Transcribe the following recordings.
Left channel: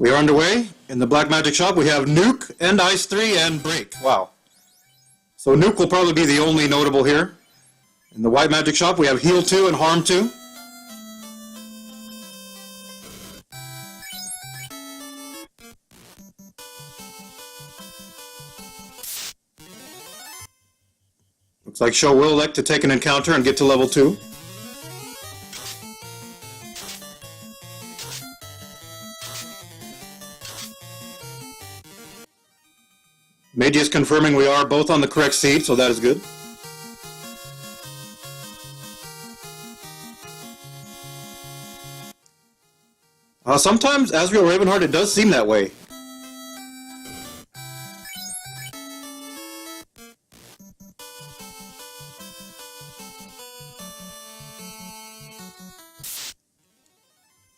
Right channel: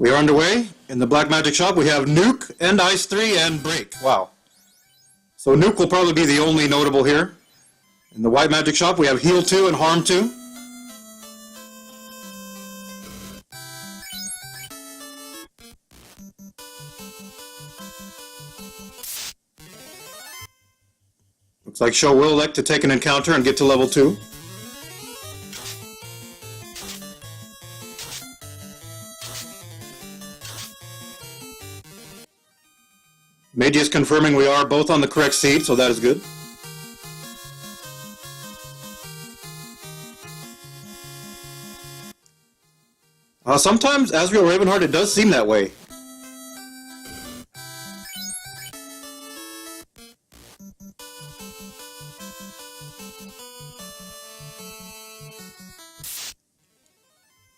We are underway. In the Black Magic shop, we have Nuke, and Ice 3, and Break. Wow. So Nuke will probably be the only notable here. In the White Magic shop, we have Heal 2 and Harm 2. Looks like Sho will elect to take an encounter and get to level 2. Mageius confirming we are both on the correct seed, so that is good. Sometimes, Asriel Ravenheart, it does seem that way.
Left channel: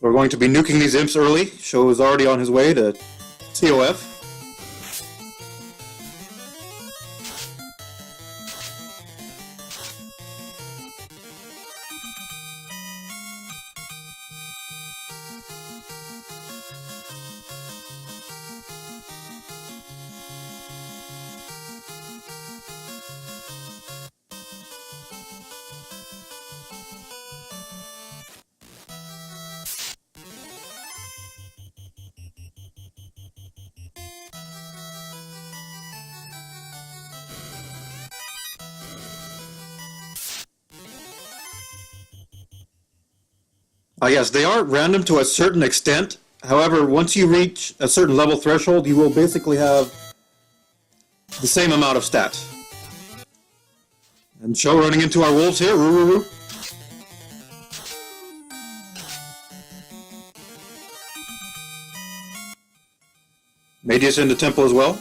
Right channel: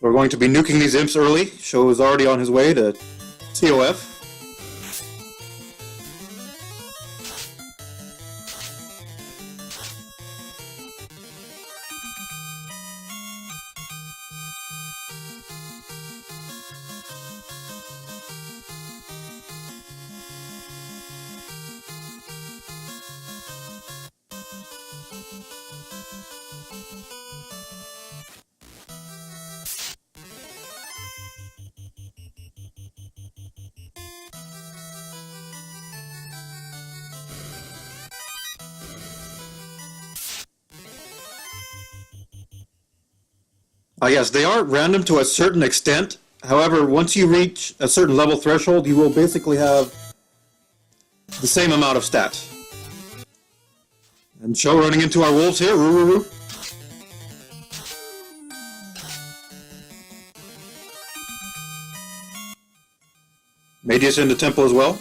We're going to be nuking these imps early. Sho is already on his way to TOF. Yes, they are random to a certain extent. However, once you reach a certain level threshold, you will basically have the same amount of stats. And Sho running into our wolves here. Roo. Mageius into temple as well.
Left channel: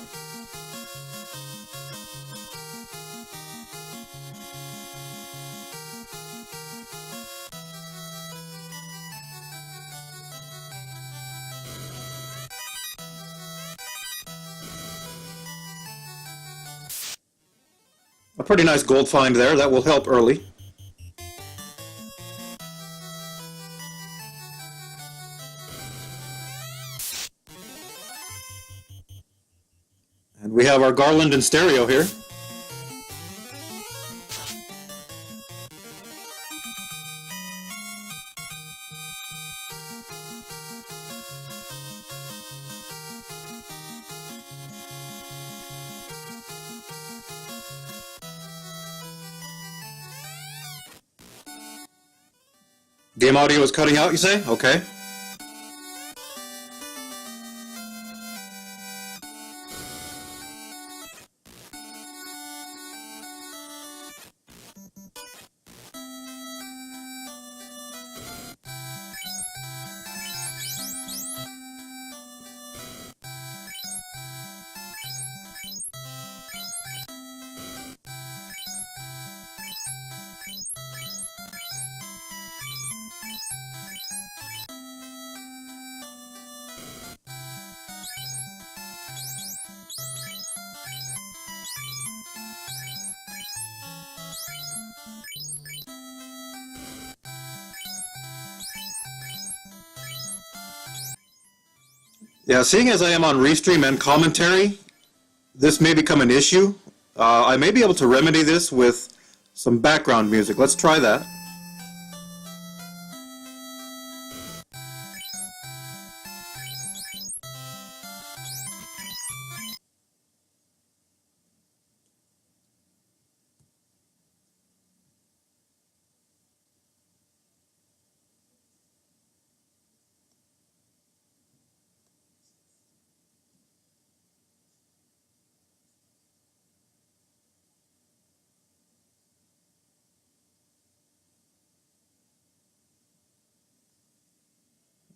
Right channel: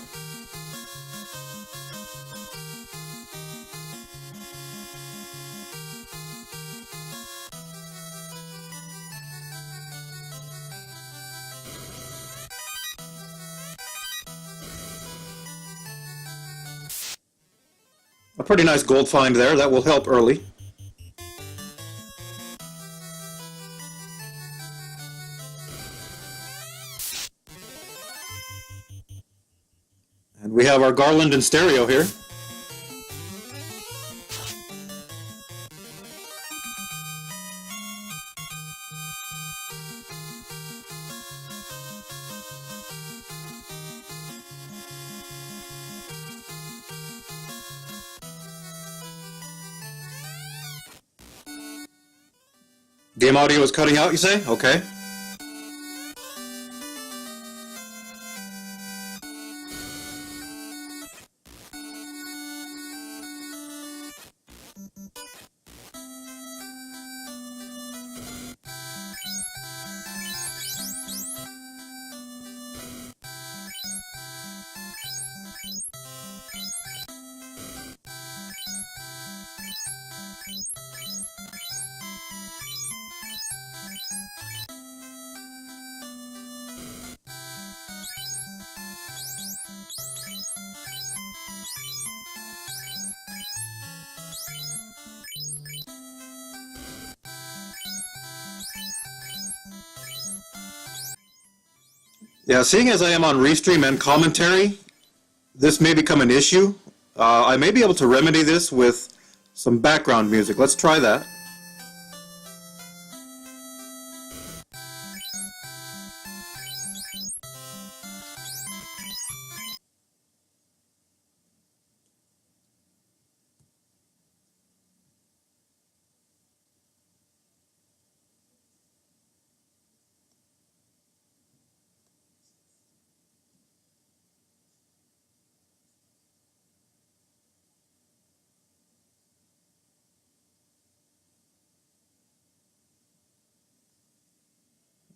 A pretty nice gold find there. That will help early. And we have our Garland in stereo here. Game audio is cutting out, you say? Okay. Yeah, seeing as I am on restream and commentary, this may become an issue. I may be able to remedy this with some background music. Let's try that.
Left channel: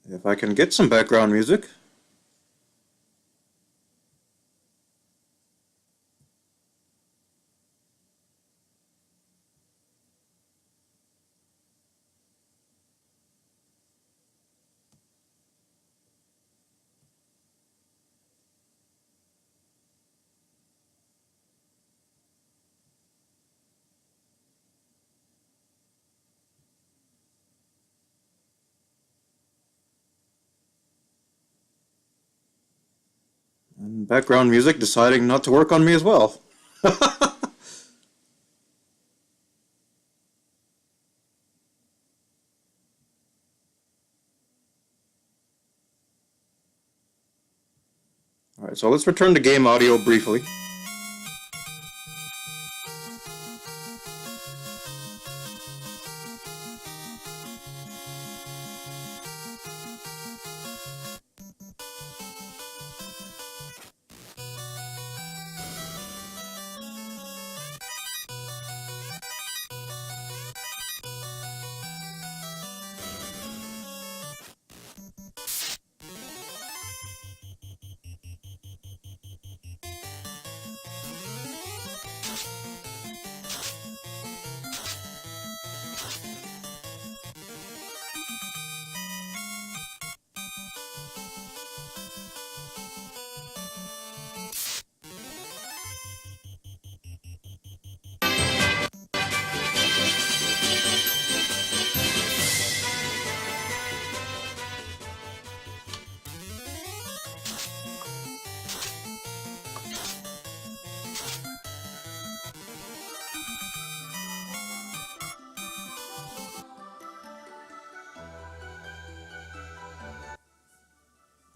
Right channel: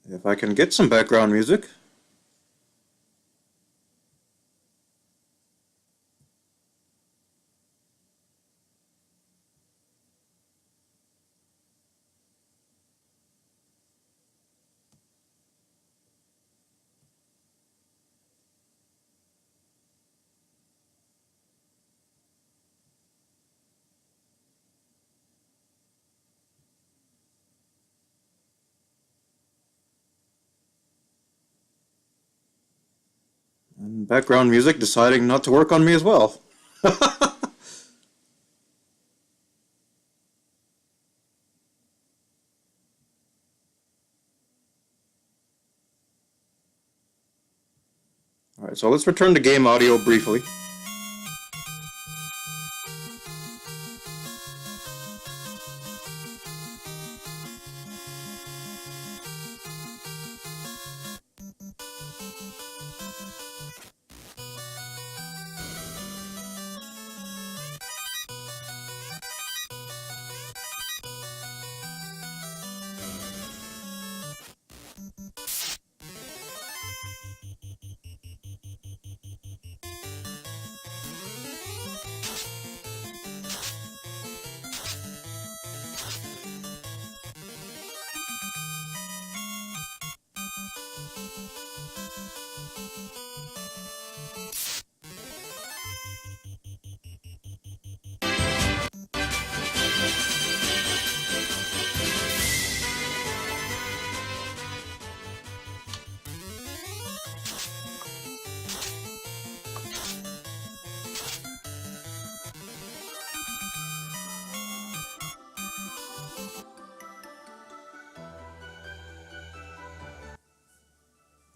If I can get some background music. Background music deciding not to work on me as well. Alright, so let's return to game audio briefly.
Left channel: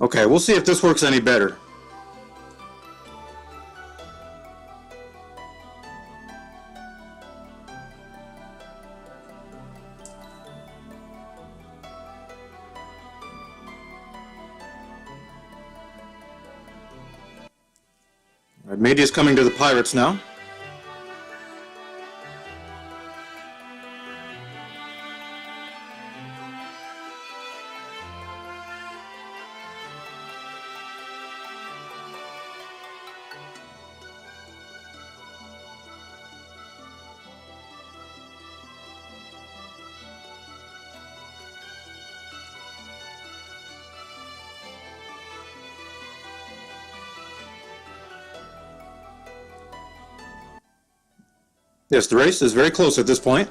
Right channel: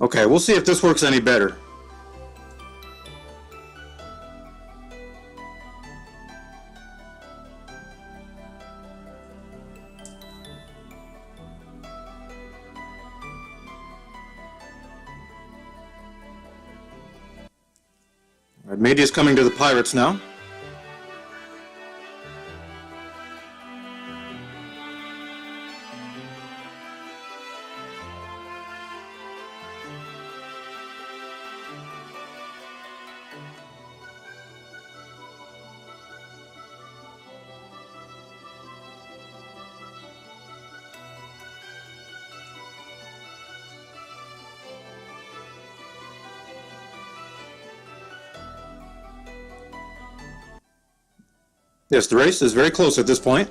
Okay, we'll see if this works any better. Alright, Mageius coming to the pirates now. Yes, the race is very close at this point.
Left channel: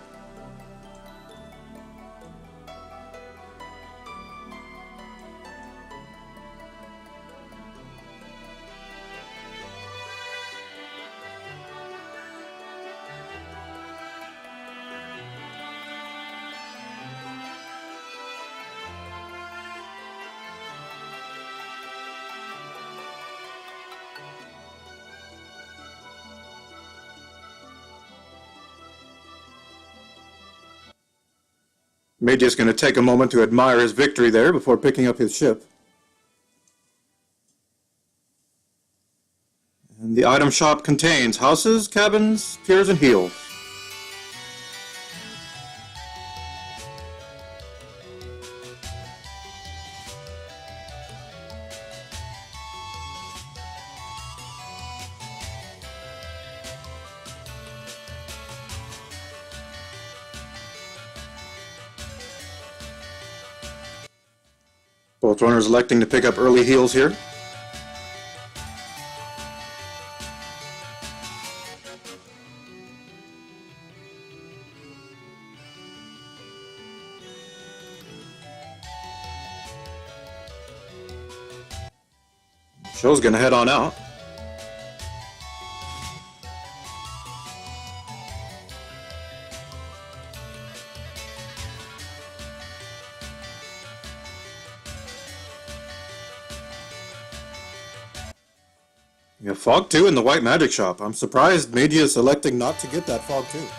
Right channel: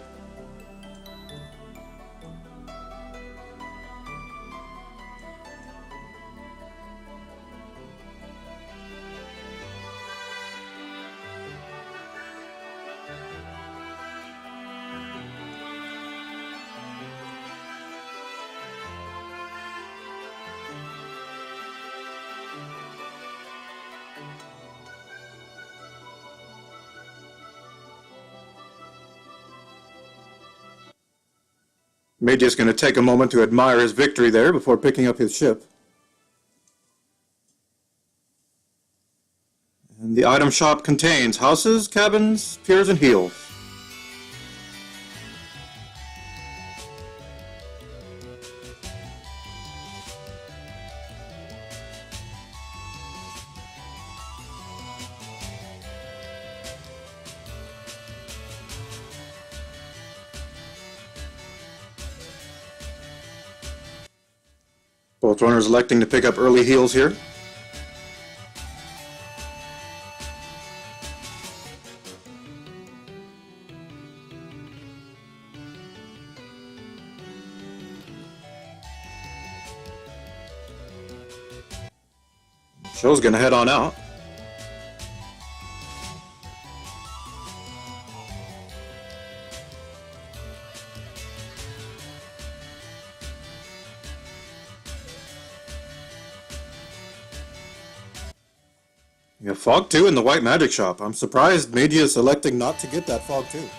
Mageius going to take a moment to admire his victory there before picking up his ship. And the item shop contains houses, cabins, piers, and heels. Both runners electing to pick up early heals here. Sho's gonna head on out. Yeah, Fog 2 in the White Magic Shop. I'm surprised Mageius electing not to get that Fog 2.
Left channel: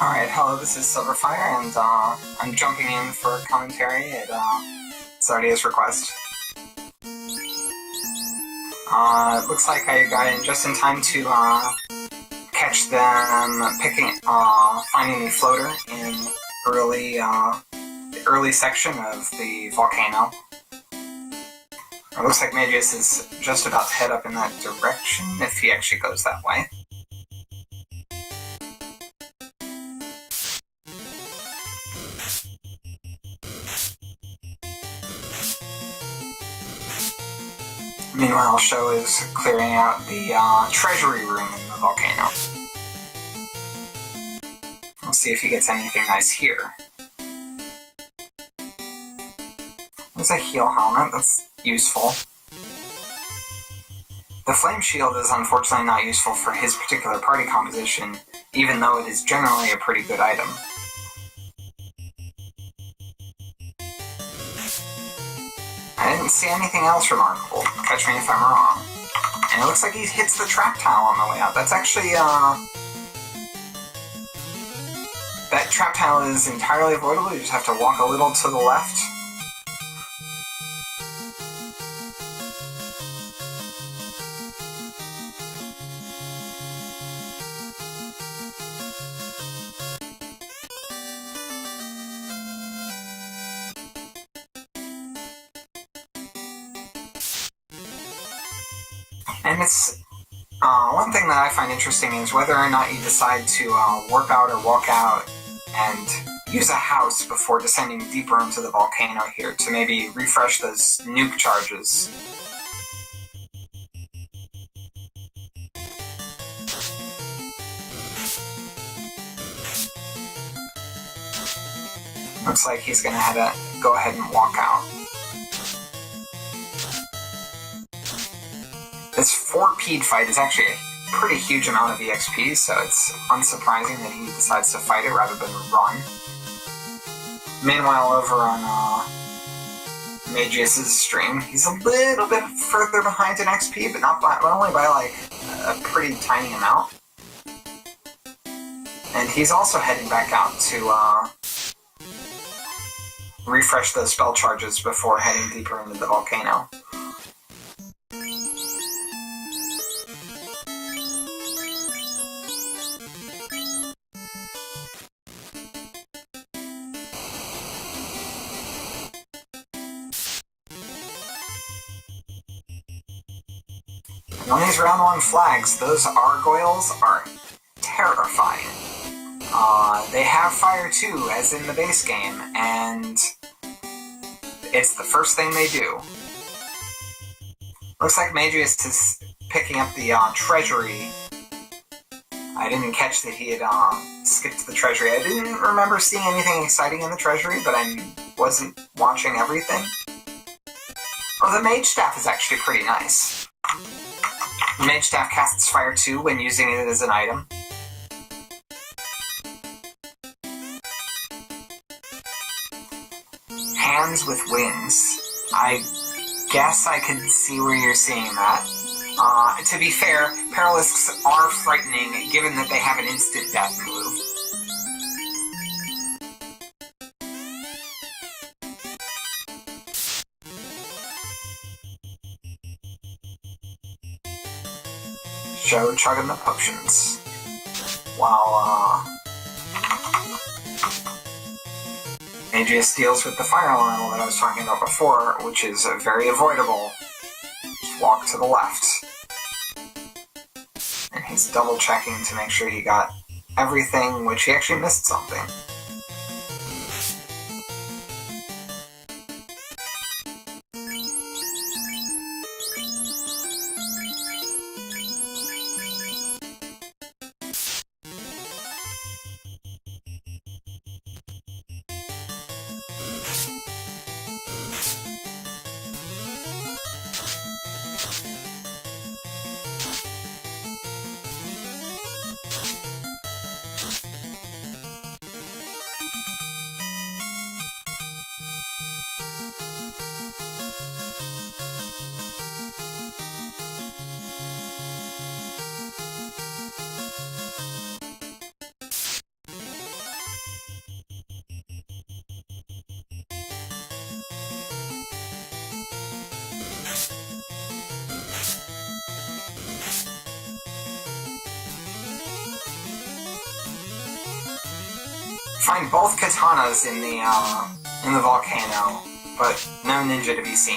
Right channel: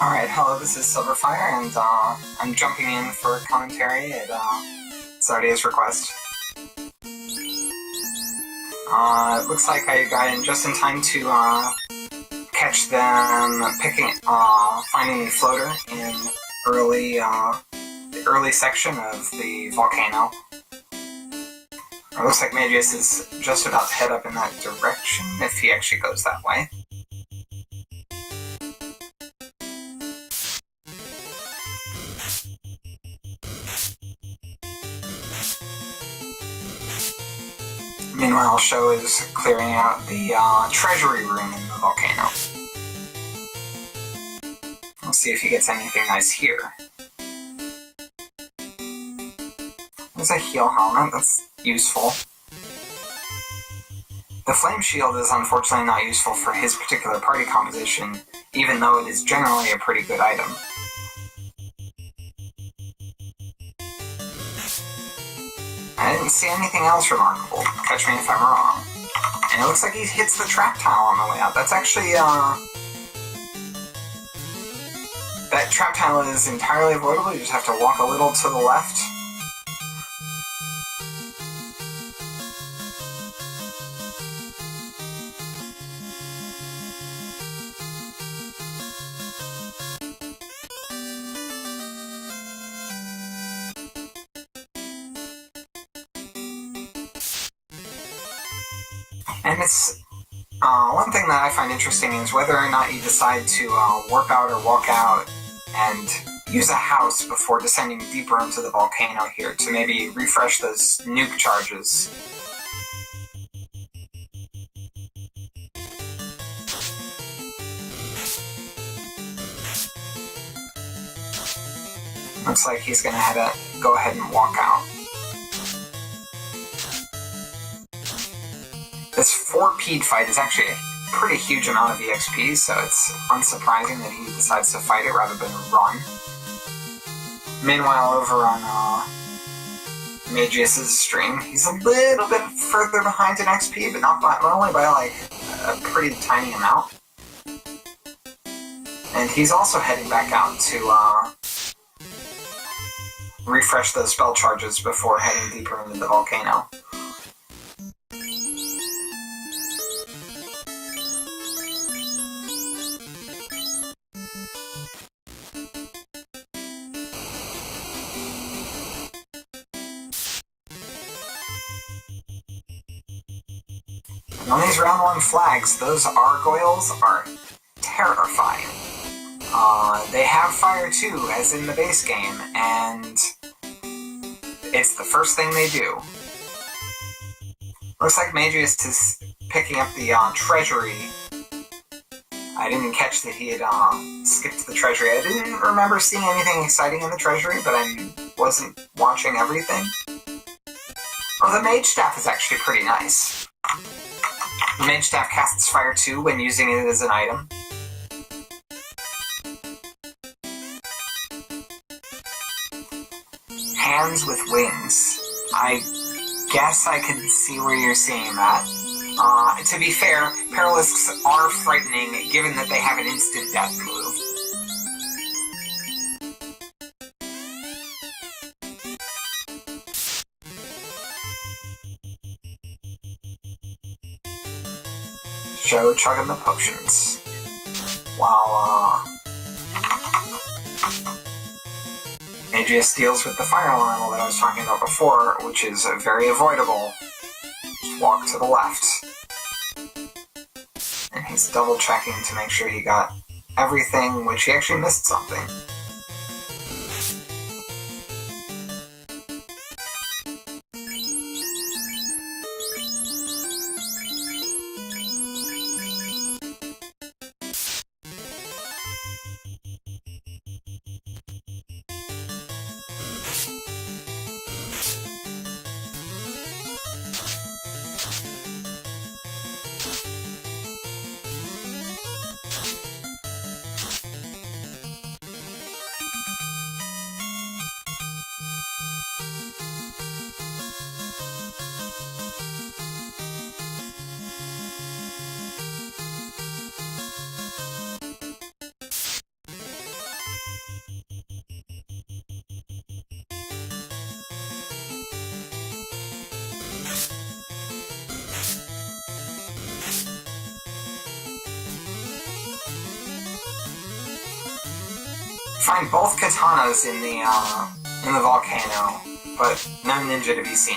Alright, hello, this is Silverfire, and I'm jumping in for a commentary at Zardia's request. It looks like I got in just in time to catch them finding the floater in the early section of the volcano. It looks like Mageius is just about to head up in that direction, if he actually goes that way. Meanwhile, Sho is clearing out the treasury room in the volcano. We'll see if he gets anything nice here. There's a heal helmet, that's useful. The flame shield is unfortunately not useful for his particular party composition, even though it is generally a pretty good item. I didn't see anything else remarkable. Catch me if I'm wrong. And it looks like he hits the trap tile on the way out. That's actually, that trap tile is entirely avoidable. You just have to walk a little to the left. And it's, one thing that I find interesting is whether or not you decide to warp out or walk out and use a house before descending deeper into the volcano here to maybe refresh those nuke charges. Looks like he's gonna go ahead and walk out. This 4P'd fight is actually a pretty huge amount of EXP, so it's unsurprising that he decides to fight it rather than run. Meanwhile, over on Mageius' stream, he's a little bit further behind in XP, but not by, but only by like a pretty tiny amount. And he's also heading back out to refresh those spell charges before heading deeper into the volcano. And on these round 1 flags, those gargoyles are terrifying. They have fire too, as in the base game, and it's the first thing they do. Looks like Mageius is picking up the treasury. I didn't catch that he had skipped the treasury. I didn't remember seeing anything exciting in the treasury, but I wasn't watching everything. Oh, the mage staff is actually pretty nice. The mage staff casts fire too when using it as an item. Hands with wings. I guess I could see where you're seeing that. To be fair, Paralisks are frightening given that they have an instant death move. Show chugging the potions. While, Mageius deals with the fire elemental that I was talking about before, which is very avoidable. Just walk to the left. And he's double checking to make sure he got everything, which he actually missed something. Find both katanas in the volcano, but no ninja to be seen.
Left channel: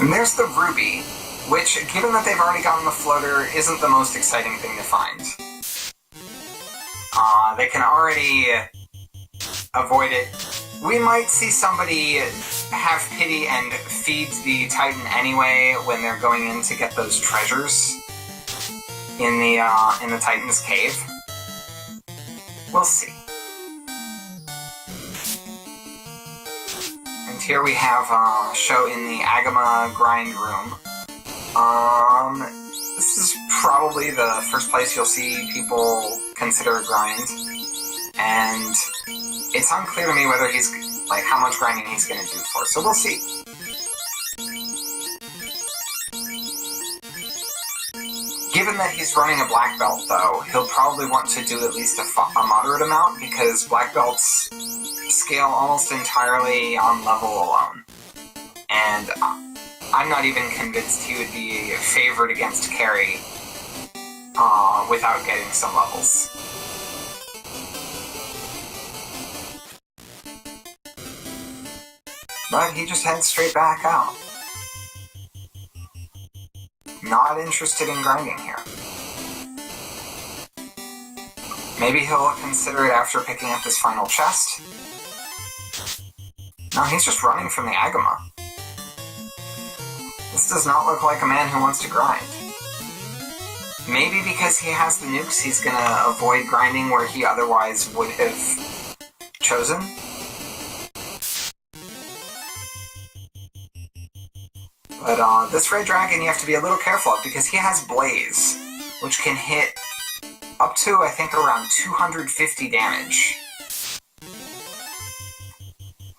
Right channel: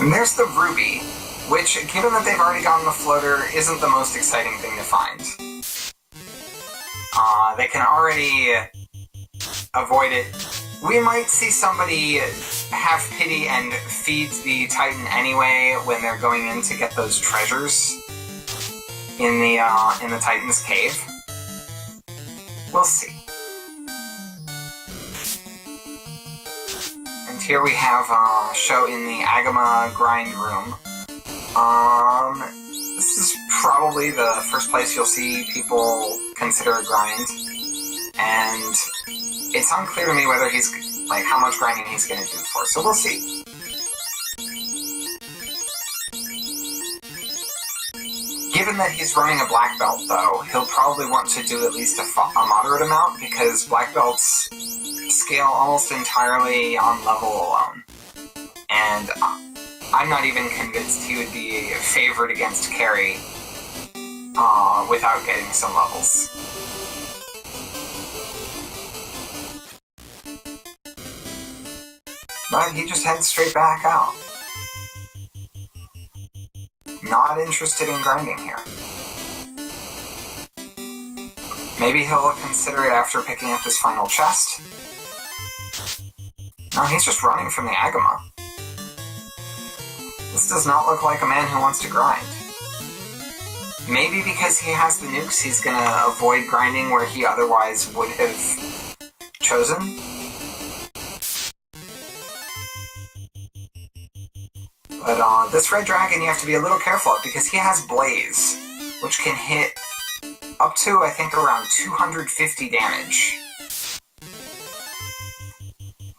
And there's the ruby, which, given that they've already gotten the floater, isn't the most exciting thing to find. They can already avoid it. We might see somebody have pity and feed the Titan anyway when they're going in to get those treasures in the Titan's cave. We'll see. Here we have Sho in the Agama grind room. This is probably the first place you'll see people consider a grind, and it's unclear to me whether he's how much grinding he's going to do for. So we'll see. Given that he's running a black belt, though, he'll probably want to do at least a moderate amount because black belts scale almost entirely on level alone. And I'm not even convinced he would be favored against carry without getting some levels. But he just heads straight back out. Not interested in grinding here. Maybe he'll consider it after picking up his final chest. No, he's just running from the Agama. This does not look like a man who wants to grind. Maybe because he has the nukes, he's gonna avoid grinding where he otherwise would have chosen. But this red dragon you have to be a little careful of because he has Blaze, which can hit up to, I think, around 250 damage.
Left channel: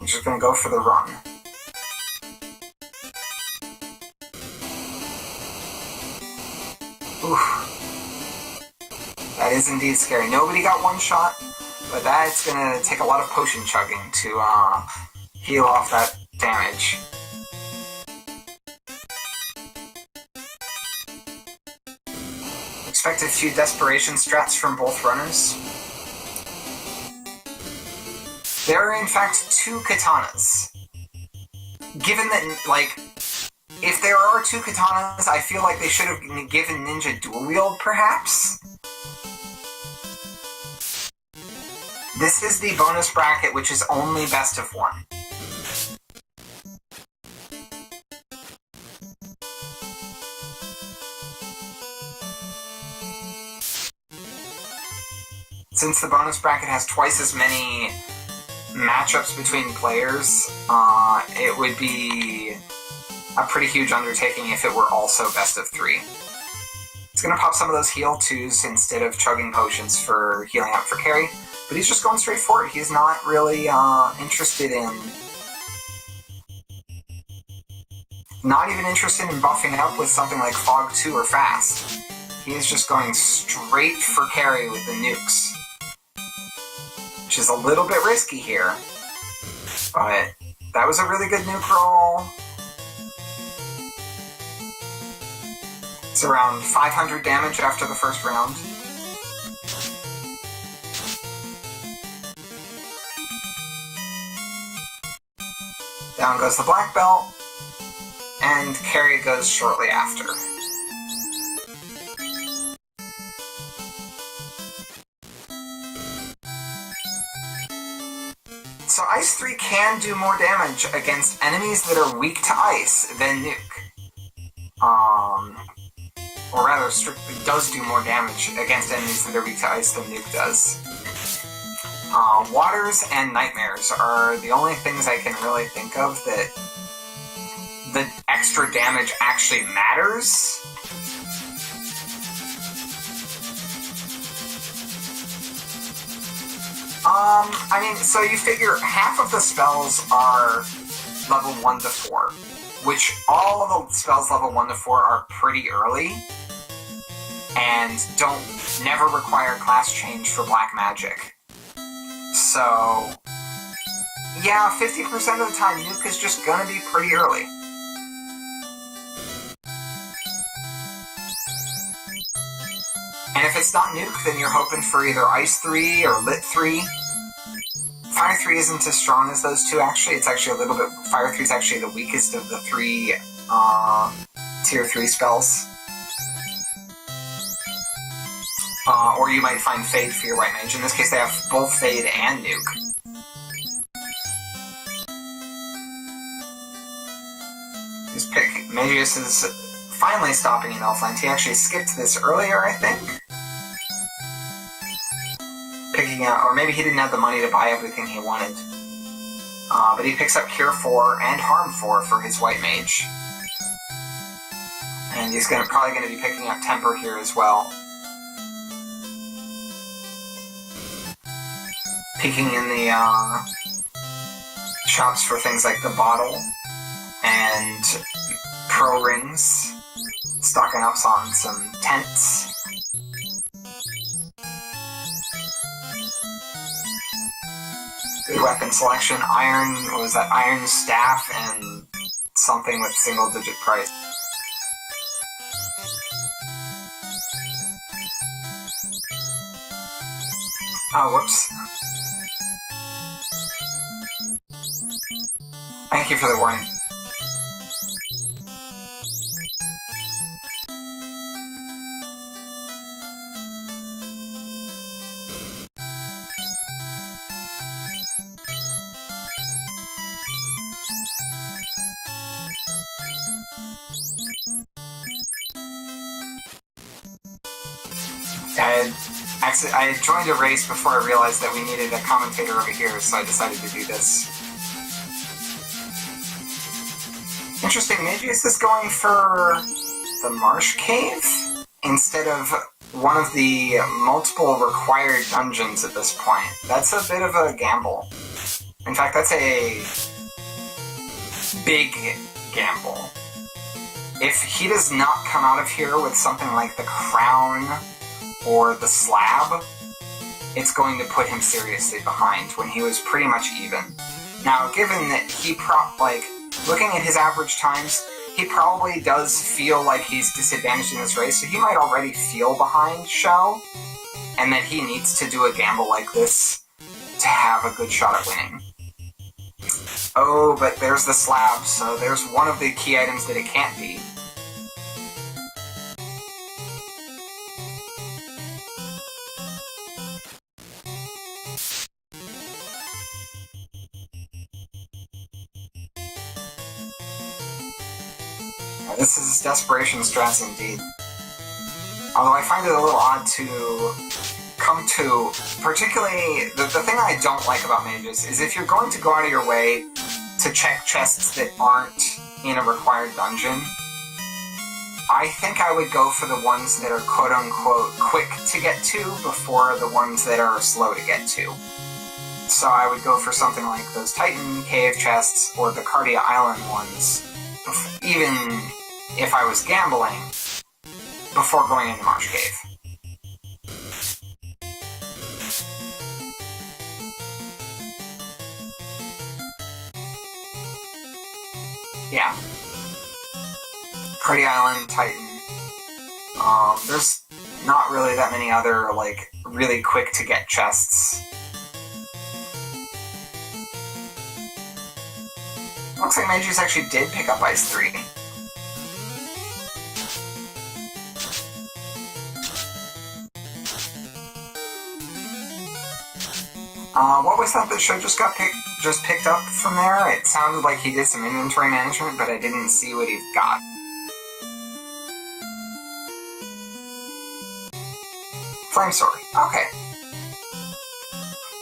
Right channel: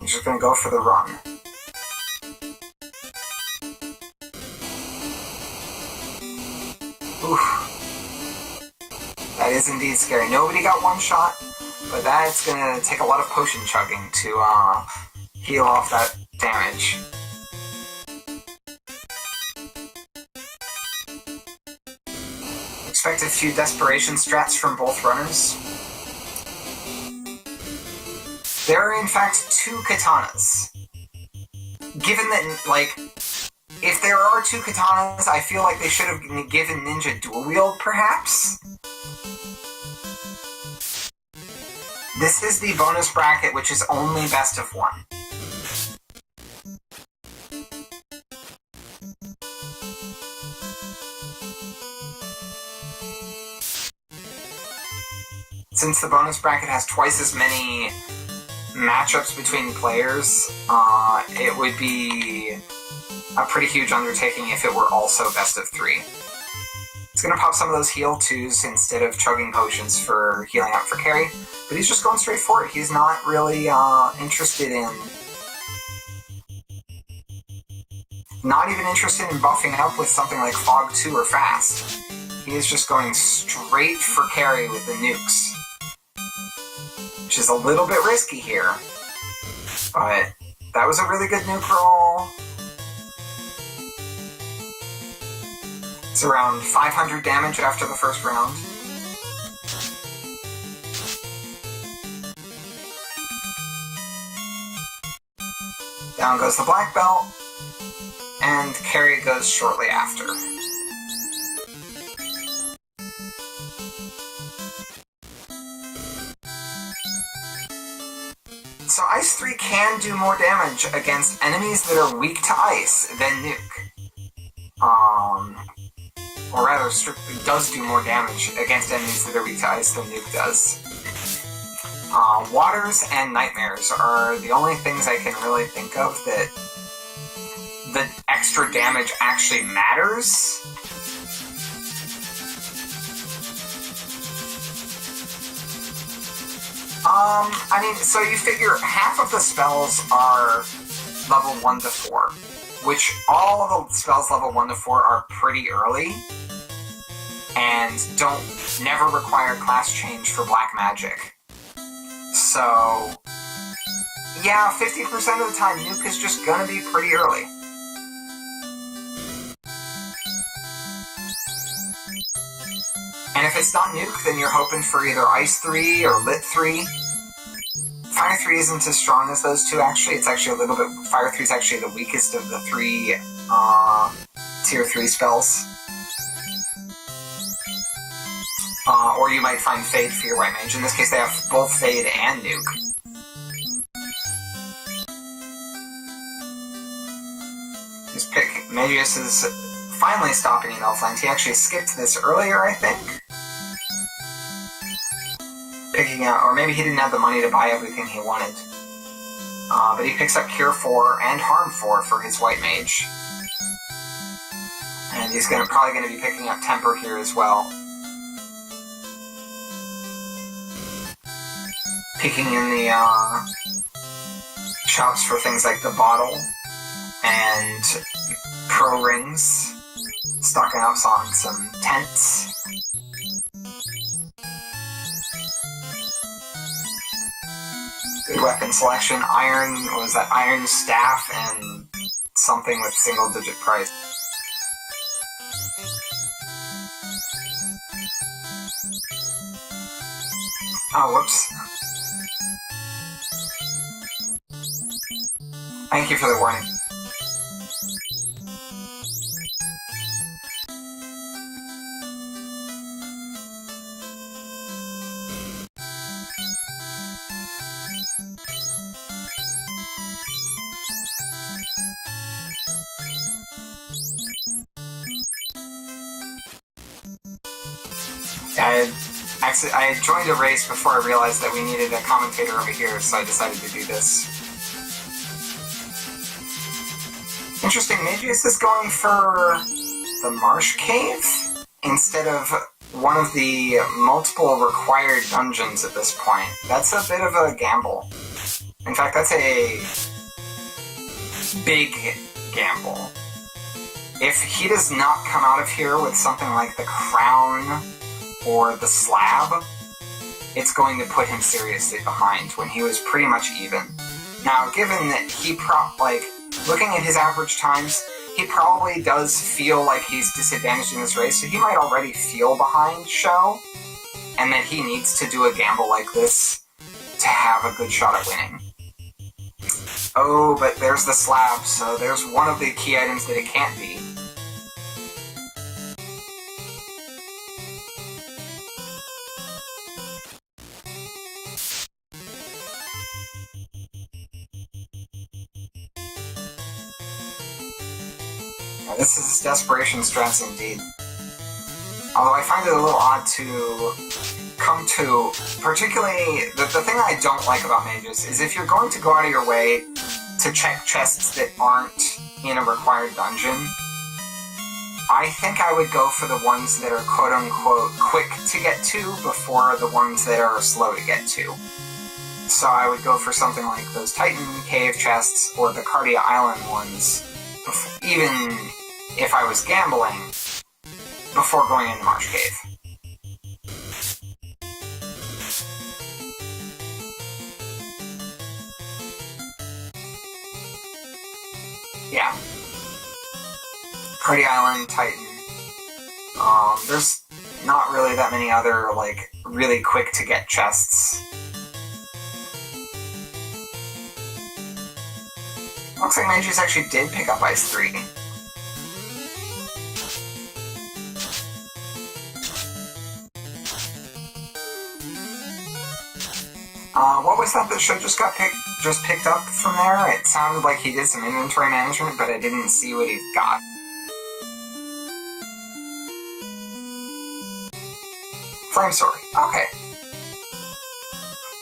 I'm just gonna go for the run. Oof. That is indeed scary. Nobody got one shot, but that's gonna take a lot of potion chugging to heal off that damage. Expect a few desperation strats from both runners. There are in fact 2 katanas. Given that, like, if there are 2 katanas, I feel like they should have given Ninja dual wield, perhaps? This is the bonus bracket, which is only best of 1. Since the bonus bracket has twice as many matchups between players, it would be a pretty huge undertaking if it were also best of 3. It's going to pop some of those heal 2s instead of chugging potions for healing up for carry, but he's just going straight for it. He's not really interested in... Not even interested in buffing up with something like Fog 2 or Fast. He is just going straight for carry with the nukes. Which is a little bit risky here. But that was a really good nuke roll. It's around 500 damage after the first round. Down goes the black belt, and carry goes shortly after. So Ice 3 can do more damage against enemies that are weak to ice than Nuke. Or rather, strictly does do more damage against enemies that are weak to ice than Nuke does. Waters and Nightmares are the only things I can really think of that the extra damage actually matters. I mean, so you figure half of the spells are level 1 to 4, which all of the spells level 1 to 4 are pretty early, and never require class change for black magic. So, yeah, 50% of the time, Nuke is just gonna be pretty early. And if it's not Nuke, then you're hoping for either Ice 3 or Lit 3. Fire 3 isn't as strong as those two, actually. It's actually a little bit... Fire 3 is actually the weakest of the 3 Tier 3 spells. Or you might find Fade for your White Mage. In this case, they have both Fade and Nuke. Mageius is finally stopping in Elfland. He actually skipped this earlier, I think. Picking out, or maybe he didn't have the money to buy everything he wanted. But he picks up Cure 4 and Harm 4 for his White Mage. And he's probably going to be picking up Temper here as well. Peeking in the shops for things like the bottle and pro rings, stocking up on some tents. Good weapon selection. Iron staff and something with single digit price. Oh, whoops. Thank you for the warning. I had joined a race before I realized that we needed a commentator over here, so I decided to do this. Interesting, Mageius is going for the Marsh Cave instead of one of the multiple required dungeons at this point. That's a bit of a gamble. In fact, that's a big gamble. If he does not come out of here with something like the crown or the slab, it's going to put him seriously behind when he was pretty much even. Now, given that he looking at his average times, he probably does feel like he's disadvantaged in this race, so he might already feel behind Sho, and that he needs to do a gamble like this to have a good shot at winning. Oh, but there's the slab, so there's one of the key items that it can't be. This is desperation strats indeed. Although I find it a little odd to come to, particularly, the thing I don't like about mages is if you're going to go out of your way to check chests that aren't in a required dungeon, I think I would go for the ones that are quote-unquote quick to get to before the ones that are slow to get to. So I would go for something like those Titan Cave chests or the Cardia Island ones, even if I was gambling, before going into Marsh Cave. Yeah. Cardia Island, Titan. There's not really that many other, really quick to get chests. Looks like Mageius actually did pick up Ice 3. What was that Sho just picked up from there? It sounded like he did some inventory management, but I didn't see what he got. Flame Sword. Okay.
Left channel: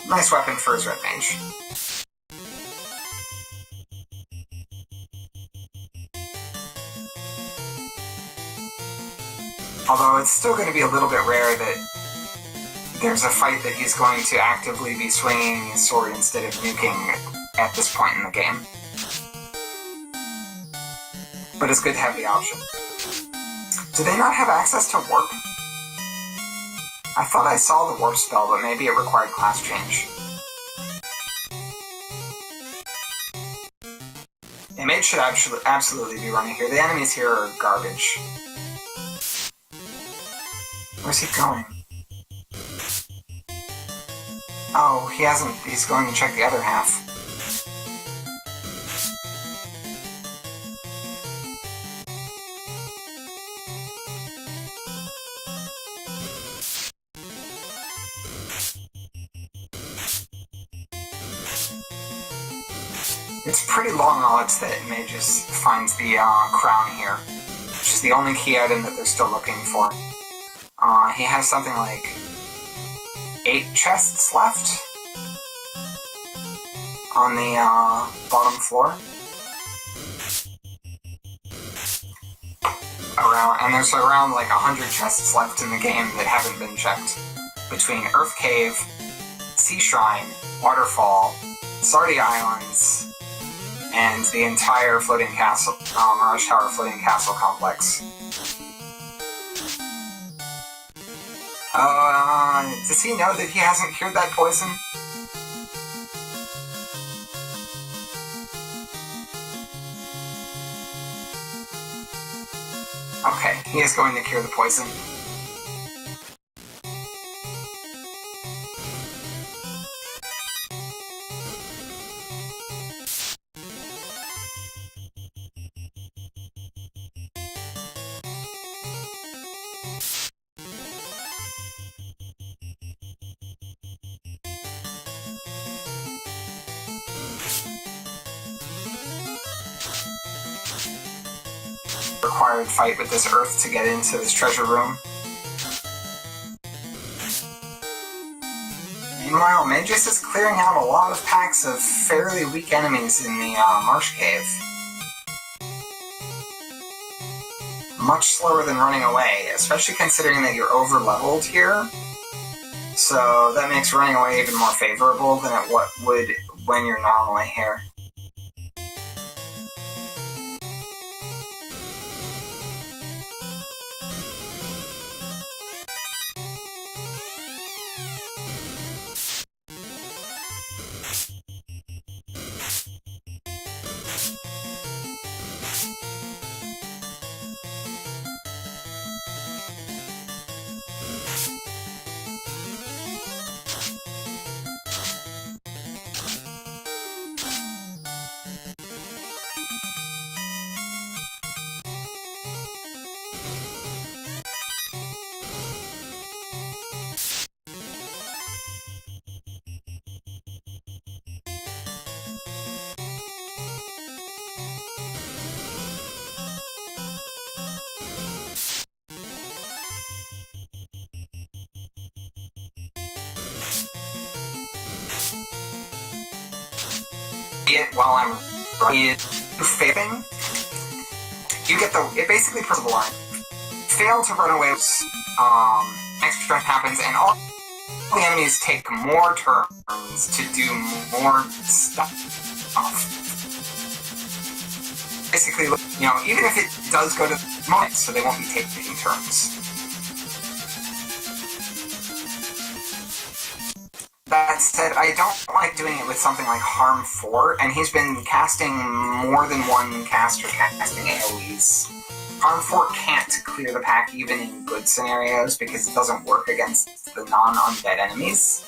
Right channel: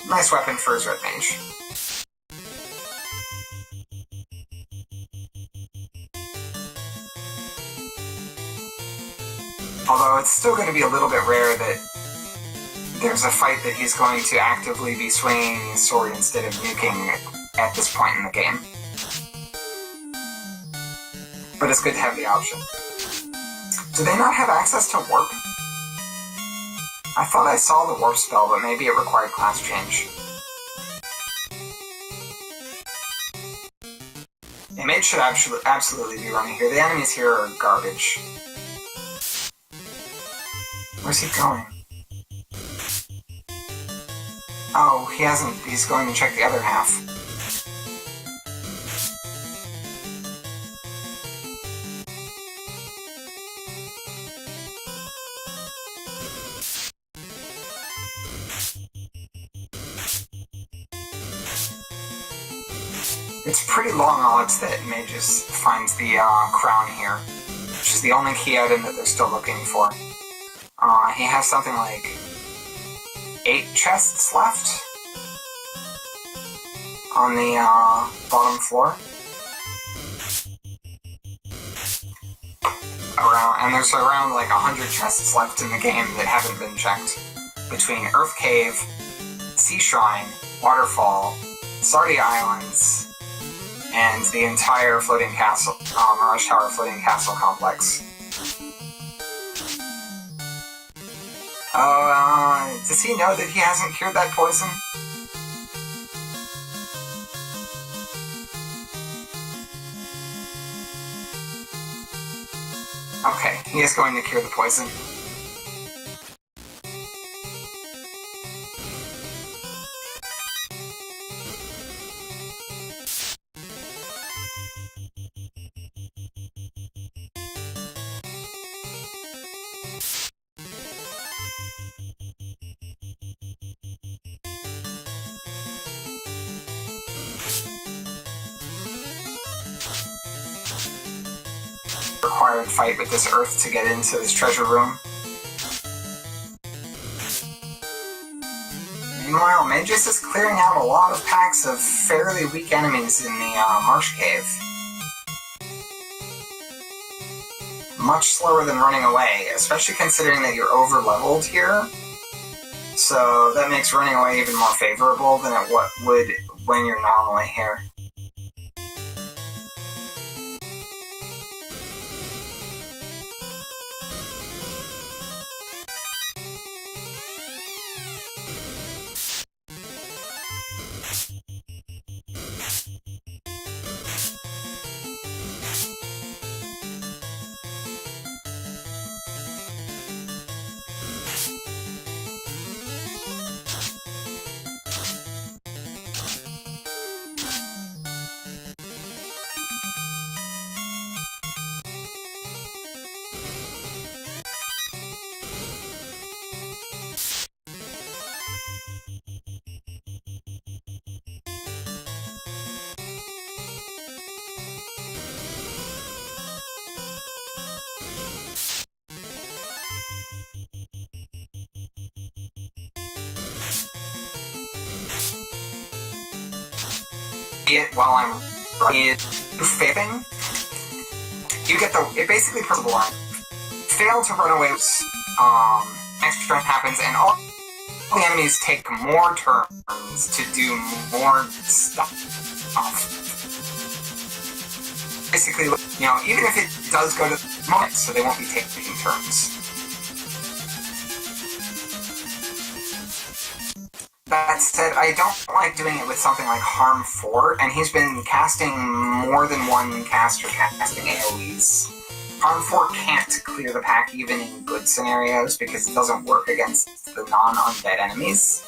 Nice weapon for his red mage. Although it's still going to be a little bit rare that there's a fight that he's going to actively be swinging his sword instead of nuking at this point in the game. But it's good to have the option. Do they not have access to warp? I thought I saw the warp spell, but maybe it required class change. The mage should absolutely be running here. The enemies here are garbage. Where's he going? Oh, he hasn't. He's going to check the other half. It's pretty long odds that Mageius finds the crown here, which is the only key item that they're still looking for. He has something like 8 chests left on the bottom floor. And there's around 100 chests left in the game that haven't been checked. Between Earth Cave, Sea Shrine, Waterfall, Sardia Islands, and the entire floating castle, Mirage Tower floating castle complex. Does he know that he hasn't cured that poison? Okay, he is going to cure the poison. Required fight with this earth to get into this treasure room. Meanwhile, Mageius is clearing out a lot of packs of fairly weak enemies in the Marsh Cave. Much slower than running away, especially considering that you're over-leveled here. So that makes running away even more favorable than it would when you're normally here. It while I'm running it, failing, you get it basically puts the line. Fail to run away, next turn happens, and all the enemies take more turns to do more stuff. Basically, even if it does go to the moment, so they won't be taking turns. That said, I don't like doing it with something like Harm 4, and he's been casting more than one caster casting AoEs. Harm 4 can't clear the pack even in good scenarios because it doesn't work against the non-undead enemies.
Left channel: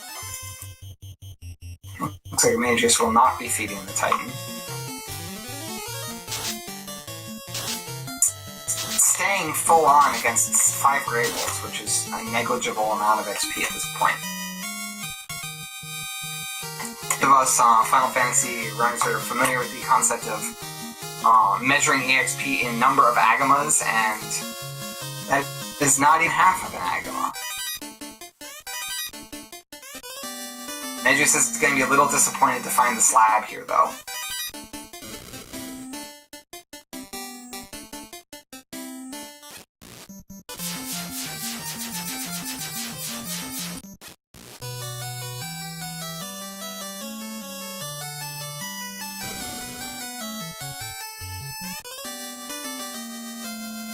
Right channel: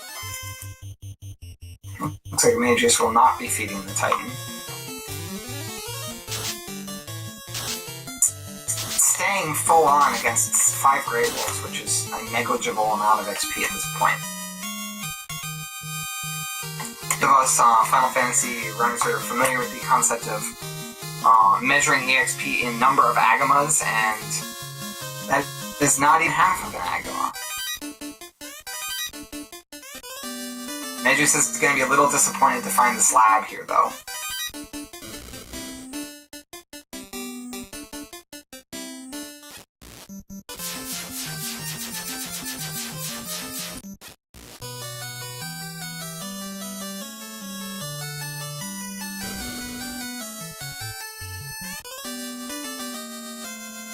Looks like Mageius will not be feeding the Titan. Staying full on against 5 Grables, which is a negligible amount of XP at this point. Those of us Final Fantasy runners are familiar with the concept of measuring EXP in number of Agamas, and that is not even half of an Agama. Mageius is going to be a little disappointed to find the slab here, though.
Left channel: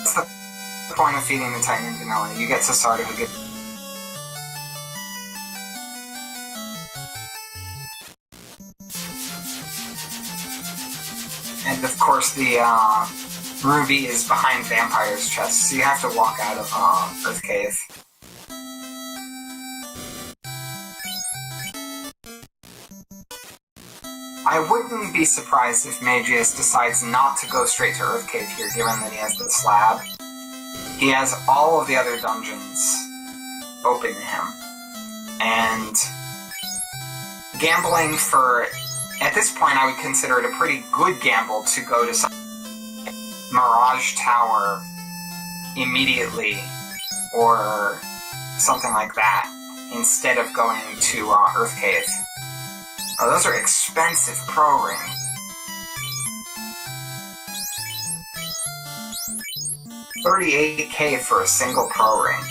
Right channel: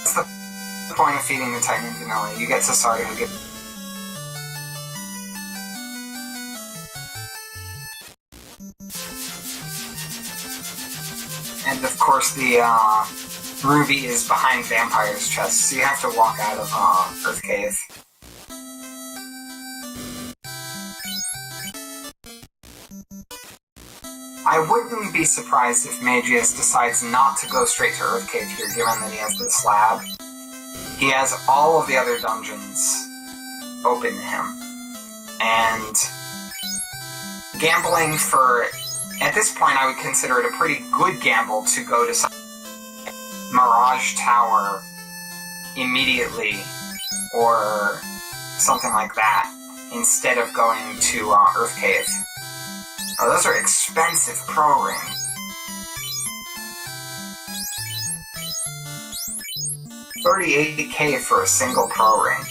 That's the point of feeding the Titan in vanilla. You get Cesardo, you get... And of course the Ruby is behind Vampire's chest, so you have to walk out of Earth Cave. I wouldn't be surprised if Mageius decides not to go straight to Earth Cave here, given that he has the slab. He has all of the other dungeons open to him. And gambling for... At this point, I would consider it a pretty good gamble to go to some Mirage Tower immediately, or something like that, instead of going to Earth Cave. Oh, those are expensive pro rings. 38k for a single pro ring.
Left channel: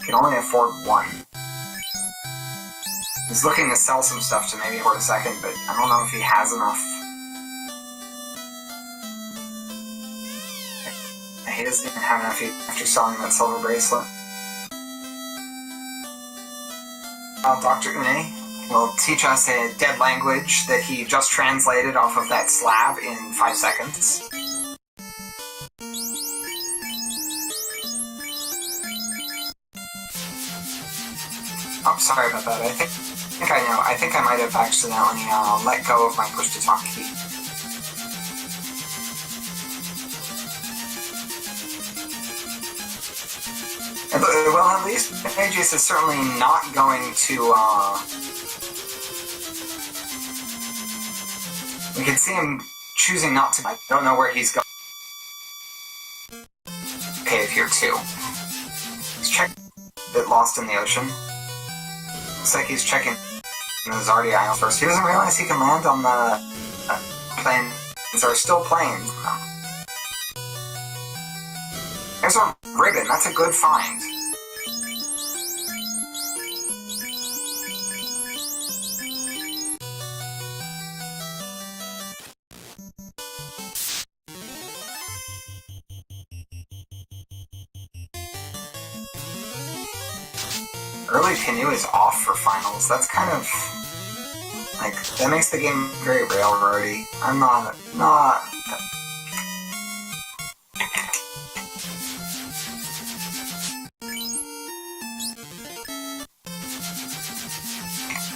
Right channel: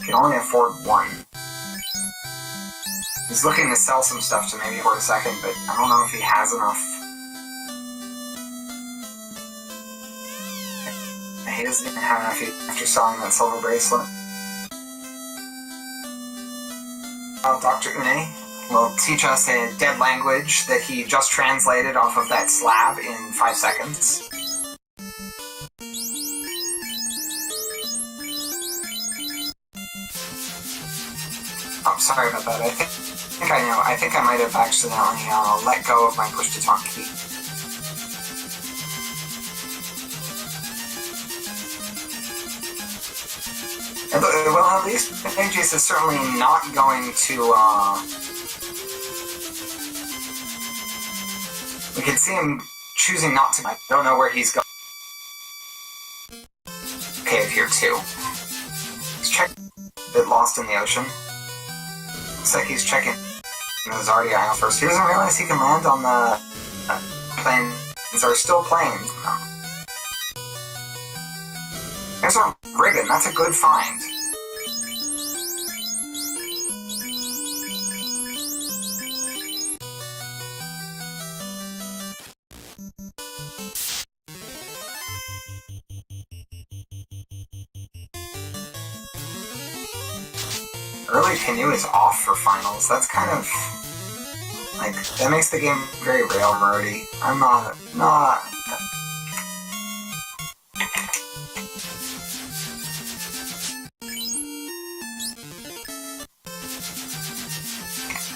You can only afford one. He's looking to sell some stuff to maybe for a second, but I don't know if he has enough. He doesn't even have enough after selling that silver bracelet. Dr. Une will teach us a dead language that he just translated off of that slab in 5 seconds. Oh, sorry about that. I think I know. I think I might have accidentally let go of my push-to-talk key. Well, at least Mageius is certainly not going to, we can see him choosing not to. I don't know where he's going. Cave here, too. He's checking a bit lost in the ocean. Looks like he's checking those already islands first. He doesn't realize he can land on the planes are still planes. There's a ribbon. That's a good find. Early canoe is off for finals. That's kind of like that makes the game very railroady. I'm not.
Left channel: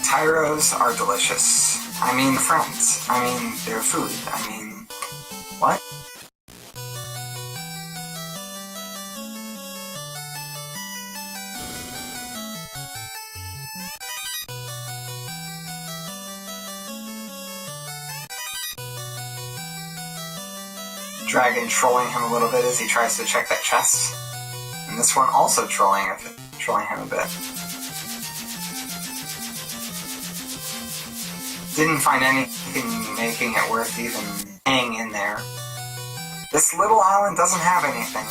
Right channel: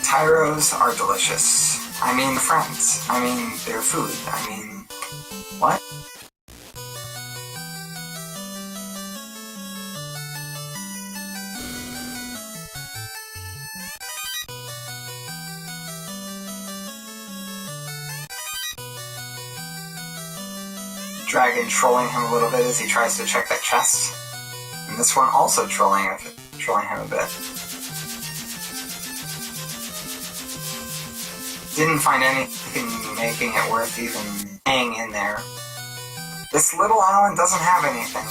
Tyros are delicious. I mean, friends. I mean, they're food. I mean, what? Dragon trolling him a little bit as he tries to check that chest. And this one also trolling him a bit. Didn't find anything making it worth even hanging in there. This little island doesn't have anything.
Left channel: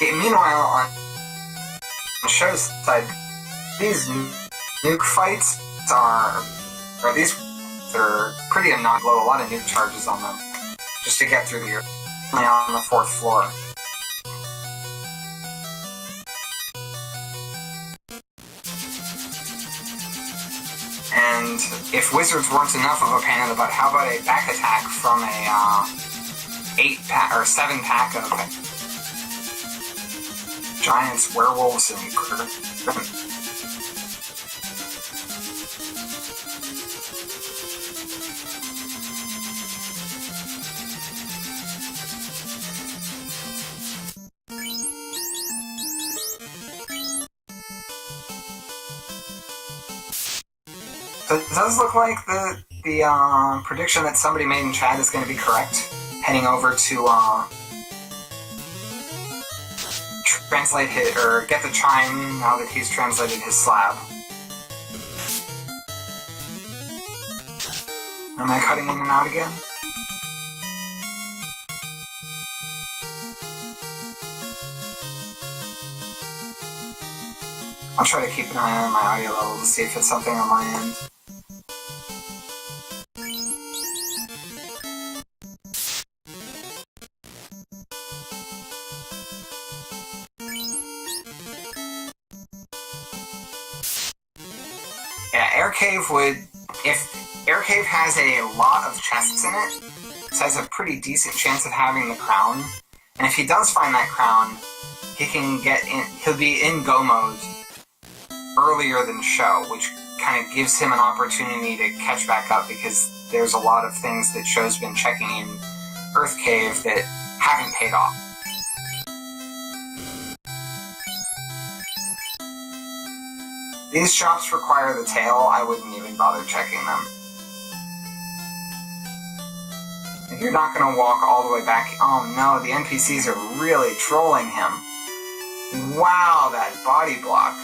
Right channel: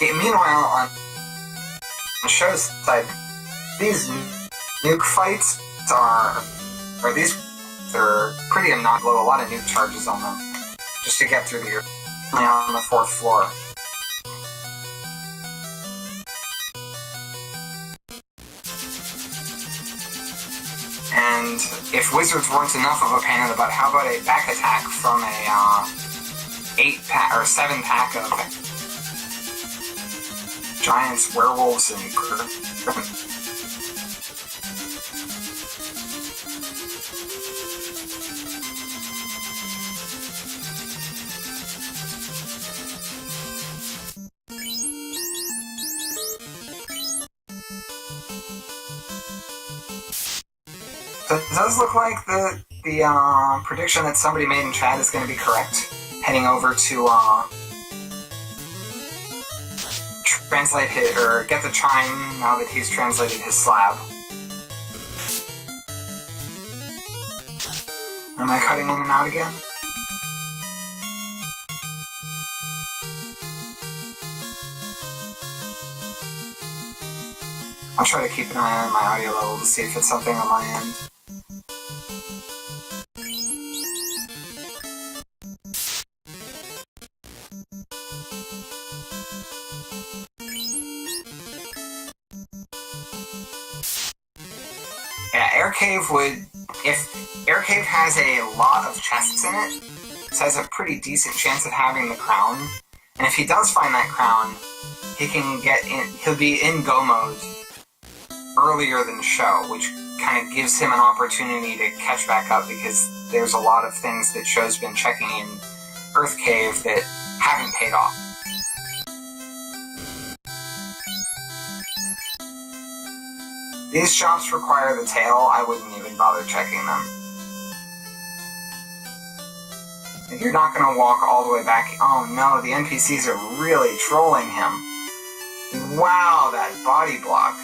Meanwhile, on the show's side, these nuke fights they're pretty annoying. Blow a lot of nuke charges on them just to get through the on the 4th floor. And if wizards weren't enough of a pain in the butt, how about a back attack from a 8-pack or 7-pack of giants, werewolves, and So it does look like the prediction that somebody made in chat is going to be correct. Heading over to translate it or get the chime now that he's translated his slab. Am I cutting in and out again? I'll try to keep an eye on my audio level to see if it's something on my end. Yeah, Air Cave Air Cave has a lot of chests in it, so has a pretty decent chance of having the crown. And if he does find that crown, he'll be in go mode earlier than show, which kind of gives him an opportunity to catch back up because there's a lot of things that show's been checking in Earth Cave that haven't paid off. These shops require the tail. I wouldn't even bother checking them. If you're not going to walk all the way back... Oh no, the NPCs are really trolling him. Wow, that body block.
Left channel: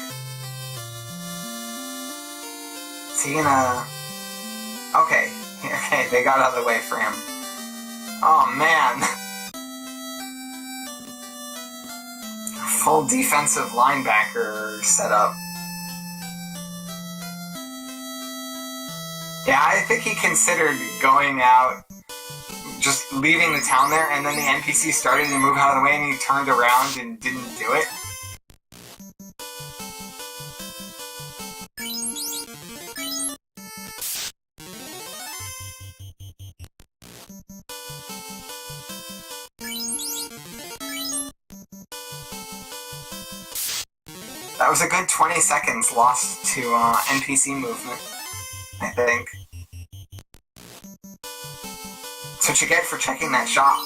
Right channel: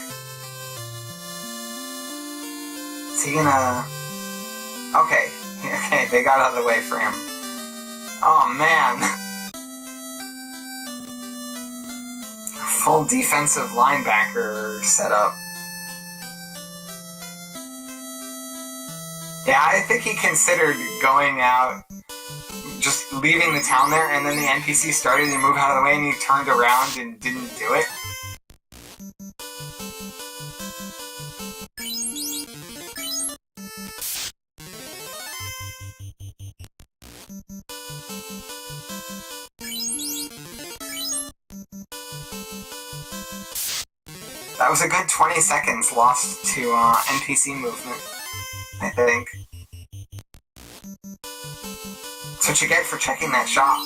Is he gonna... Okay, they got out of the way for him. Oh man. Full defensive linebacker setup. Yeah, I think he considered going out, just leaving the town there, and then the NPC started to move out of the way and he turned around and didn't do it. That was a good 20 seconds lost to NPC movement, I think. That's what you get for checking that shop.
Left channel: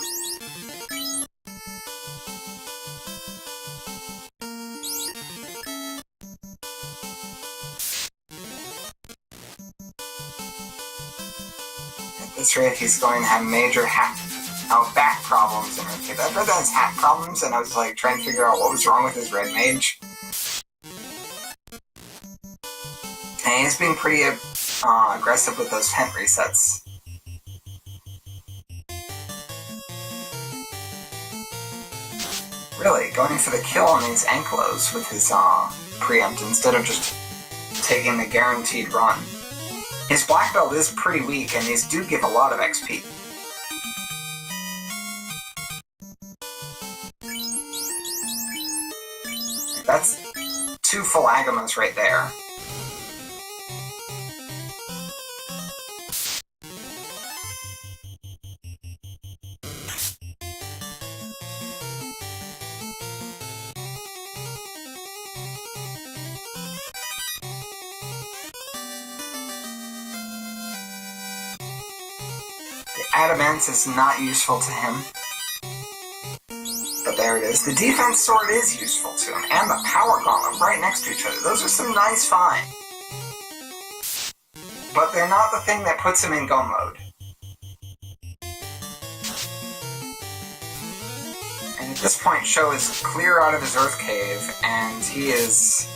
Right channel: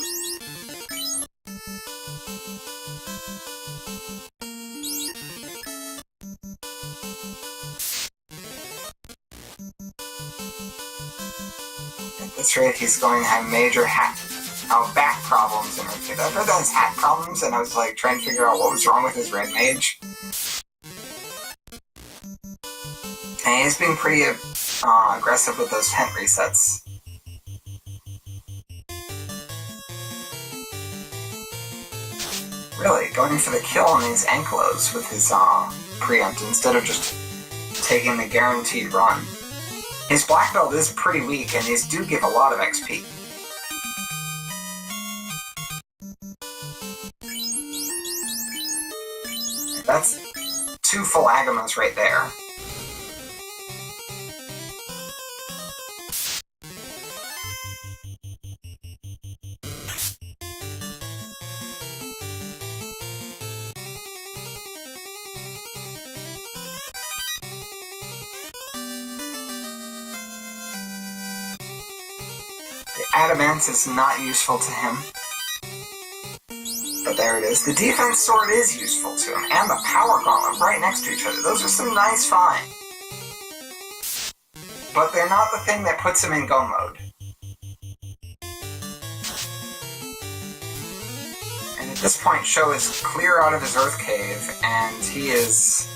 At this rate, he's going to have major hack Oh, back problems and everything. I thought that was hat problems, and I was like trying to figure out what was wrong with his red mage. And he's being pretty aggressive with those tent resets. Really, going for the kill on these Ankylos with his preempt instead of just taking the guaranteed run. His black belt is pretty weak, and these do give a lot of XP. That's 2 full Agamas right there. The Adamant is not useful to him. But there it is. The defense sword is useful to him, and the power gauntlet right next to each other. Those are some nice finds. But they're not the thing that puts him in go mode. And at this point, Sho is clear out of his Earth Cave, and he is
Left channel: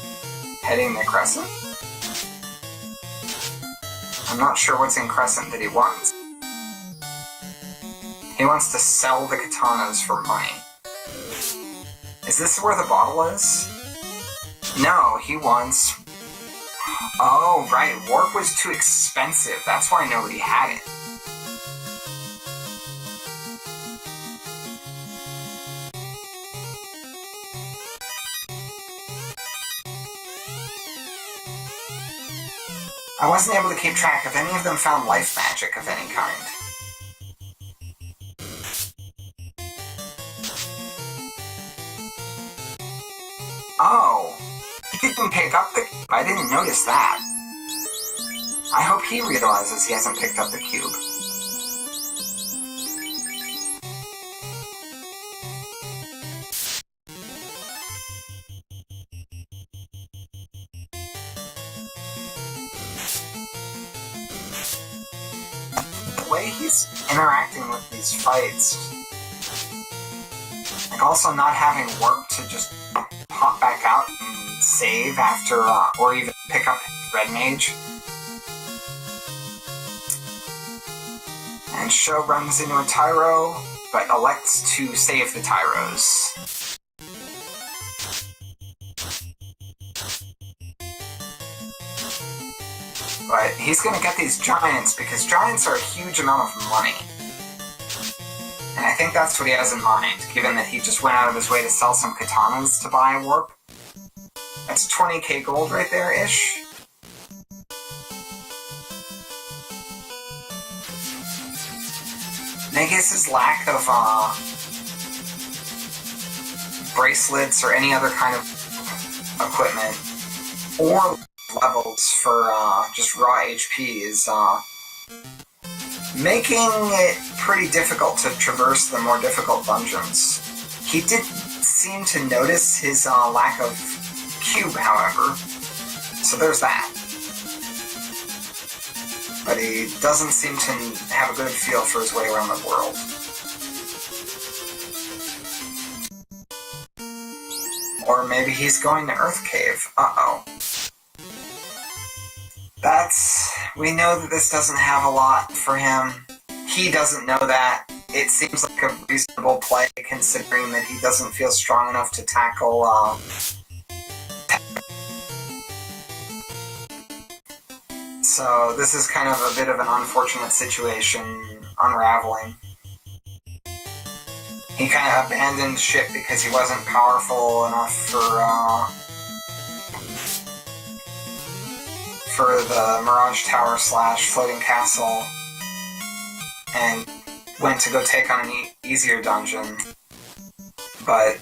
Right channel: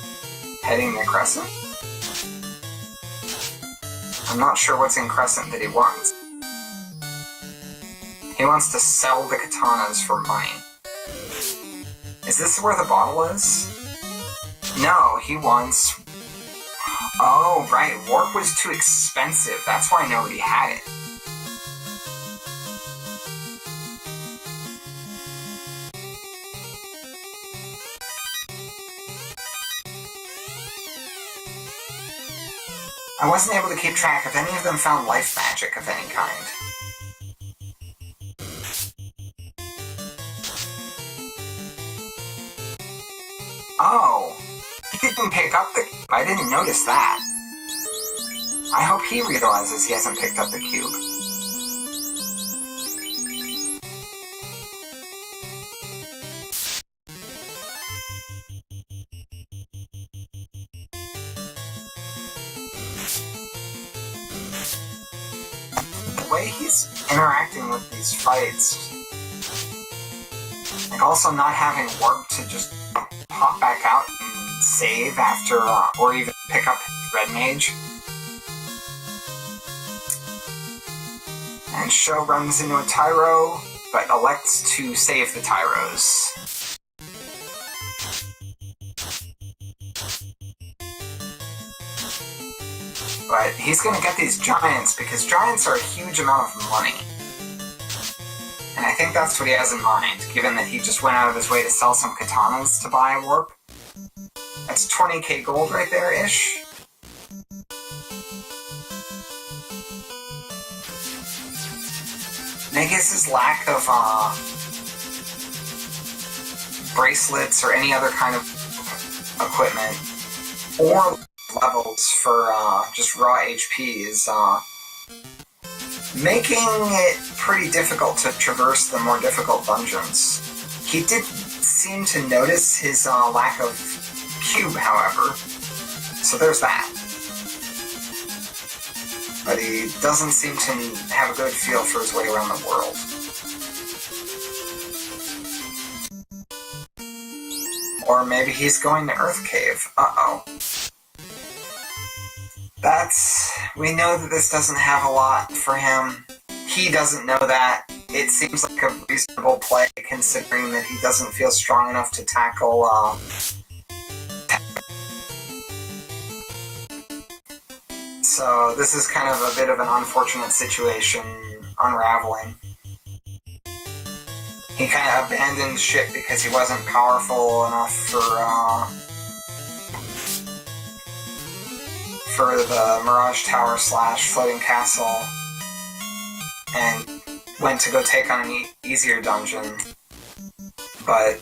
heading to Crescent. I'm not sure what's in Crescent that he wants. He wants to sell the katanas for money. Is this where the bottle is? No, he wants... Oh, right, warp was too expensive. That's why nobody had it. I wasn't able to keep track if any of them found life magic of any kind. Oh, he didn't pick up the... I didn't notice that. I hope he realizes he hasn't picked up the cube. The way he's interacting with these fights, like also not having work to just pop back out and save after, or even pick up Red Mage. And Sho runs into a Tyro, but elects to save the Tyros. But he's gonna get these Giants, because Giants are a huge amount of money. And I think that's what he has in mind, given that he just went out of his way to sell some katanas to buy a warp. That's 20k gold right there-ish. Mageius' lack of bracelets or any other kind of equipment, or levels for just raw HP is making it pretty difficult to traverse the more difficult dungeons. He did seem to notice his lack of cube, however, so there's that. But he doesn't seem to have a good feel for his way around the world. Or maybe he's going to Earth Cave. Uh-oh. We know that this doesn't have a lot for him. He doesn't know that. It seems like a reasonable play, considering that he doesn't feel strong enough to tackle, So this is kind of a bit of an unfortunate situation unraveling. He kind of abandoned ship because he wasn't powerful enough for the Mirage Tower / Floating Castle, and went to go take on an easier dungeon. But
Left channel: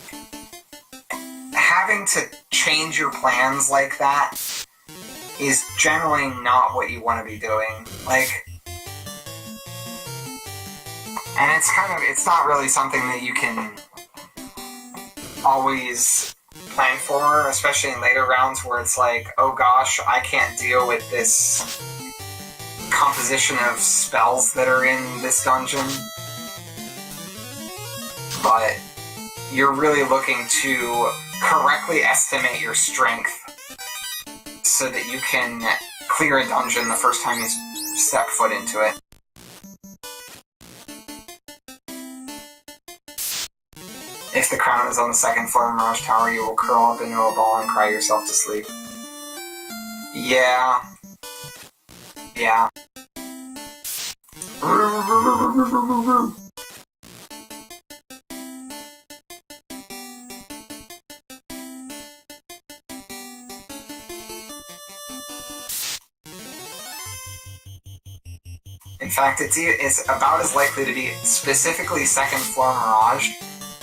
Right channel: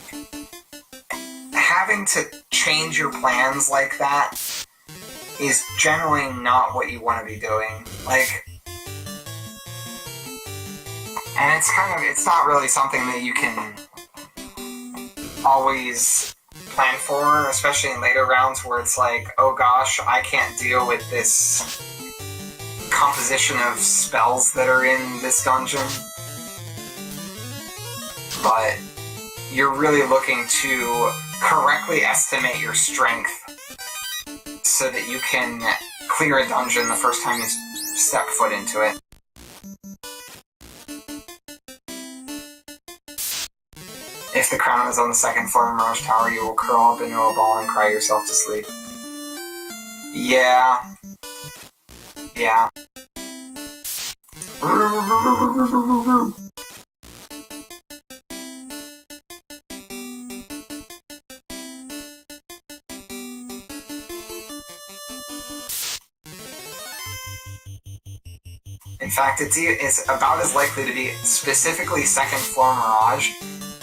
having to change your plans like that is generally not what you want to be doing. And it's not really something that you can always plan for, especially in later rounds where it's like, oh gosh, I can't deal with this composition of spells that are in this dungeon. but you're really looking to correctly estimate your strength so that you can clear a dungeon the first time you step foot into it. If the crown is on the second floor of Mirage Tower, you will curl up into a ball and cry yourself to sleep. Yeah. Yeah. In fact, it's about as likely to be specifically second floor Mirage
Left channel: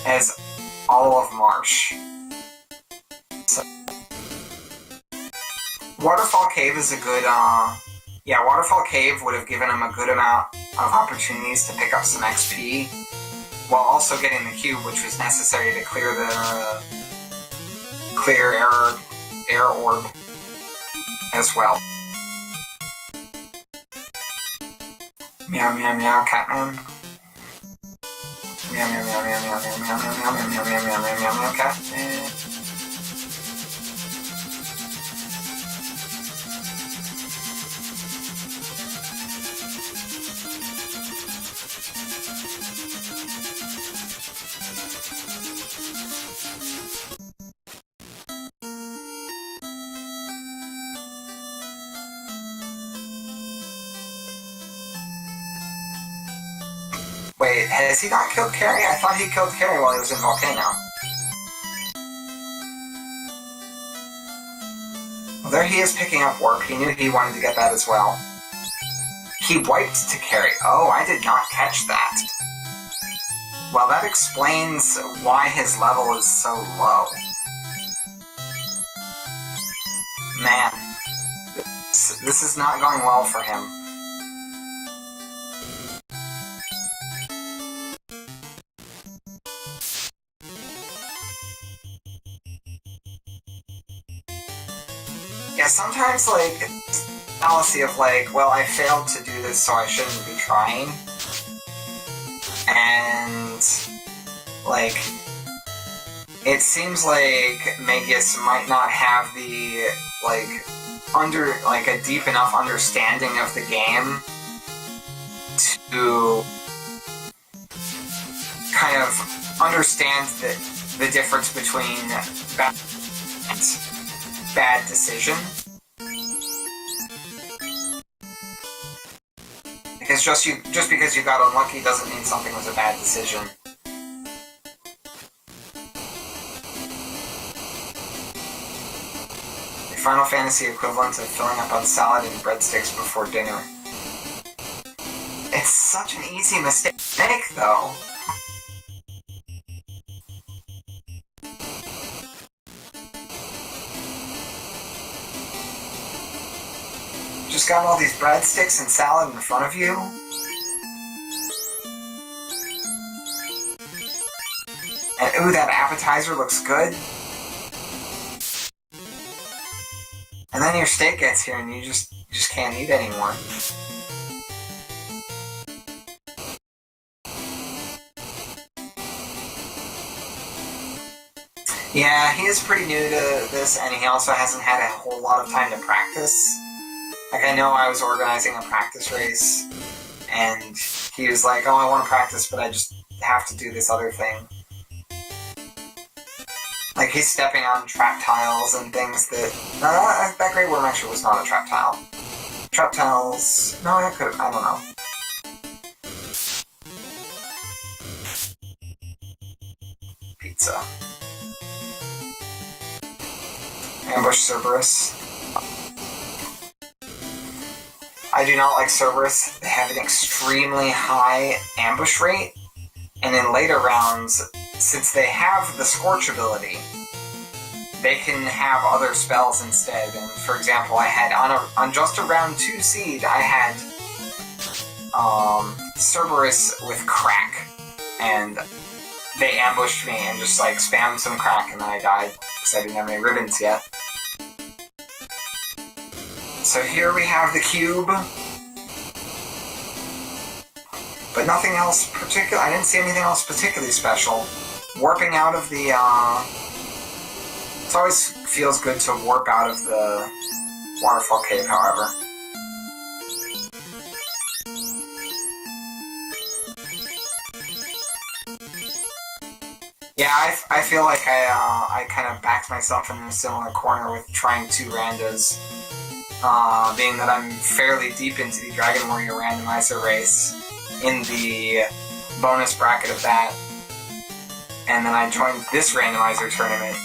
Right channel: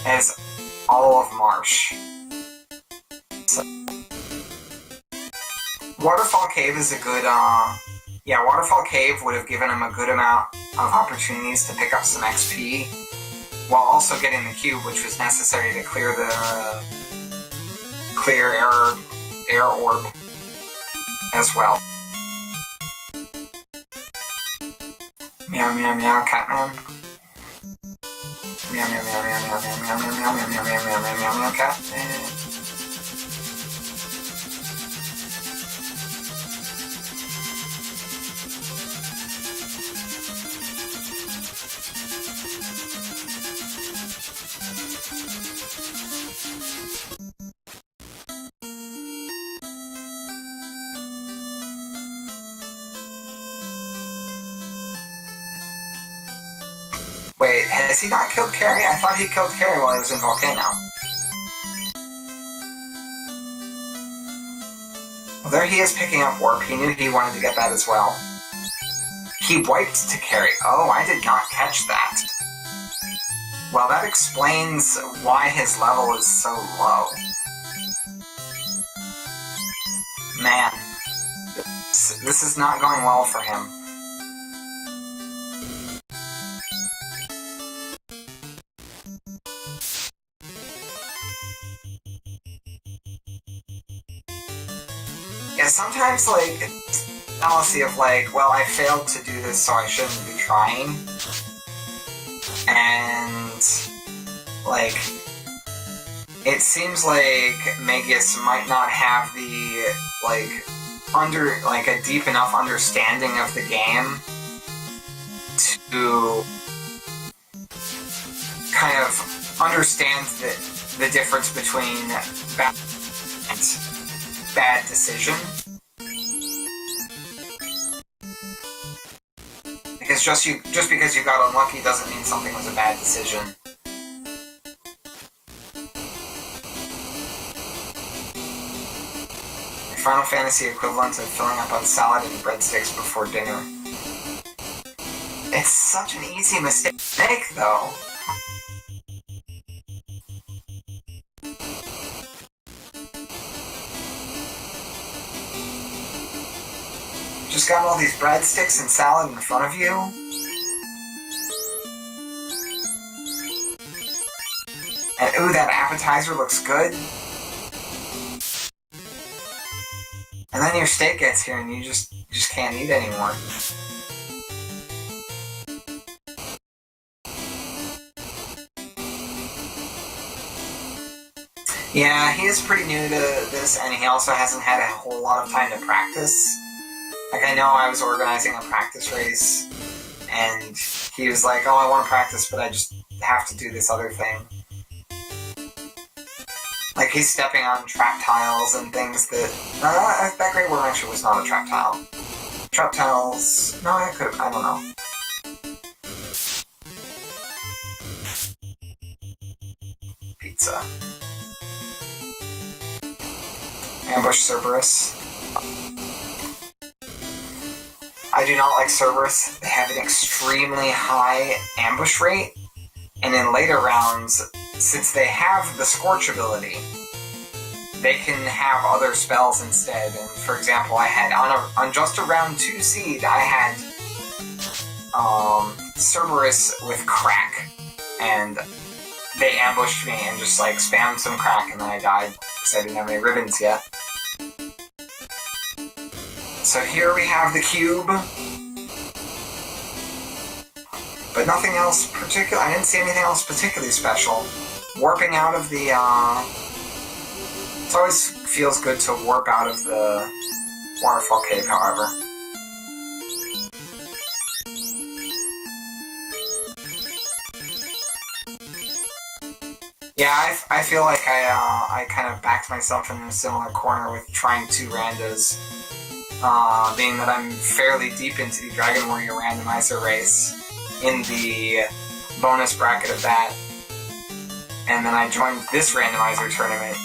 as all of Marsh. So, Waterfall Cave is a good, yeah, Waterfall Cave would have given him a good amount of opportunities to pick up some XP, while also getting the cube, which was necessary to clear the air orb as well. Meow meow meow, Catman. Meow meow meow meow meow meow meow meow meow meow meow meow meow meow meow, Catman. Wait, has he not killed Carrie? I thought he killed Carrie while he was in Volcano. Well, there he is picking up warp. He knew he wanted to get that as well. He wiped to Carrie. Oh, I did not catch that. Well, that explains why his level is so low. Man, this is not going well for him. Yeah, sometimes, like, fallacy of, like, well, I failed to do this, so I shouldn't be trying. And, like, it seems like Mageius might not have the, like, a deep enough understanding of the game to kind of understand the difference between bad decision. Because just because you got unlucky doesn't mean something was a bad decision. The Final Fantasy equivalent of filling up on salad and breadsticks before dinner. It's such an easy mistake to make, though. Just got all these breadsticks and salad in front of you. And ooh, that appetizer looks good. And then your steak gets here and you just can't eat anymore. Yeah, he is pretty new to this, and he also hasn't had a whole lot of time to practice. Like, I know I was organizing a practice race, and he was like, oh, I want to practice, but I just have to do this other thing. Like, he's stepping on trap tiles and things that... that Great Worm actually was not a trap tile. Trap tiles... No, I could have... I don't know. Pizza. Ambush Cerberus. I do not like Cerberus. They have an extremely high ambush rate, and in later rounds, since they have the Scorch ability, they can have other spells instead. And for example, I had on just a round 2 seed, I had Cerberus with Crack, and they ambushed me and just like spammed some Crack, and then I died because I didn't have any ribbons yet. So here we have the cube. But nothing else particular. I didn't see anything else particularly special. Warping out of the, it always feels good to warp out of the waterfall cave, however. Yeah, I feel like I kind of backed myself in a similar corner with trying 2 randos. Being that I'm fairly deep into the Dragon Warrior Randomizer race in the bonus bracket of that. And then I joined this randomizer tournament,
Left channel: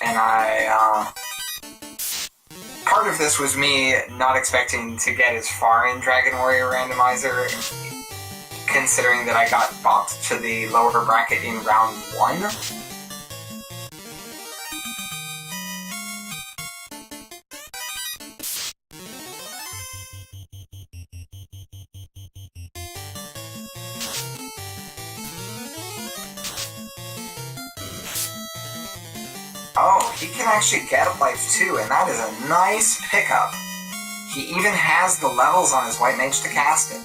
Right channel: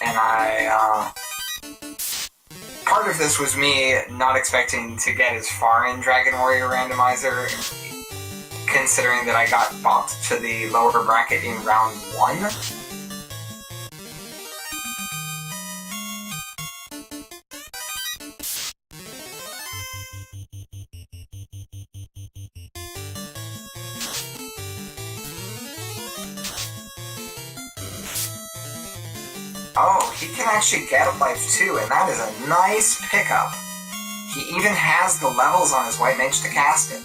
and part of this was me not expecting to get as far in Dragon Warrior Randomizer, considering that I got bopped to the lower bracket in round 1. Oh, he can actually get a life too, and that is a nice pickup. He even has the levels on his White Mage to cast it.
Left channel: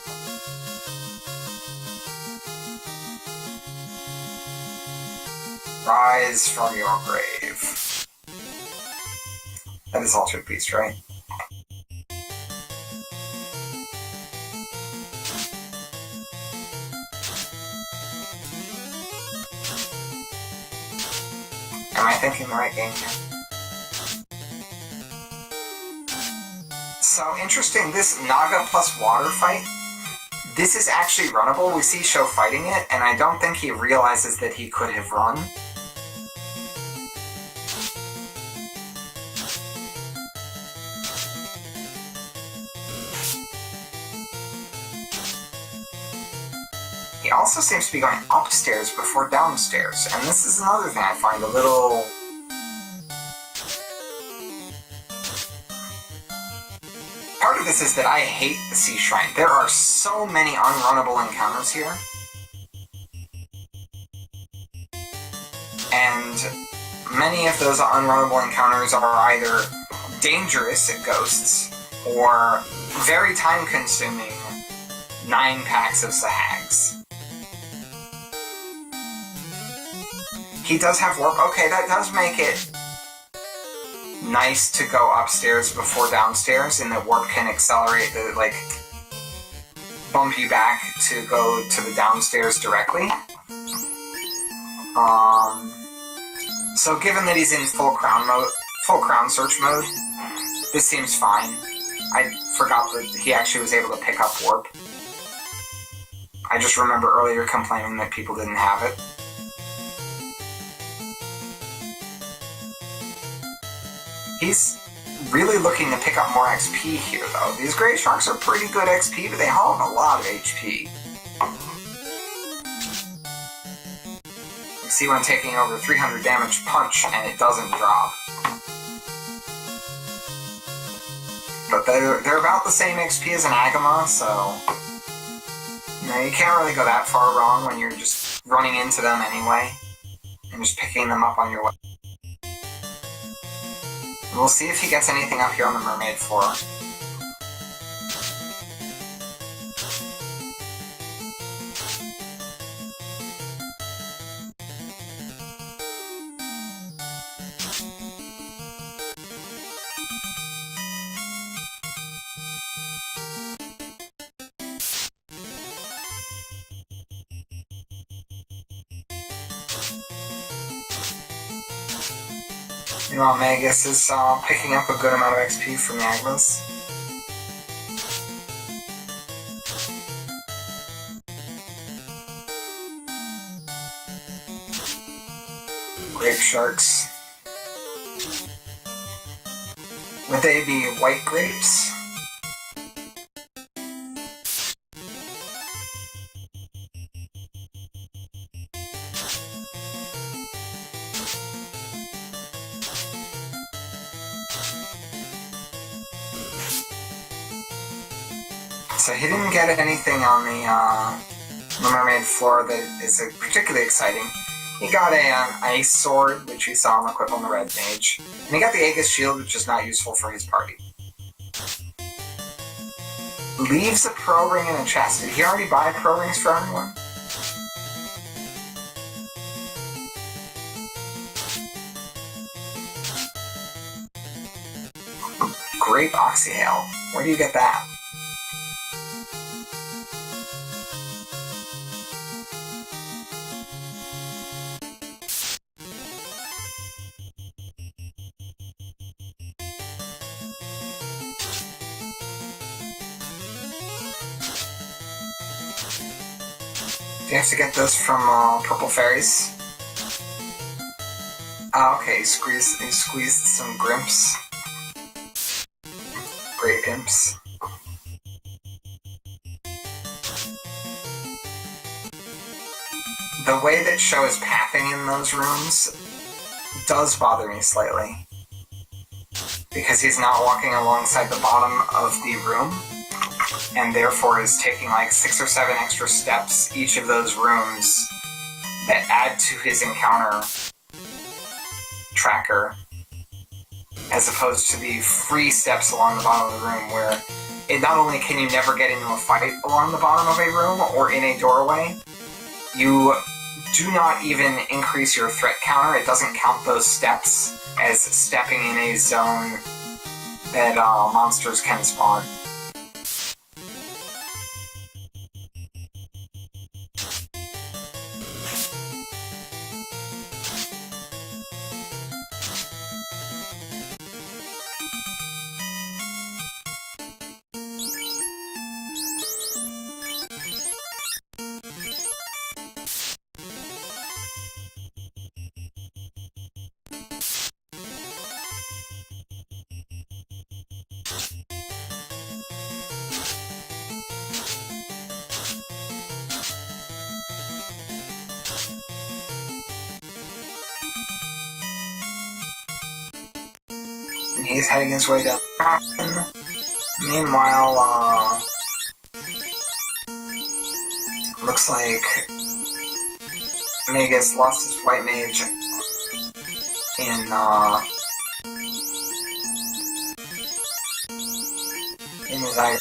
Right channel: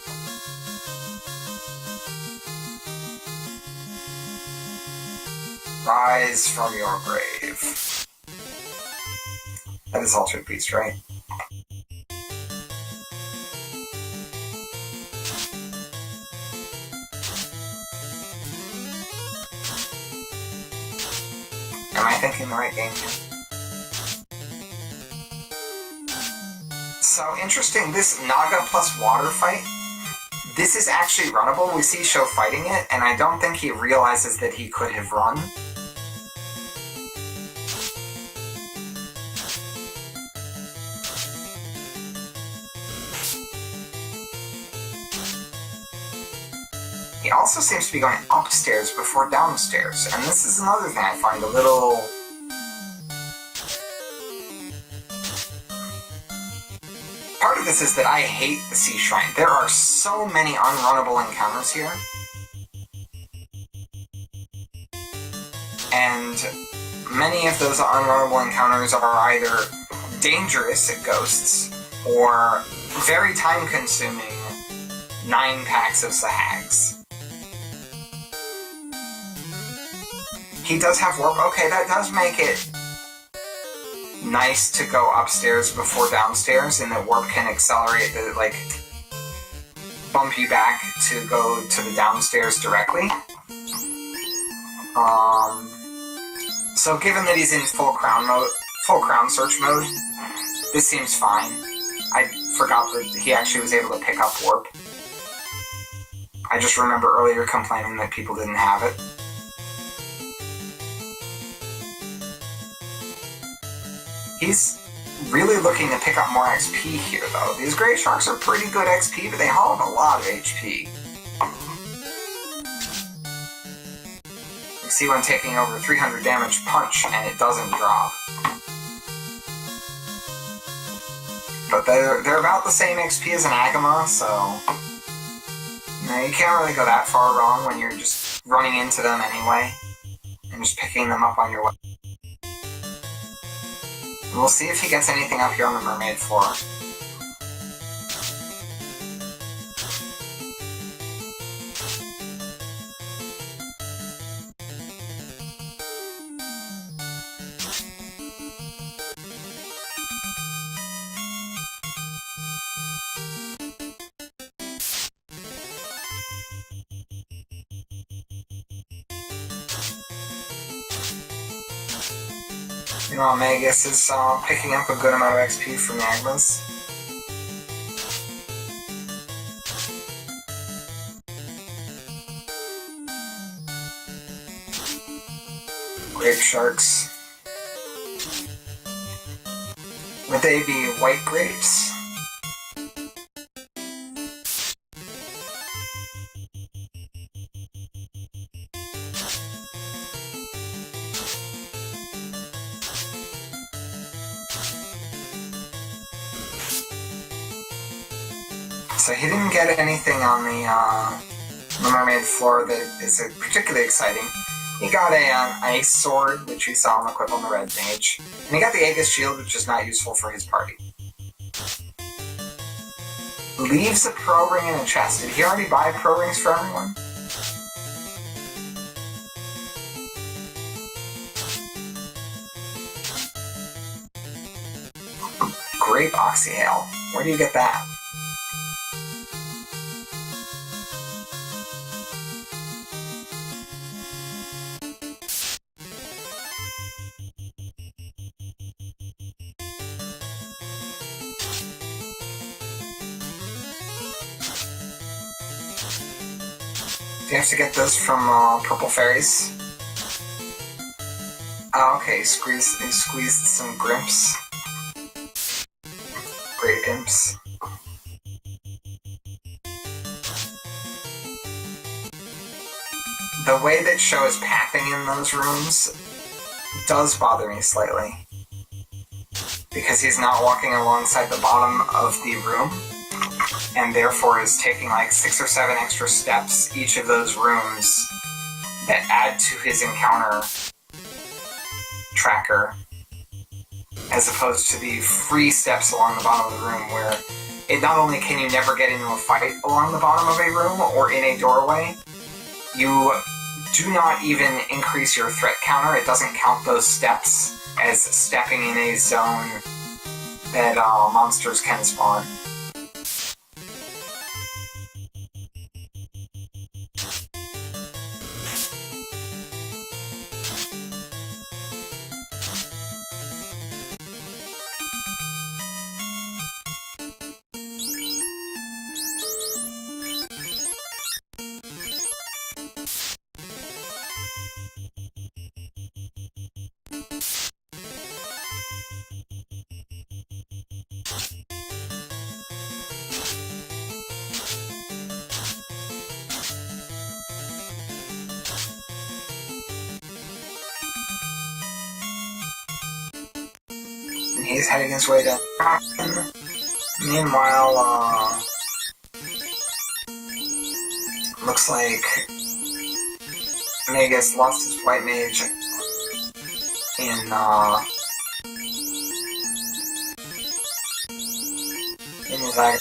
Rise from your grave. That is Altered Beast, right? Am I thinking the right game here? So interesting, this Naga plus water fight, this is actually runnable. We see Sho fighting it, and I don't think he realizes that he could have run. He also seems to be going upstairs before downstairs, and this is another thing I find a little... Part of this is that I hate the Sea Shrine. There are so many unrunnable encounters here. And many of those unrunnable encounters are either dangerous ghosts or very time-consuming 9 packs of Sahags. He does have warp. Okay, that does make it nice to go upstairs before downstairs, and that warp can accelerate the, like, bump you back to go to the downstairs directly. So given that he's in full crown search mode, this seems fine. I forgot that he actually was able to pick up warp. I just remember earlier complaining that people didn't have it. He's really looking to pick up more XP here, though. These Grey Sharks are pretty good XP, but they haul a lot of HP. You see one taking over 300 damage punch, and it doesn't drop. But they're about the same XP as an Agama, so... You know, you can't really go that far wrong when you're just running into them anyway, and just picking them up on your way. We'll see if he gets anything up here on the mermaid floor. Meanwhile, Mageius is picking up a good amount of XP from the Agmas. Grape Sharks. Would they be white grapes? So he didn't get anything on the mermaid floor that is particularly exciting. He got an ice sword, which we saw him equip on the red mage, and he got the Aegis shield, which is not useful for his party. leaves a pro ring in a chest. Did he already buy pro rings for everyone? Grape Oxy Ale. Where do you get that? Do you have to get those from Purple Fairies? Oh, okay, he squeezed some Grimps. Great Imps. The way that Sho is pathing in those rooms does bother me slightly. Because he's not walking alongside the bottom of the room, and therefore is taking like 6 or 7 extra steps each of those rooms that add to his encounter tracker, as opposed to the free steps along the bottom of the room where it not only can you never get into a fight along the bottom of a room or in a doorway, you do not even increase your threat counter. It doesn't count those steps as stepping in a zone that monsters can spawn. He's heading his way down. Meanwhile, looks like Mageius lost his white mage in his eye,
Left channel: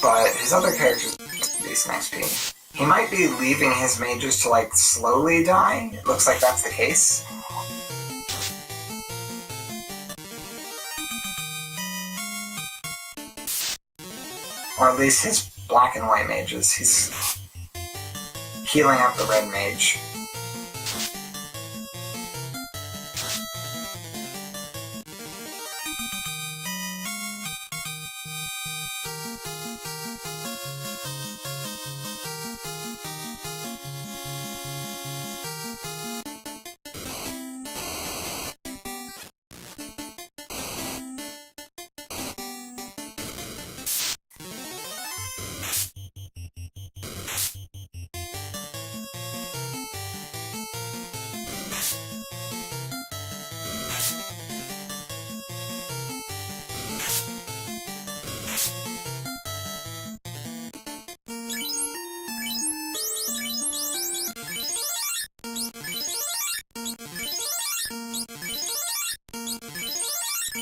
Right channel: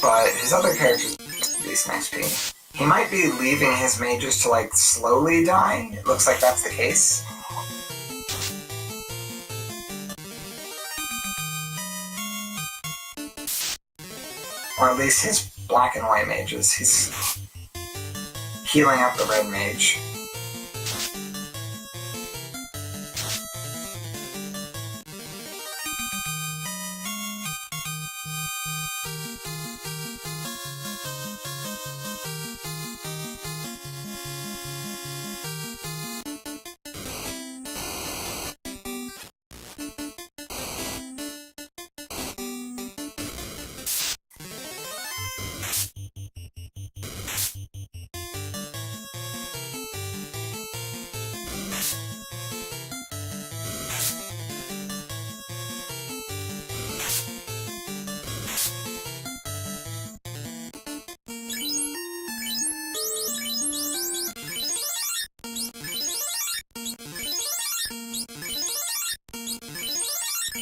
but his other characters decent XP. He might be leaving his mages to like slowly die. It looks like that's the case. Or at least his black and white mages. He's healing up the red mage.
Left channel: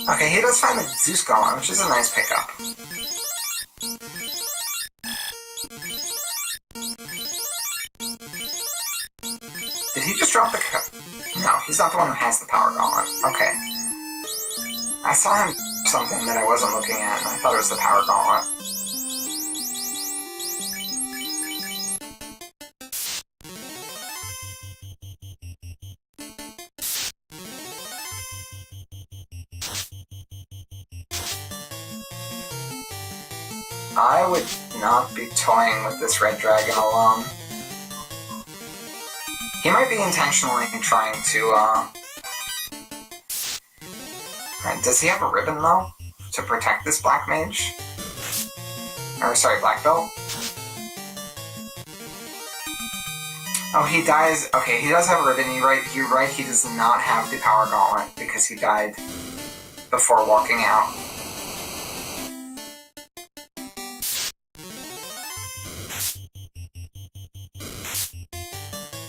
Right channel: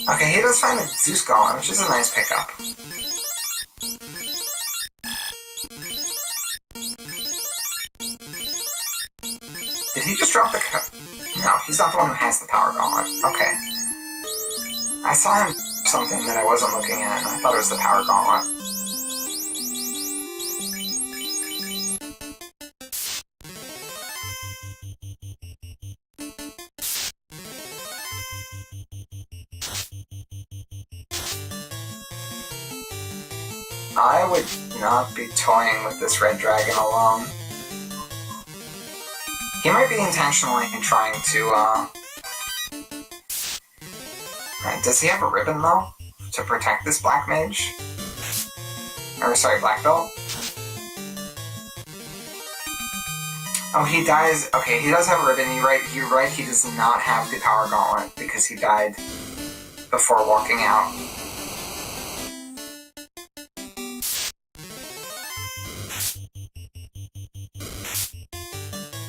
Okay, he does find the Zeus Golem, which is a nice pickup. Did he just drop the No, he's not the one who has the power gauntlet. Okay. I saw him something that I wasn't looking at, and I thought it was the power gauntlet. I would not be toying with this red dragon alone. He might be intentionally trying to, does he have a ribbon, though? To protect this black mage? Or, sorry, black belt? Oh, he dies... Okay, he does have a ribbon. You're right, he does not have the power gauntlet, because he died before walking out.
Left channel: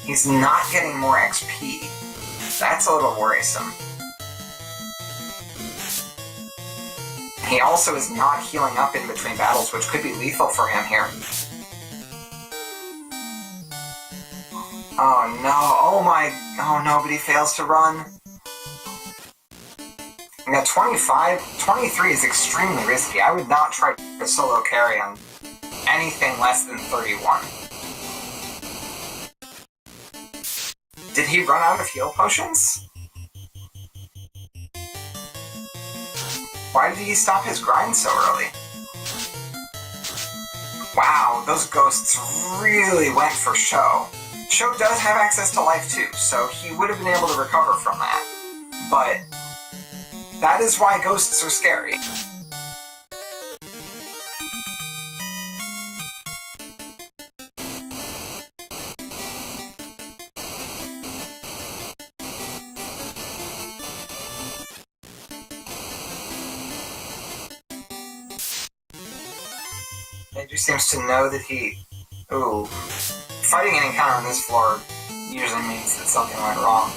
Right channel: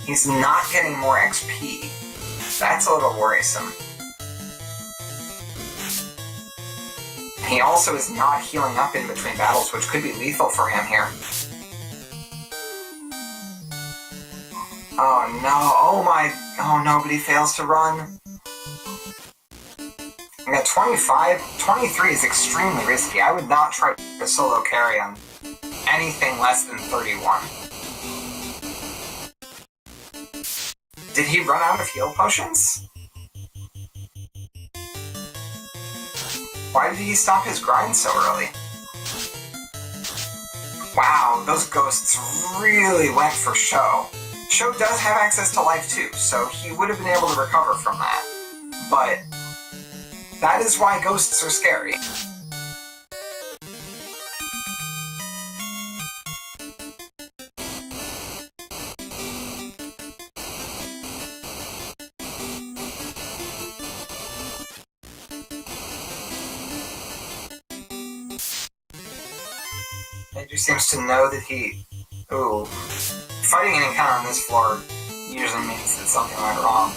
He's not getting more XP. That's a little worrisome. he also is not healing up in between battles, which could be lethal for him here. Oh no, oh no, but he fails to run. Yeah, 23 is extremely risky. I would not try to solo carry on anything less than 31. Did he run out of heal potions? Why did he stop his grind so early? Wow, those ghosts really went for Sho. Sho does have access to life too, so he would have been able to recover from that. But that is why ghosts are scary. Mageius seems to know that he... Ooh. Fighting an encounter on this floor usually means that something went wrong.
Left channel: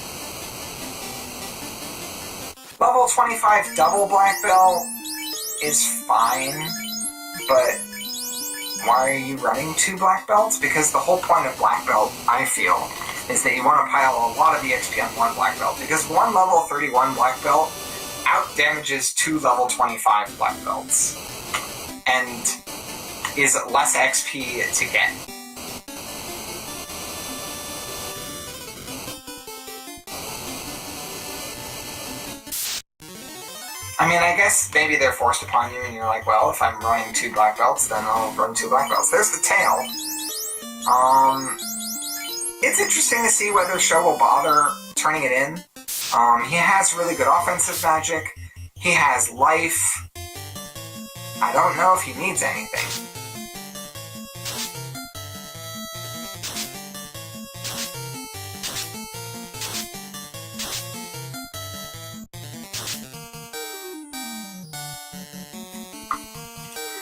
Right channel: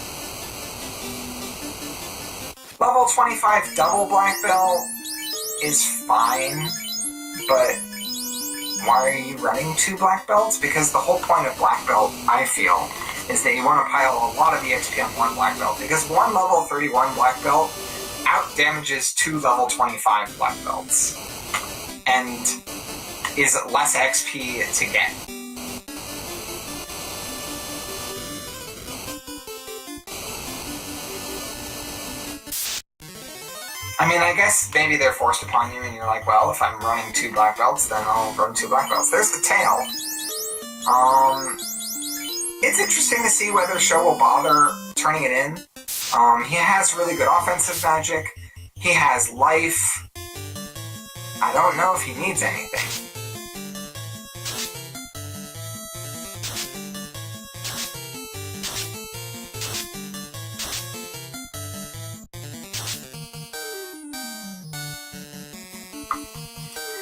Level 25 double black belt is fine, but why are you running 2 black belts? Because the whole point of black belt, I feel, is that you want to pile a lot of EXP on 1 black belt, because 1 level 31 black belt out-damages 2 level 25 black belts, and is less XP to get. I mean, I guess maybe they're forced upon you and you're like, well, if I'm running 2 black belts, then I'll run 2 black belts. There's the tail. It's interesting to see whether Sho will bother turning it in. He has really good offensive magic. He has life. I don't know if he needs anything.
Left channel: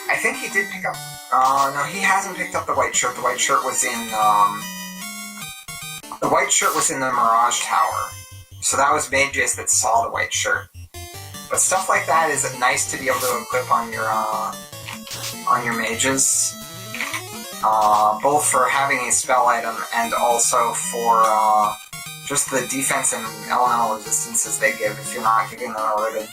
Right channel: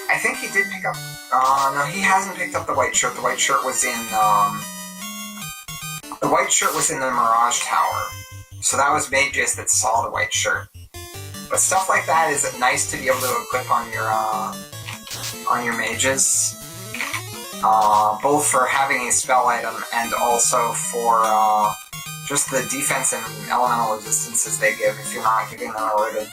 I think he did pick up... no, he hasn't picked up the white shirt. The white shirt was in, the white shirt was in the Mirage Tower. So that was Mageius that saw the white shirt. But stuff like that is nice to be able to equip on your mages. Both for having a spell item and also for, just the defense and elemental resistances they give if you're not giving them a ribbon.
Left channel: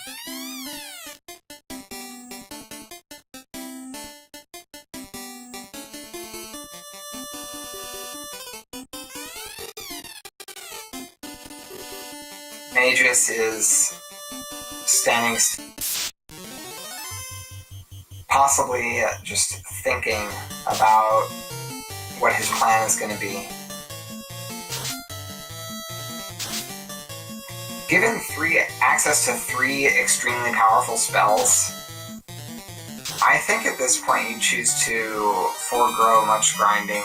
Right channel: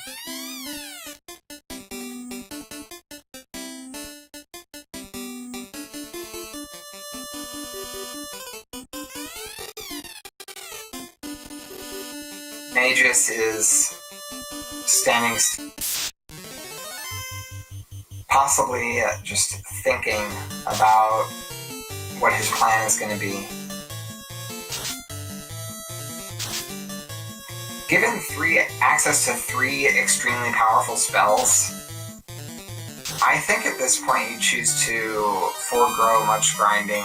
Mageius is standing, possibly just thinking about what his plan is going to be. Given access to 3 extremely powerful spells, I think at this point you choose to forego much grinding.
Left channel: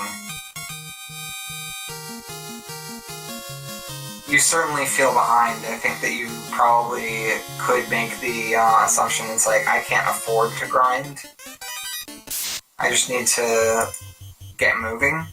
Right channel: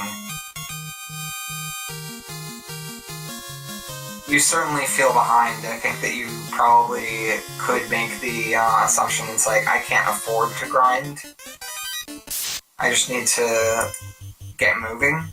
You certainly feel behind. I think that you probably could make the assumption it's like, I can't afford to grind. I just need to get moving.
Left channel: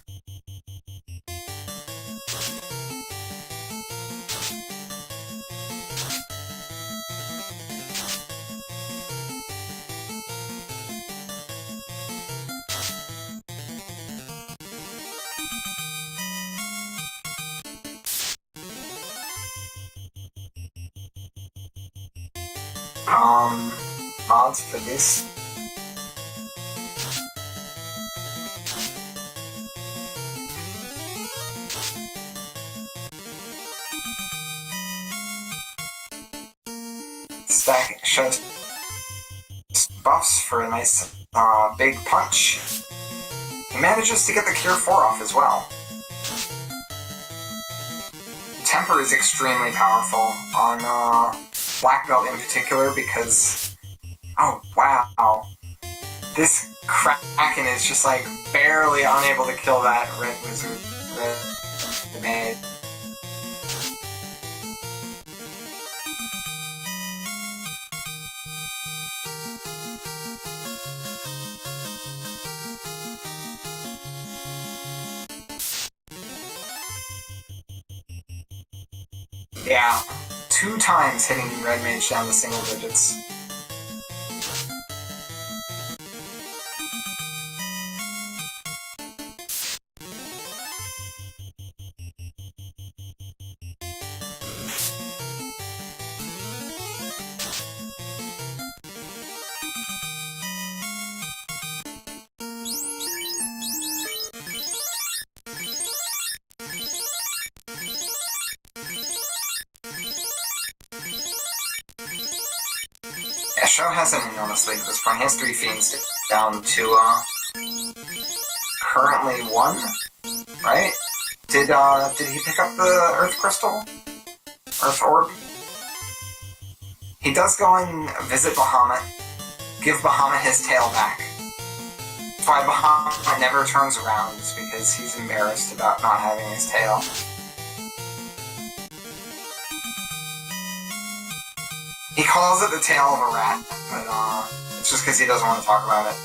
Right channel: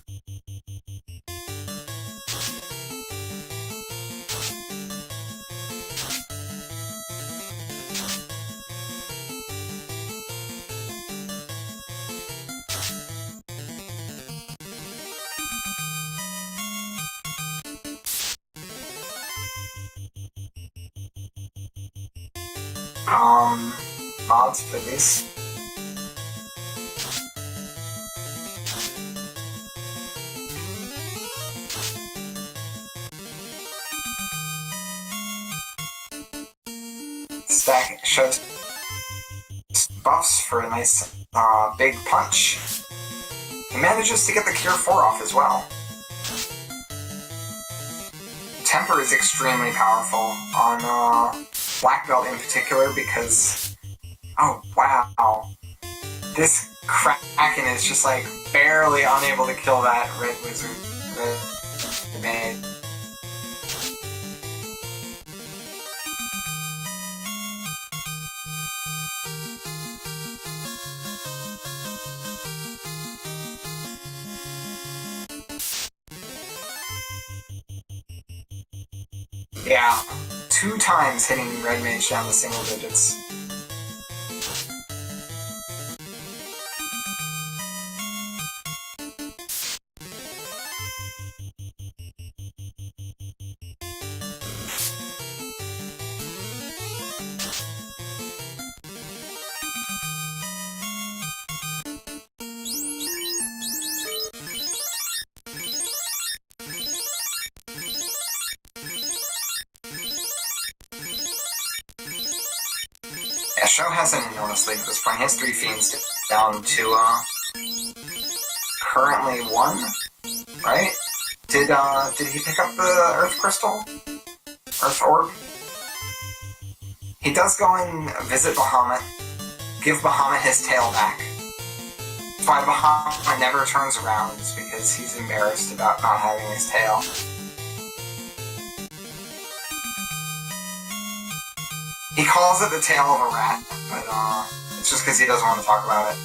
Mods for this. Stack shows buffs for a nice big punch. He manages to get the Cure 4 off as well. Temper is extremely powerful on Black Belt in particular because, oh wow, this Kraken is just like barely unable to kill that red wizard that made. Yeah, 2 times hitting Red Mage down to single digits. Yeah, Sho has an enormous lead at this point. He has 3 fiends down to, currently 1, right? Did he pick up the Earth Crystal? Earth Orb? He does go and visit Bahamut, give Bahamut his tail back. That's why Bahamut never turns around, is because he's embarrassed about not having his tail. He calls it the tail of a rat, but it's just because he doesn't want to talk about it.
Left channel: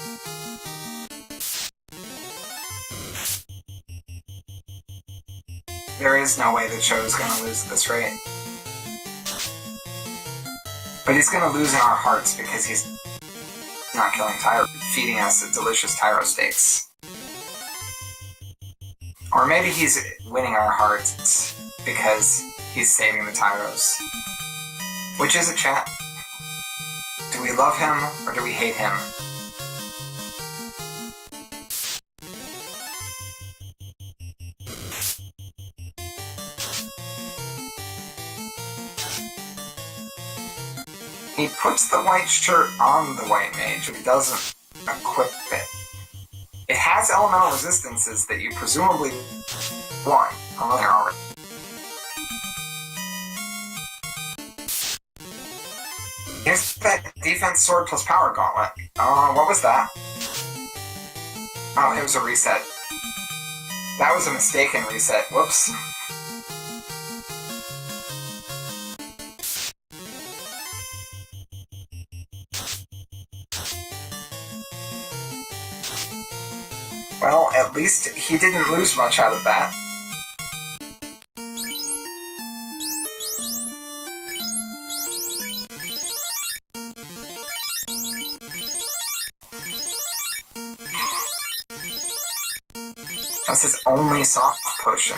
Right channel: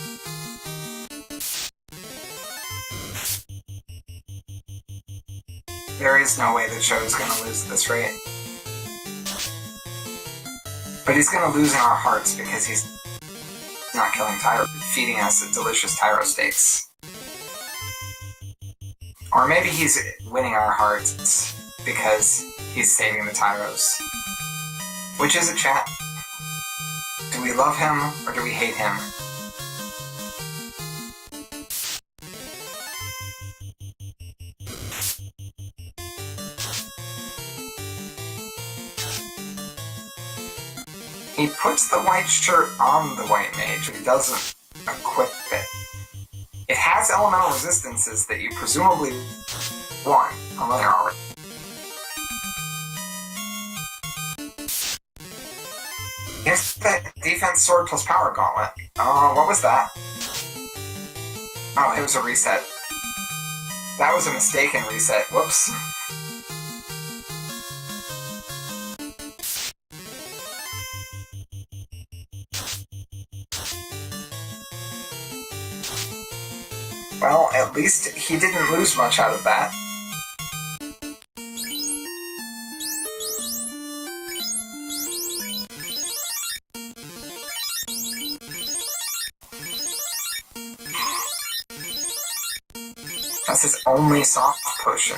There is no way that Sho is going to lose at this rate. But he's going to lose in our hearts because he's not killing Tyro, feeding us delicious Tyro steaks. Or maybe he's winning our hearts because he's saving the Tyros. Which is it, chat? Do we love him or do we hate him? He puts the white shirt on the white mage, but he doesn't equip it. It has elemental resistances that you presumably want, although there are. Here's that defense sword plus power gauntlet. Oh, what was that? Oh, it was a reset. That was a mistaken reset. Whoops. Well, at least he didn't lose much out of that. That's his only soft potion.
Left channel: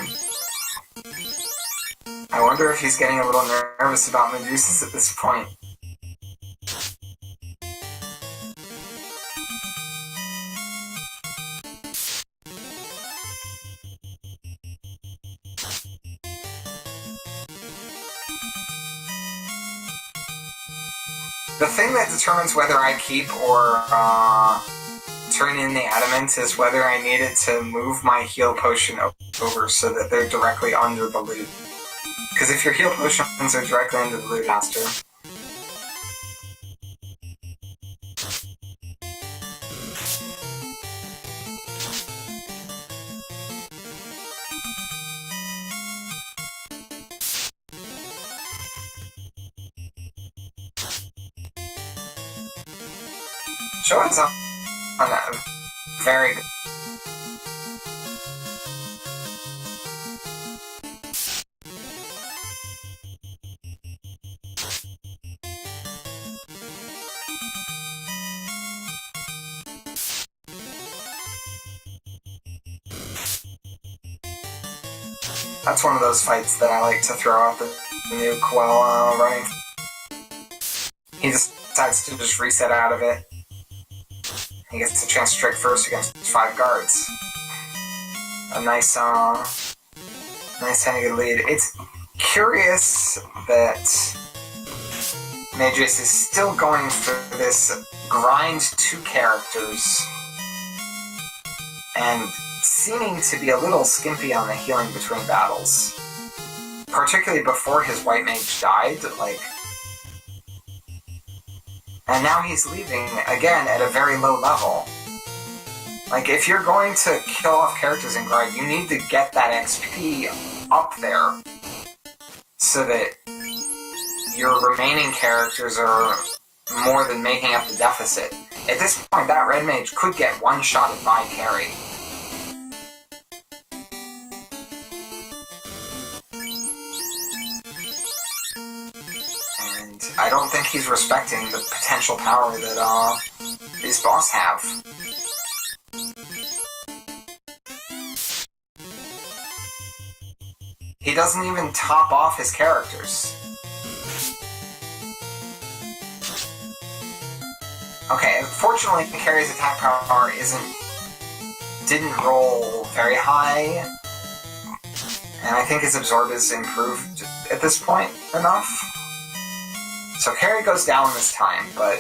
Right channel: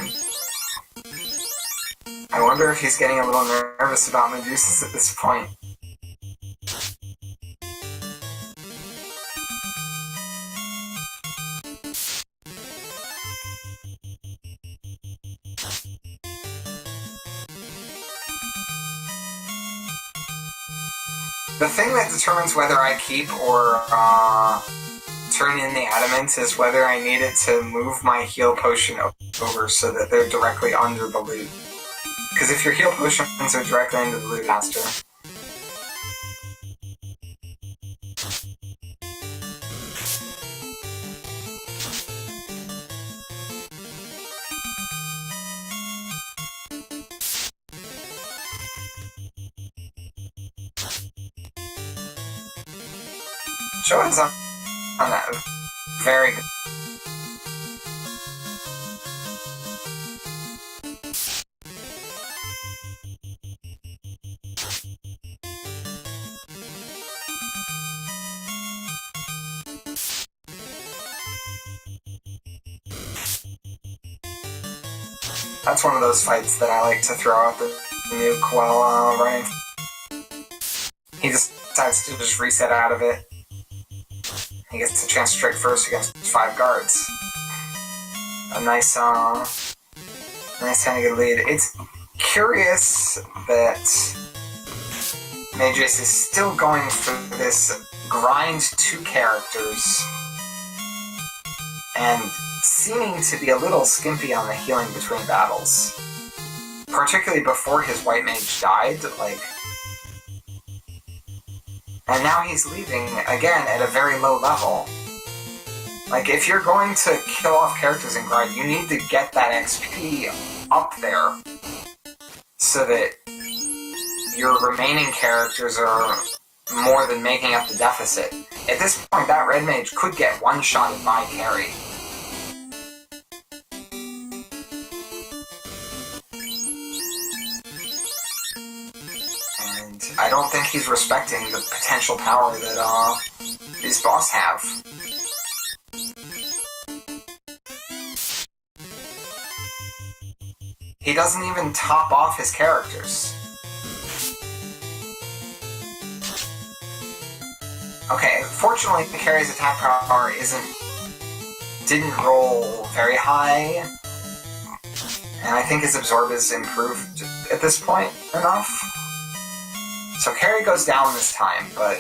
I wonder if he's getting a little nervous about Mageius at this point. The thing that determines whether I keep or turn in the adamant is whether I need it to move my heal potion over so that they're directly under the loot. Because if your heal potions are directly under the loot master, Sho is on that very good. That's one of those fights that I like to throw out the nuke while running. He decides to just reset out of it. He gets a chance to strike first against 5 guards. A nice handed lead. It's curious that Mageius is still going for this grind 2 characters and seeming to be a little skimpy on the healing between battles. Particularly before his white mage died, and now he's leaving, again, at a very low level. If you're going to kill off characters in grind, you need to get that XP up there so that your remaining characters are more than making up the deficit. At this point, that red mage could get one-shotted by carry. I don't think he's respecting the potential power that his boss have. He doesn't even top off his characters. Okay, fortunately, Carrie's attack power didn't roll very high, and I think his absorb is improved at this point enough. So Carrie goes down this time, but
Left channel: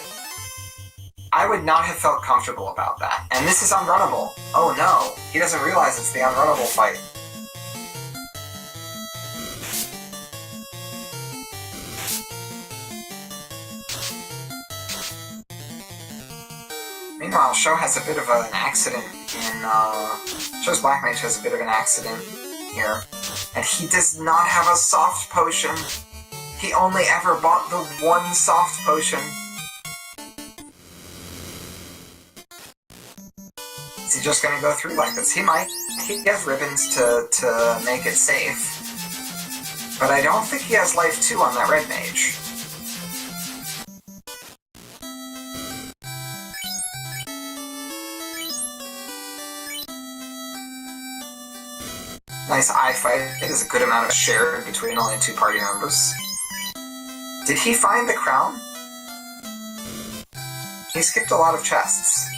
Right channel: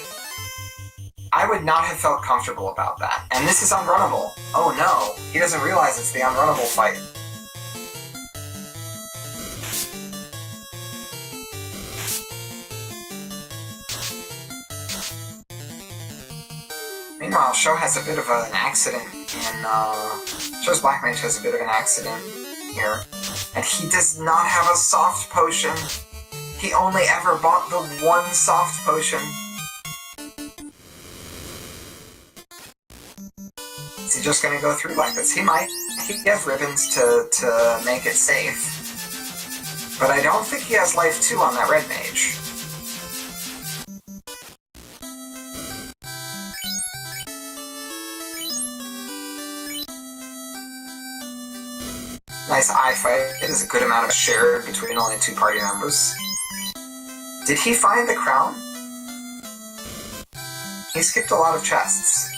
I would not have felt comfortable about that. And this is unrunnable. Oh no, he doesn't realize it's the unrunnable fight. Meanwhile, Sho has a bit of an accident Sho's Black Mage has a bit of an accident here. And he does not have a soft potion. He only ever bought the one soft potion. Is he just gonna go through like this? He might. He has ribbons to make it safe. But I don't think he has life 2 on that red mage. Nice eye fight. It is a good amount of share between only 2 party members. Did he find the crown? He skipped a lot of chests.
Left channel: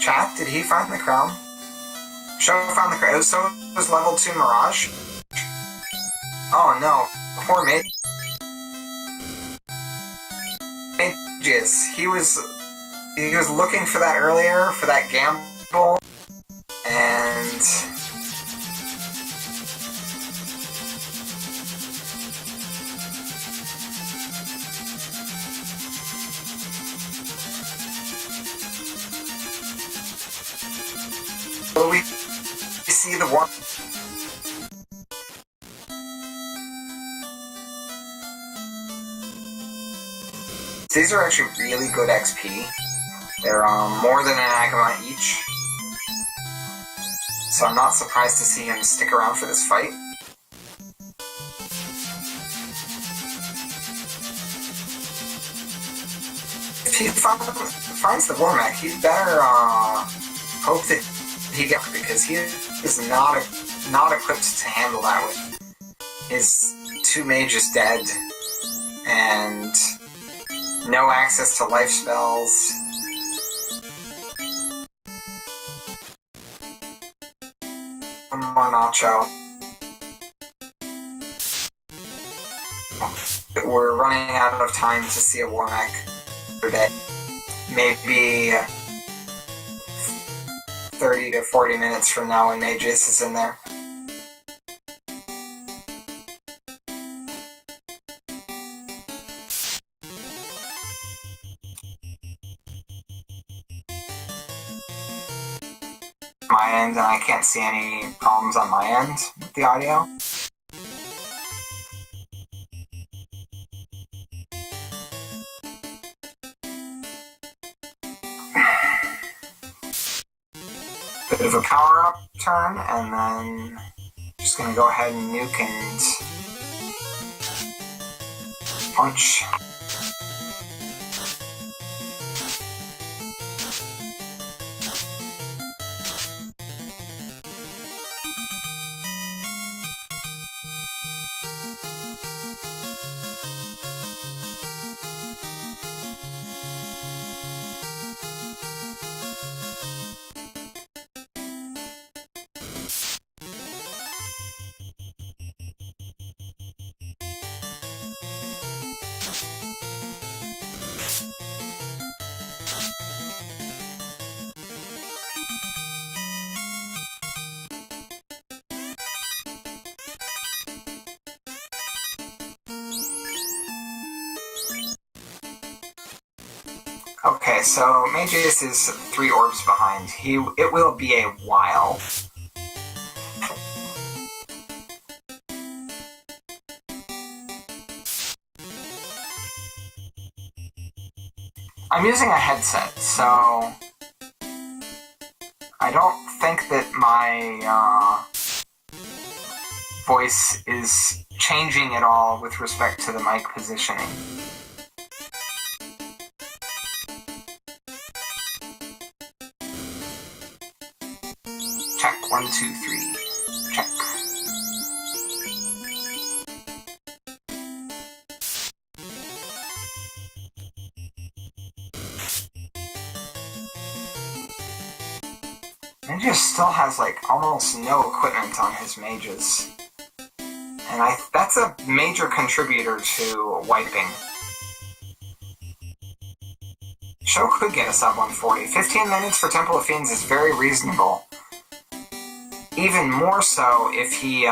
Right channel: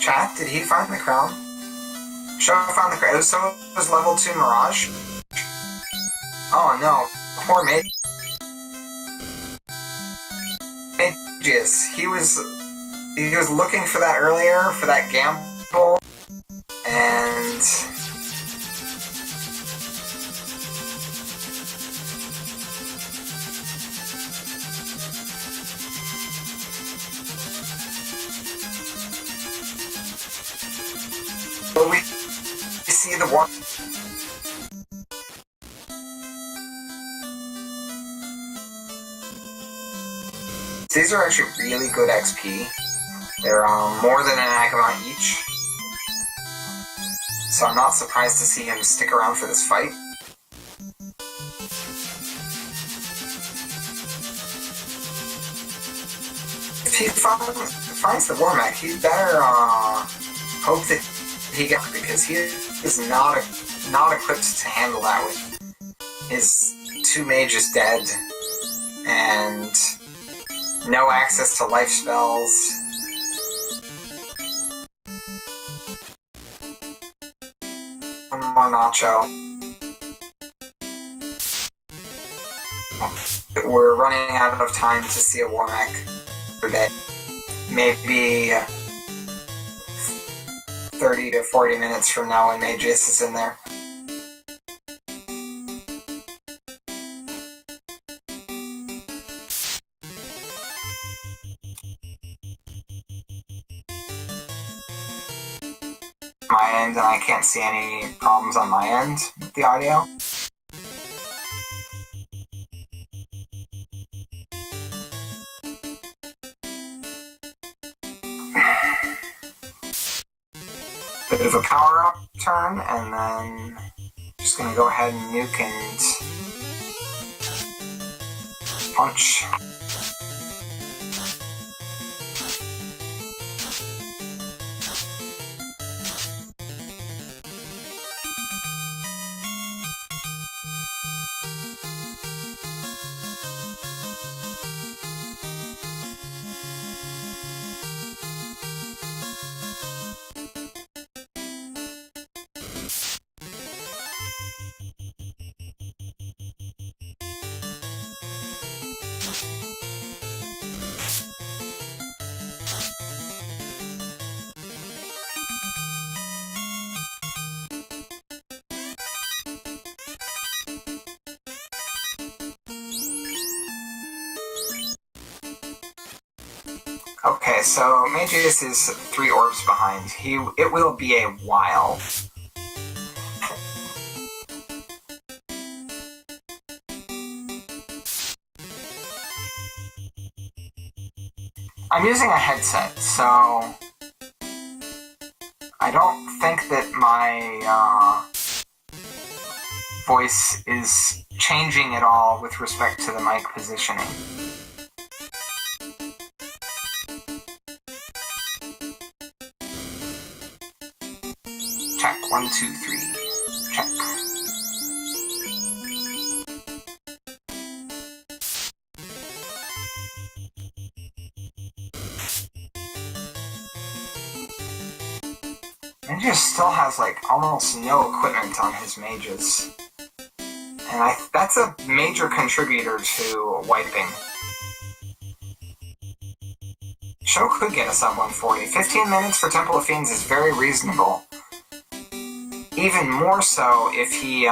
Chat, did he find the crown? Sho found the crown. So it was level 2 Mirage? Oh no. Poor Mageius. He was looking for that earlier, for that gamble, and but we see the one. These are actually really good XP. They're more than an Agama each. So I'm not surprised to see him stick around for this fight. If he finds the Warmech, he better hope that he gets, because he is not equipped to handle that with his 2 mages dead and no access to life spells. One more Nacho. We're running out of time to see a Warmech per day. Maybe 30 to 40 minutes from now when Mageius is in there. My end, and I can't see any problems on my end with the audio. Bit of a power-up turn, and then just gonna go ahead and nuke and punch. Okay, so Mageius is 3 orbs behind. It will be a while. I'm using a headset, so I don't think that my voice is changing at all with respect to the mic positioning. Check, 1, 2, 3. Check. Mageius still has, like, almost no equipment on his mages. And that's a major contributor to wiping. Sho could get a sub 140. 15 minutes for Temple of Fiends is very reasonable. Even more so if he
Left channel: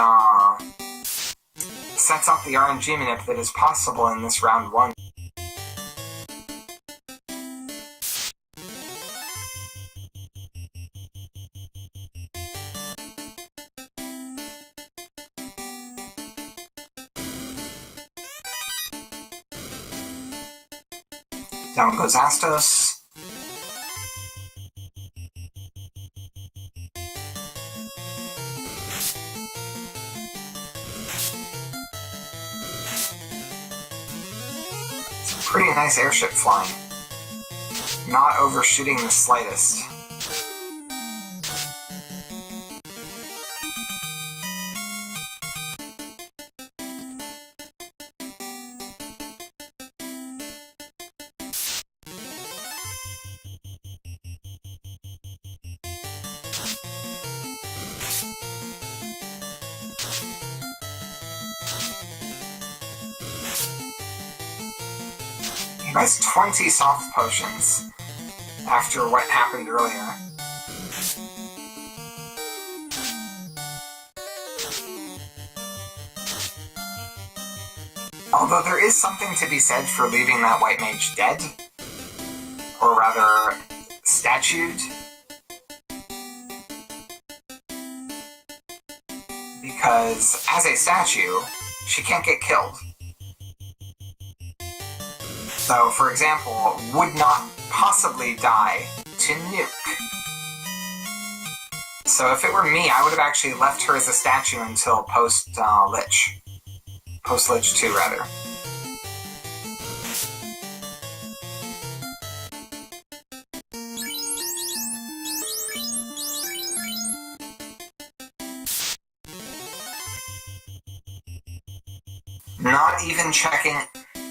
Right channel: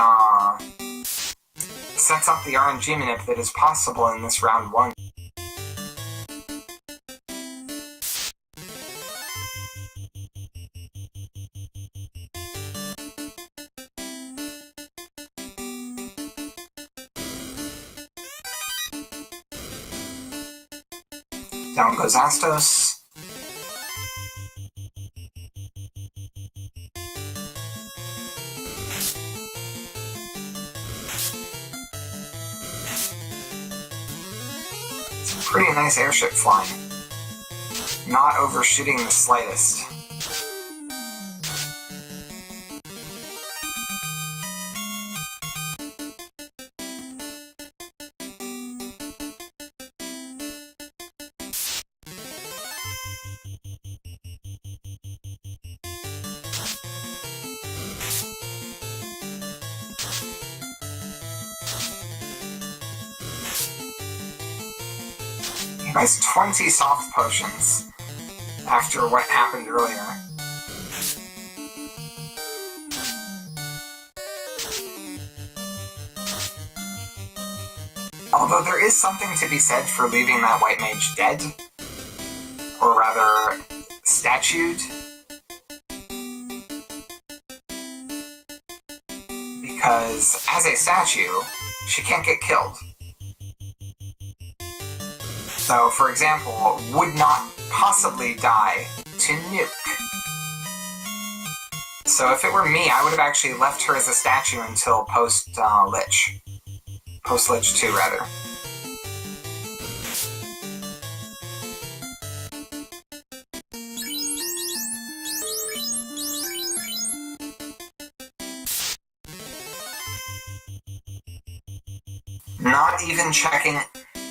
sets up the RNG manip that is possible in this round 1. Down goes Astos. It's a pretty nice airship flying. Not overshooting the slightest. He has 20 soft potions after what happened earlier. Although there is something to be said for leaving that white mage dead, or rather, statued. Because as a statue, she can't get killed. So, for example, would not possibly die to nuke. So if it were me, I would have actually left her as a statue until post-Lich. Post-Lich 2, rather. Not even checking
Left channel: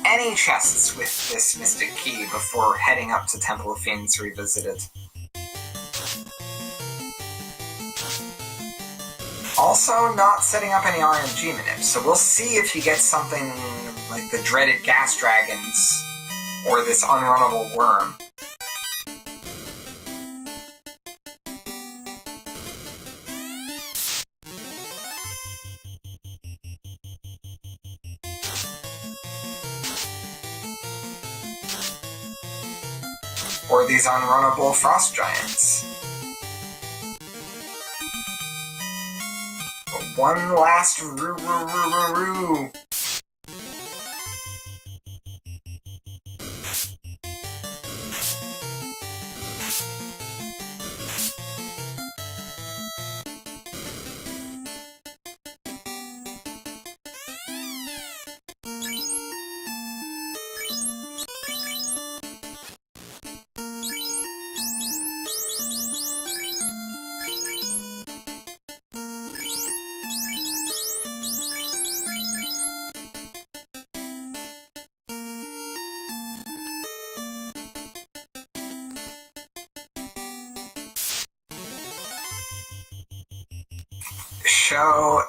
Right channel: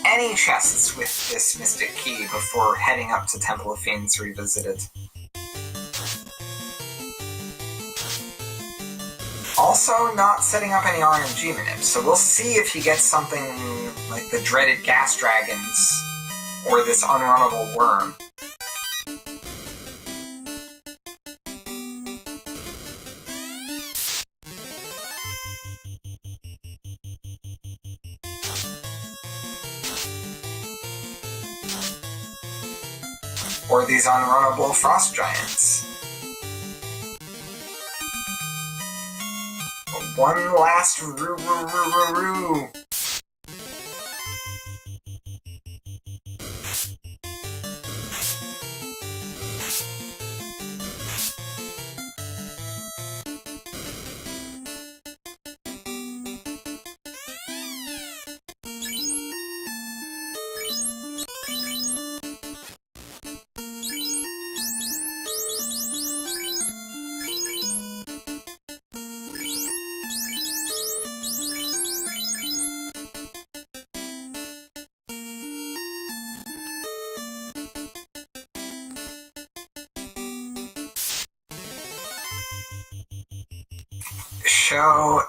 any chests with this Mystic Key before heading up to Temple of Fiends Revisited. Also, not setting up any RNG manips, so we'll see if he gets something like the dreaded gas dragons or this unrunnable worm. Or these unrunnable frost giants. One last roo.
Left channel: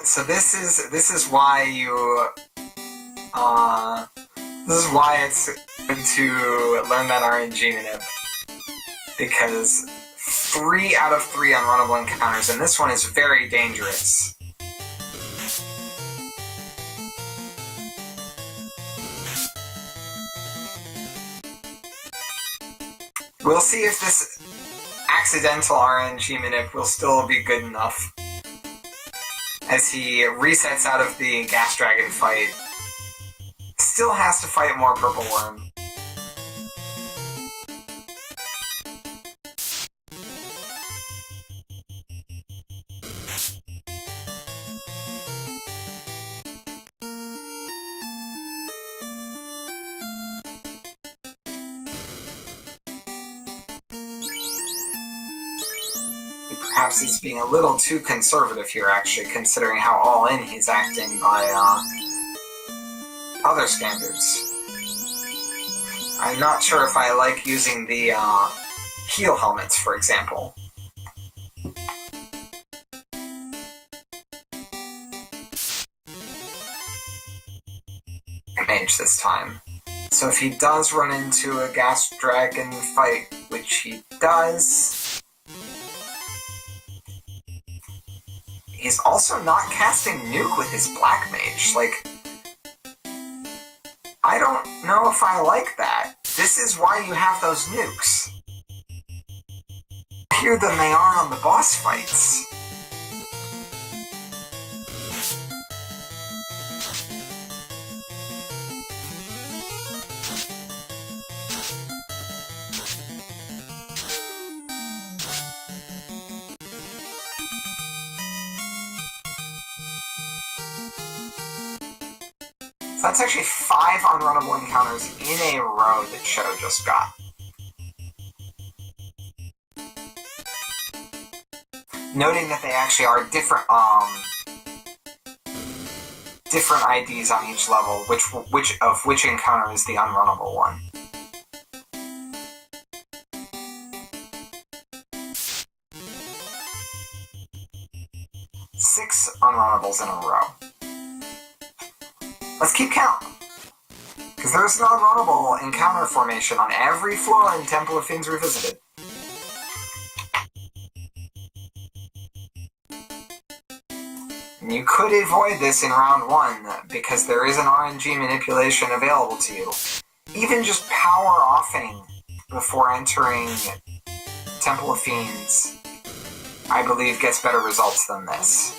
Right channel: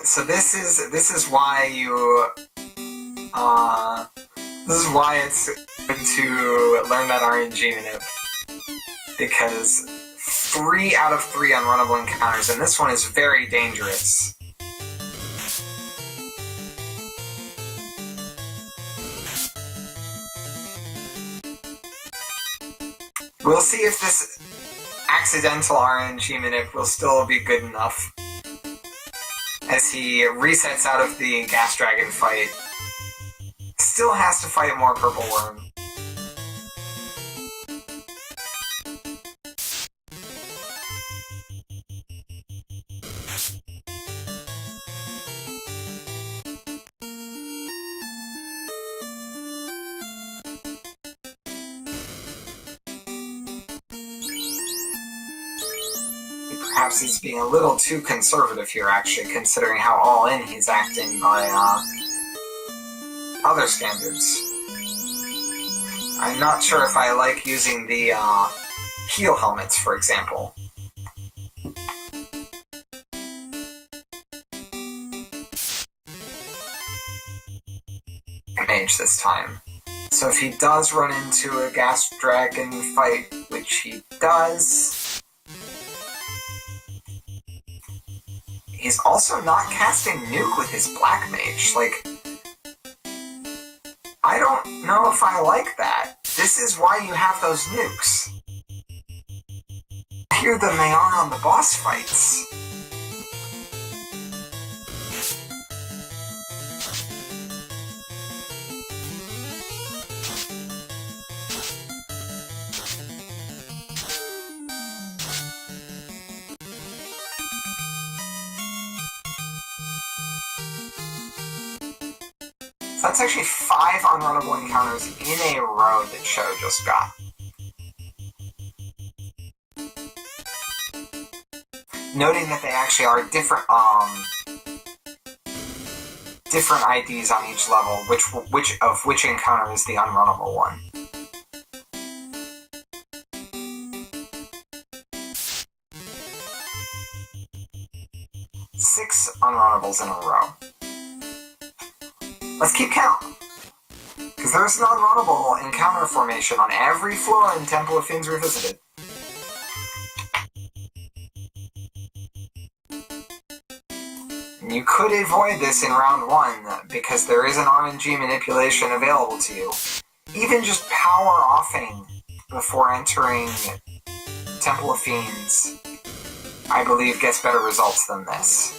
So this is why you this is why it's good to learn that RNG manip, because 3 out of 3 unrunnable encounters, and this one is very dangerous. We'll see if this accidental RNG manip will still be good enough as he resets out of the gas dragon fight. Still has to fight more purple worm. Perhaps he's being a little too conservative here, actually, considering how all-in he's acting by other standards. I'm not sure if I like using the heal helmets, for example. mage this time. So if he does run into a gas dragon fight, which he does, he's also not casting nuke with his black mage. Like, I don't know if I like that. This is why you have those nukes. Hear than they are on the boss fights. That's actually 5 unrunnable encounters in a row that Sho just got. Noting that they actually are different IDs on each level, which encounter is the unrunnable one. Six unrunnables in a row. Let's keep count. Because there's an unrunnable encounter formation on every floor in Temple of Fiends Revisited. You could avoid this in round 1, because there is an RNG manipulation available to you. Even just power offing before entering Temple of Fiends, I believe, gets better results than this.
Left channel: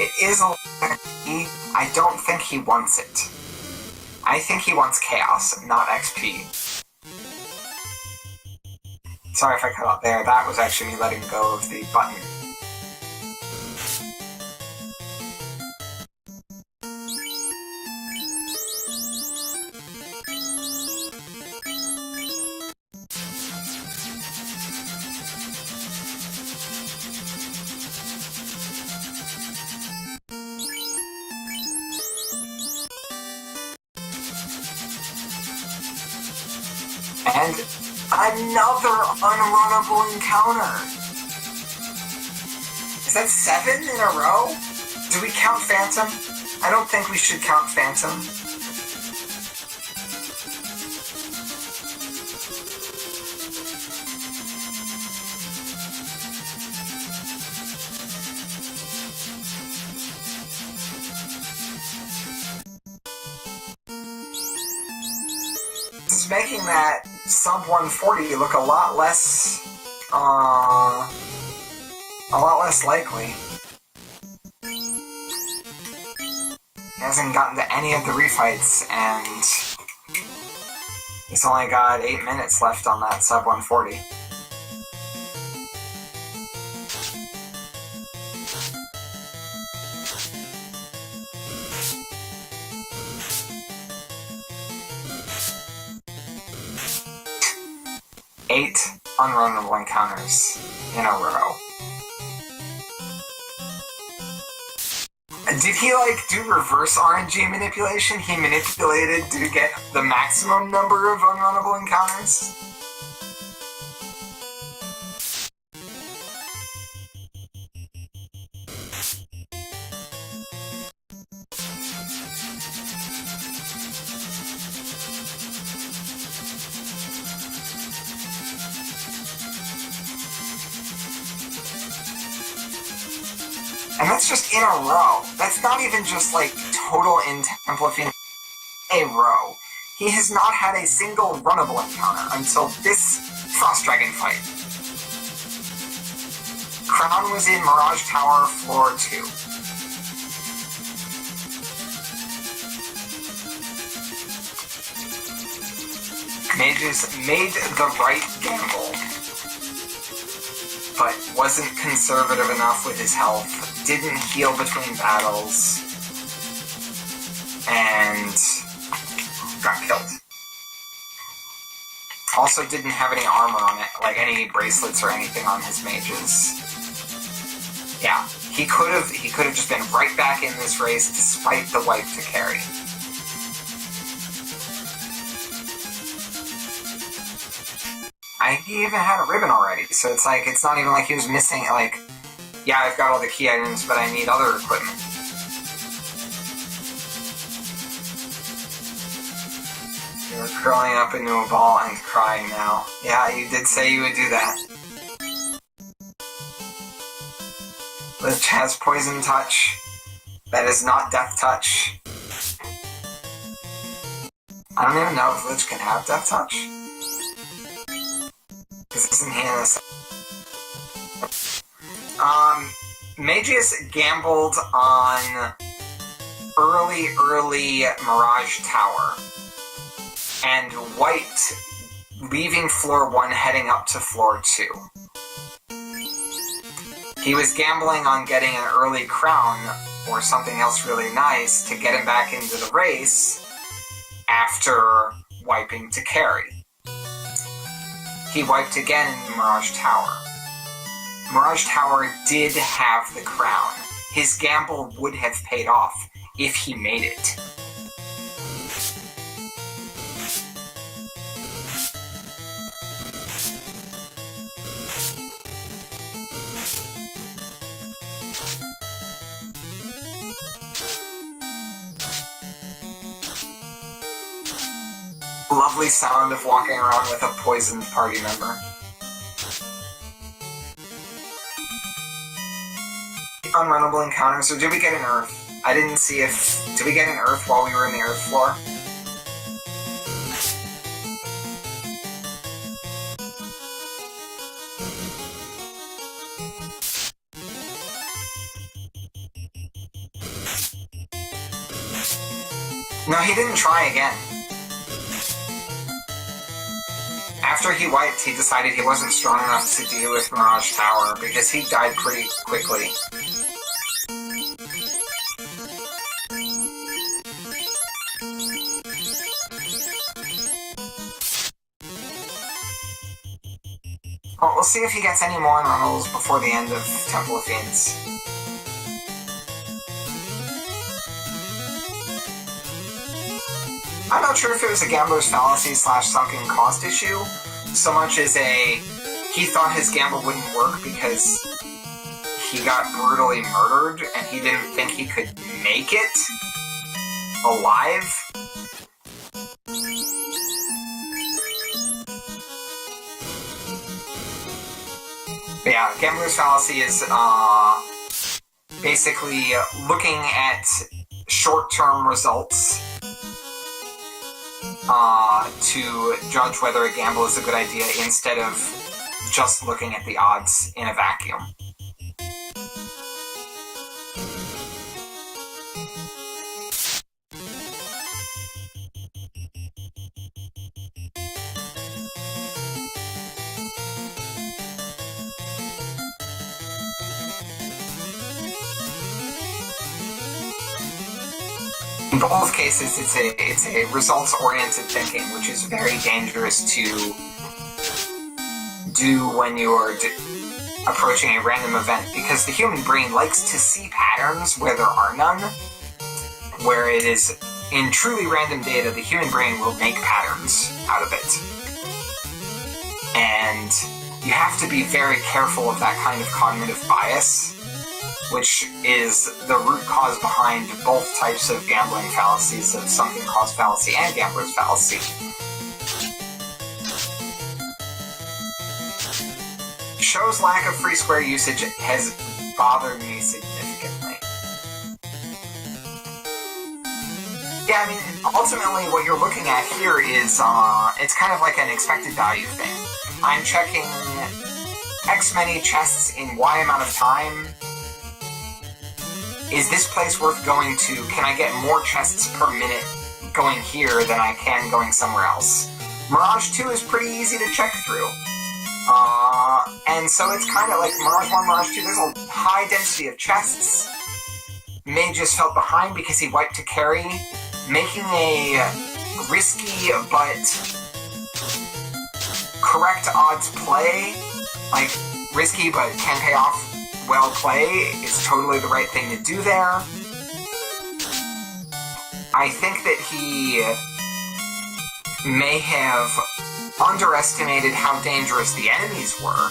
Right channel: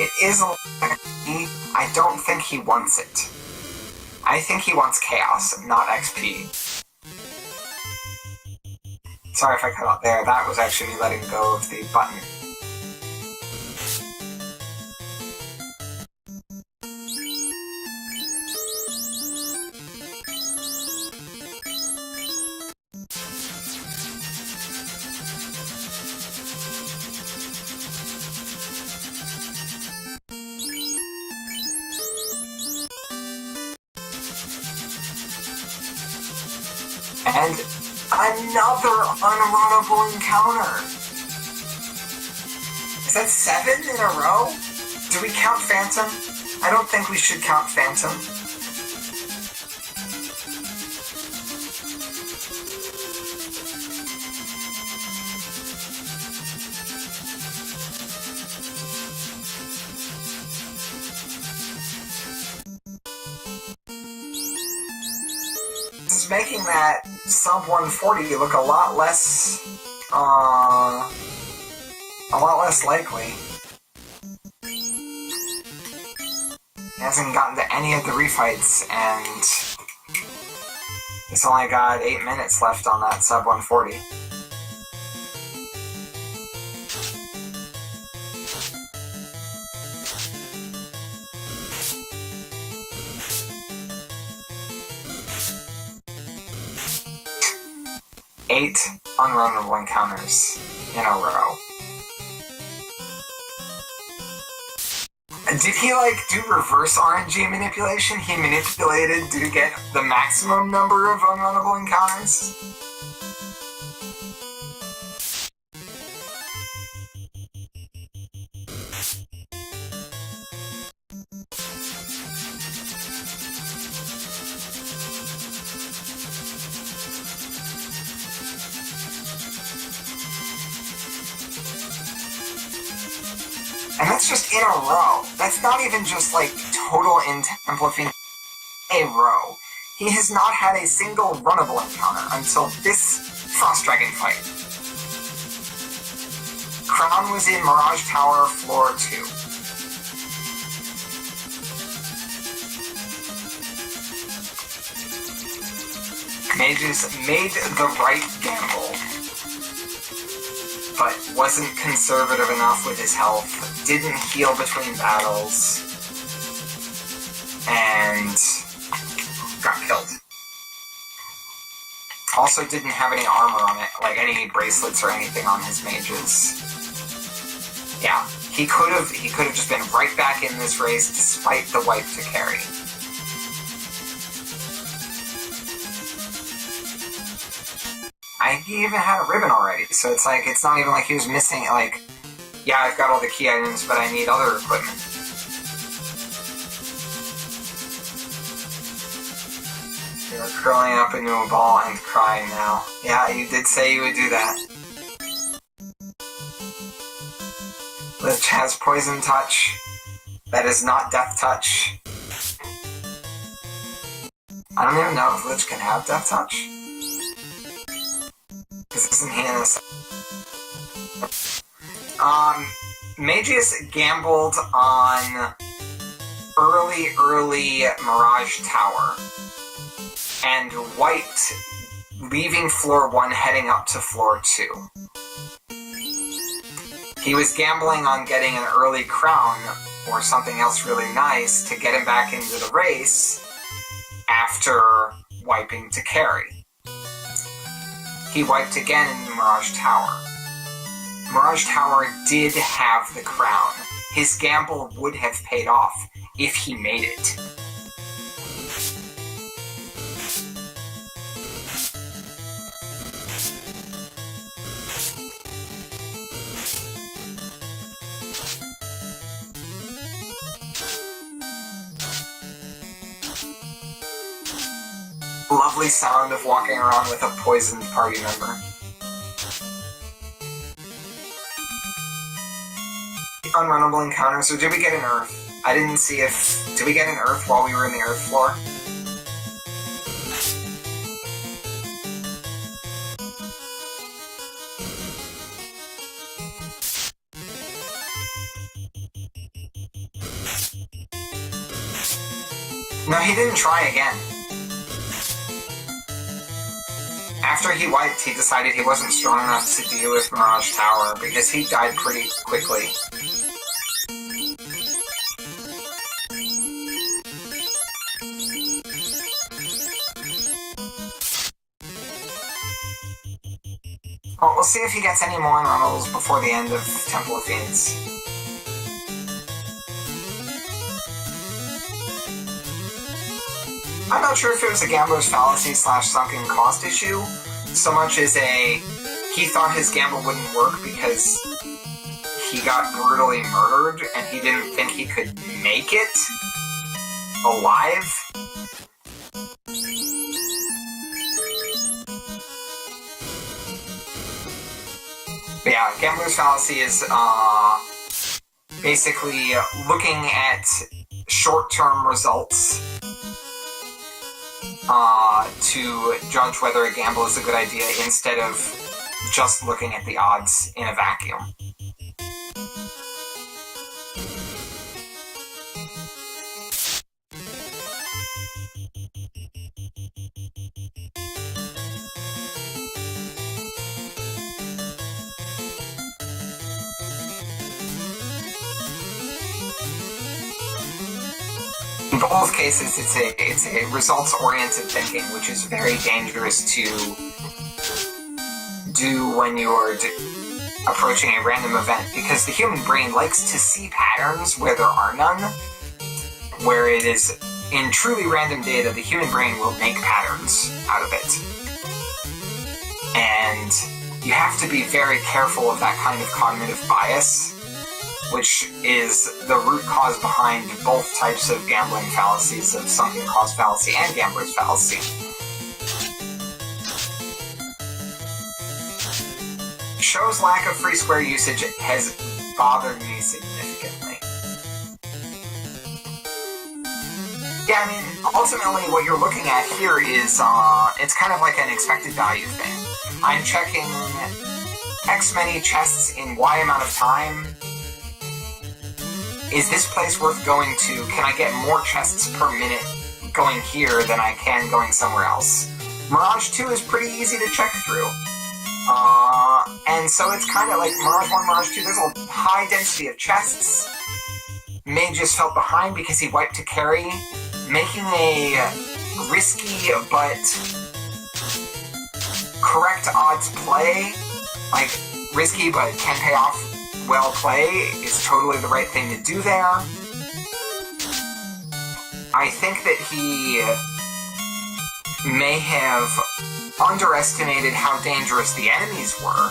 It is a I don't think he wants it. I think he wants chaos, not XP. Sorry if I cut out there, that was actually me letting go of the button. And another unrunnable encounter! Is that 7 in a row? Do we count Phantom? I don't think we should count Phantom. This is making that sub 140 look a lot less likely. He hasn't gotten to any of the refights, and he's only got 8 minutes left on that sub 140. Eight unrunnable encounters in a row. Did he, do reverse RNG manipulation? He manipulated to get the maximum number of unrunnable encounters? And that's just in a row. That's not even just, total in Temple of Fiends. A row. He has not had a single runnable encounter until this Frost Dragon fight. Crown was in Mirage Tower, floor 2. Mages made the right gamble, but wasn't conservative enough with his health, didn't heal between battles, and got killed. Also didn't have any armor on it, any bracelets or anything on his mages. Yeah, he could have just been right back in this race despite the wipe to carry. he even had a ribbon already, so it's like, it's not even like he was missing, like, yeah, I've got all the key items, but I need other equipment. You're curling up into a ball and crying now. Yeah, you did say you would do that. Lich has poison touch. That is not death touch. I don't even know if Lich can have death touch. Because isn't he in this? Mageius gambled on early Mirage Tower and wiped, leaving floor 1 heading up to floor 2. He was gambling on getting an early crown or something else really nice to get him back into the race after wiping to carry. He wiped again in Mirage Tower. Mirage Tower did have the crown. His gamble would have paid off if he made it. Lovely sound of walking around with a poisoned party member. Unrunnable encounter, so did we get an Earth? I didn't see if... Did we get an Earth while we were in the Earth floor? No, he didn't try again. After he wiped, he decided he wasn't strong enough to deal with Mirage Tower because he died pretty quickly. Well, we'll see if he gets any more unrunnables before the end of Temple of Fiends. I'm not sure if it was a gambler's fallacy / sunken cost issue, so much as he thought his gamble wouldn't work because he got brutally murdered and he didn't think he could make it alive. But yeah, gambler's fallacy is basically looking at short-term results to judge whether a gamble is a good idea instead of just looking at the odds in a vacuum. In both cases, it's a results-oriented thinking, which is very dangerous to do when you're approaching a random event, because the human brain likes to see patterns where there are none. Where it is in truly random data, the human brain will make patterns out of it. And you have to be very careful of that kind of cognitive bias, which is the root cause behind both types of gambling fallacies, of sunken cost fallacy and gambler's fallacy. Show's lack of free square usage has bothered me significantly. Yeah, I mean, ultimately what you're looking at here is, it's kind of like an expected value thing. I'm checking X many chests in Y amount of time. Is this place worth going to? Can I get more chests per minute going here than I can going somewhere else? Mirage 2 is pretty easy to check through. And so it's kind of like Mirage 1, Mirage 2, there's a high density of chests. Mageius felt behind because he wiped to carry, making a risky but correct odds play, like risky but can pay off well play, is totally the right thing to do there. I think that he may have underestimated how dangerous the enemies were.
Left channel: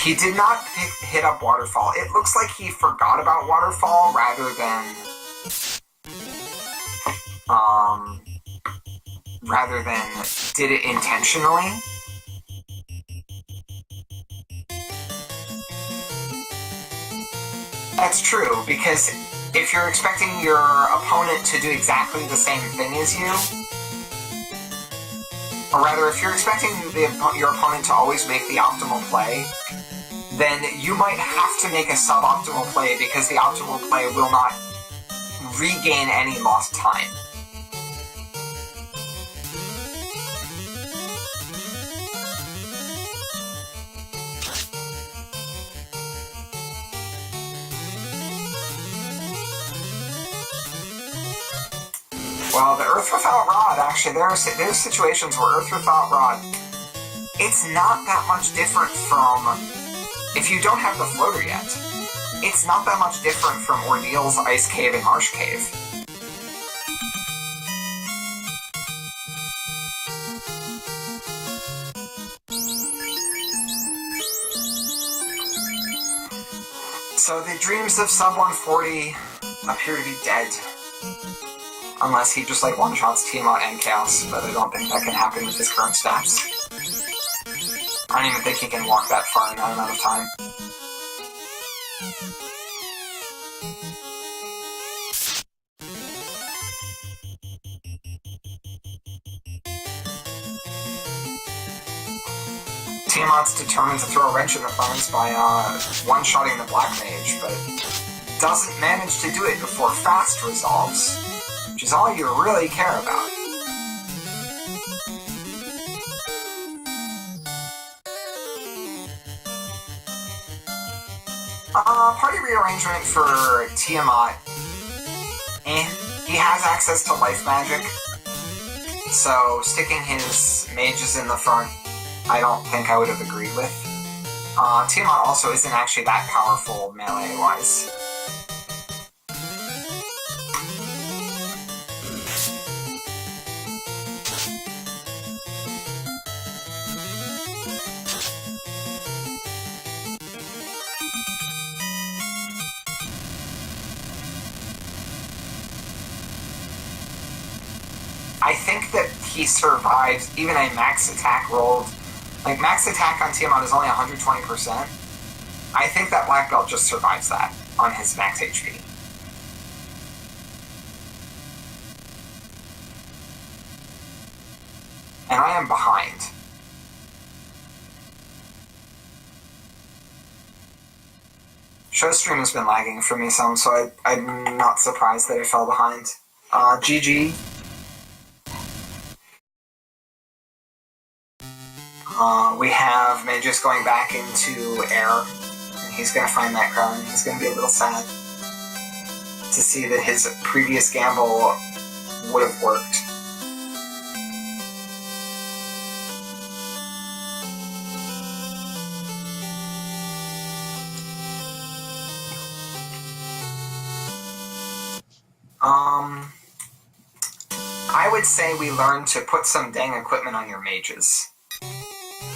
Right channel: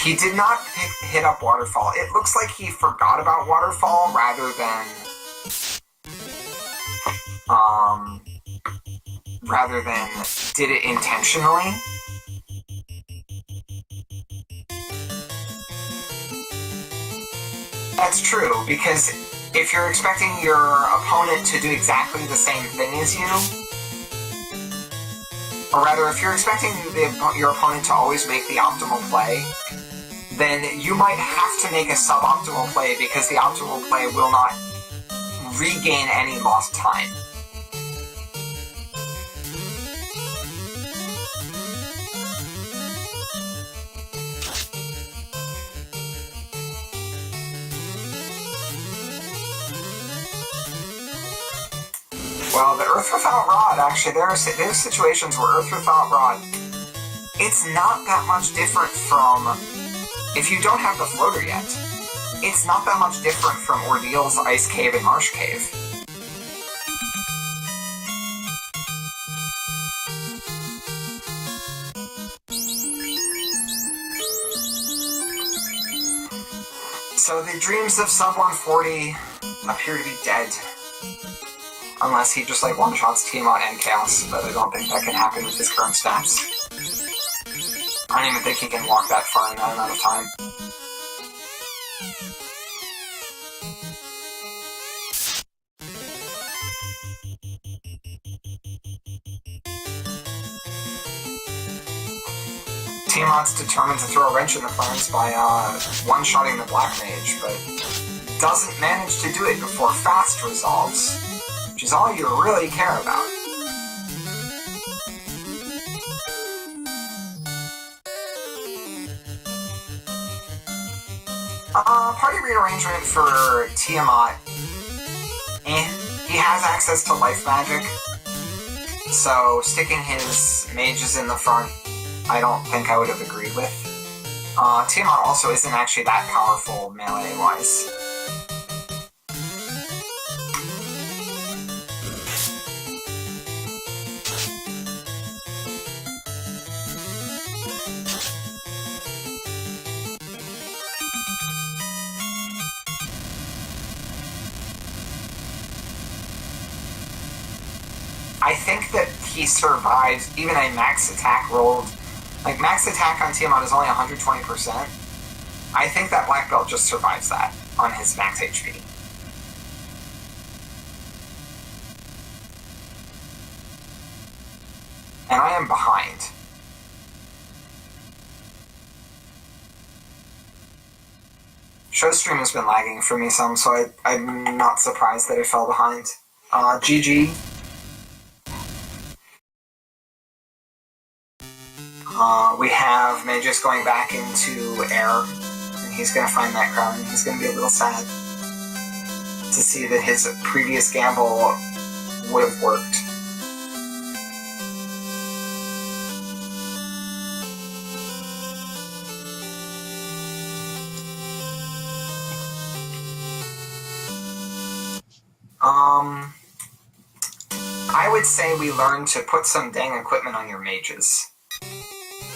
He did not hit up Waterfall. It looks like he forgot about Waterfall rather than did it intentionally. That's true, because if you're expecting your opponent to do exactly the same thing as you, or rather, if you're expecting your opponent to always make the optimal play, then you might have to make a suboptimal play because the optimal play will not regain any lost time. Well, the Earth Without Rod, actually, there's situations where Earth Without Rod, it's not that much different from, if you don't have the floater yet, it's not that much different from Ordeal's Ice Cave and Marsh Cave. So the dreams of Sub 140 appear to be dead. Unless he just one-shots Tiamat and Chaos, but I don't think that can happen with his current stats. I don't even think he can walk that far in that amount of time. Tiamat's determined to throw a wrench in the plans by one-shotting the Black Mage, but doesn't manage to do it before Fast resolves, which is all you really care about. Party rearrangement for Tiamat. He has access to life magic, so sticking his mages in the front, I don't think I would have agreed with. Tiamat also isn't actually that powerful melee-wise. I think that he survives even a max attack rolled. Max attack on Tiamat is only 120%. I think that Black Belt just survives that on his max HP. And I am behind. ShoStream has been lagging for me some, so I'm not surprised that I fell behind. GG. We have Mageius going back into air. And he's going to find that crown, and he's going to be a little sad to see that his previous gamble would have worked. I would say we learn to put some dang equipment on your mages.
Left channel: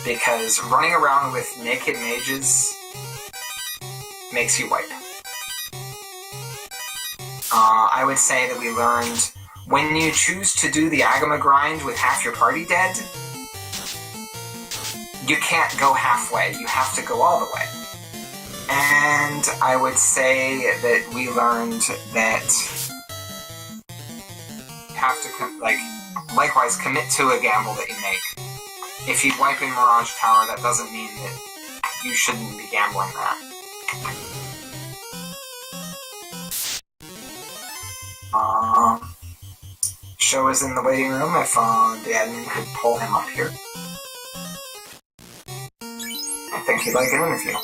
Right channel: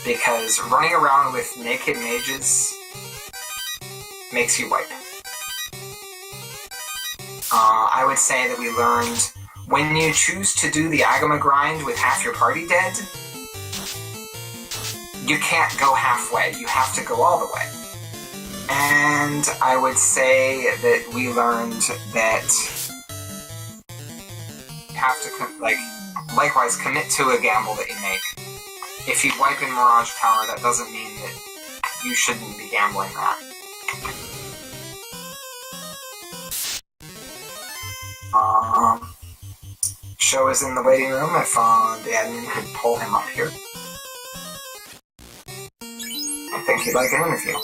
Because running around with naked mages makes you wipe. I would say that we learned when you choose to do the Agama grind with half your party dead, you can't go halfway, you have to go all the way. And I would say that we learned that you have to, likewise, commit to a gamble that you make. If you wipe in Mirage Tower, that doesn't mean that you shouldn't be gambling that. Sho is in the waiting room if the admin could pull him up here. I think he'd like an interview.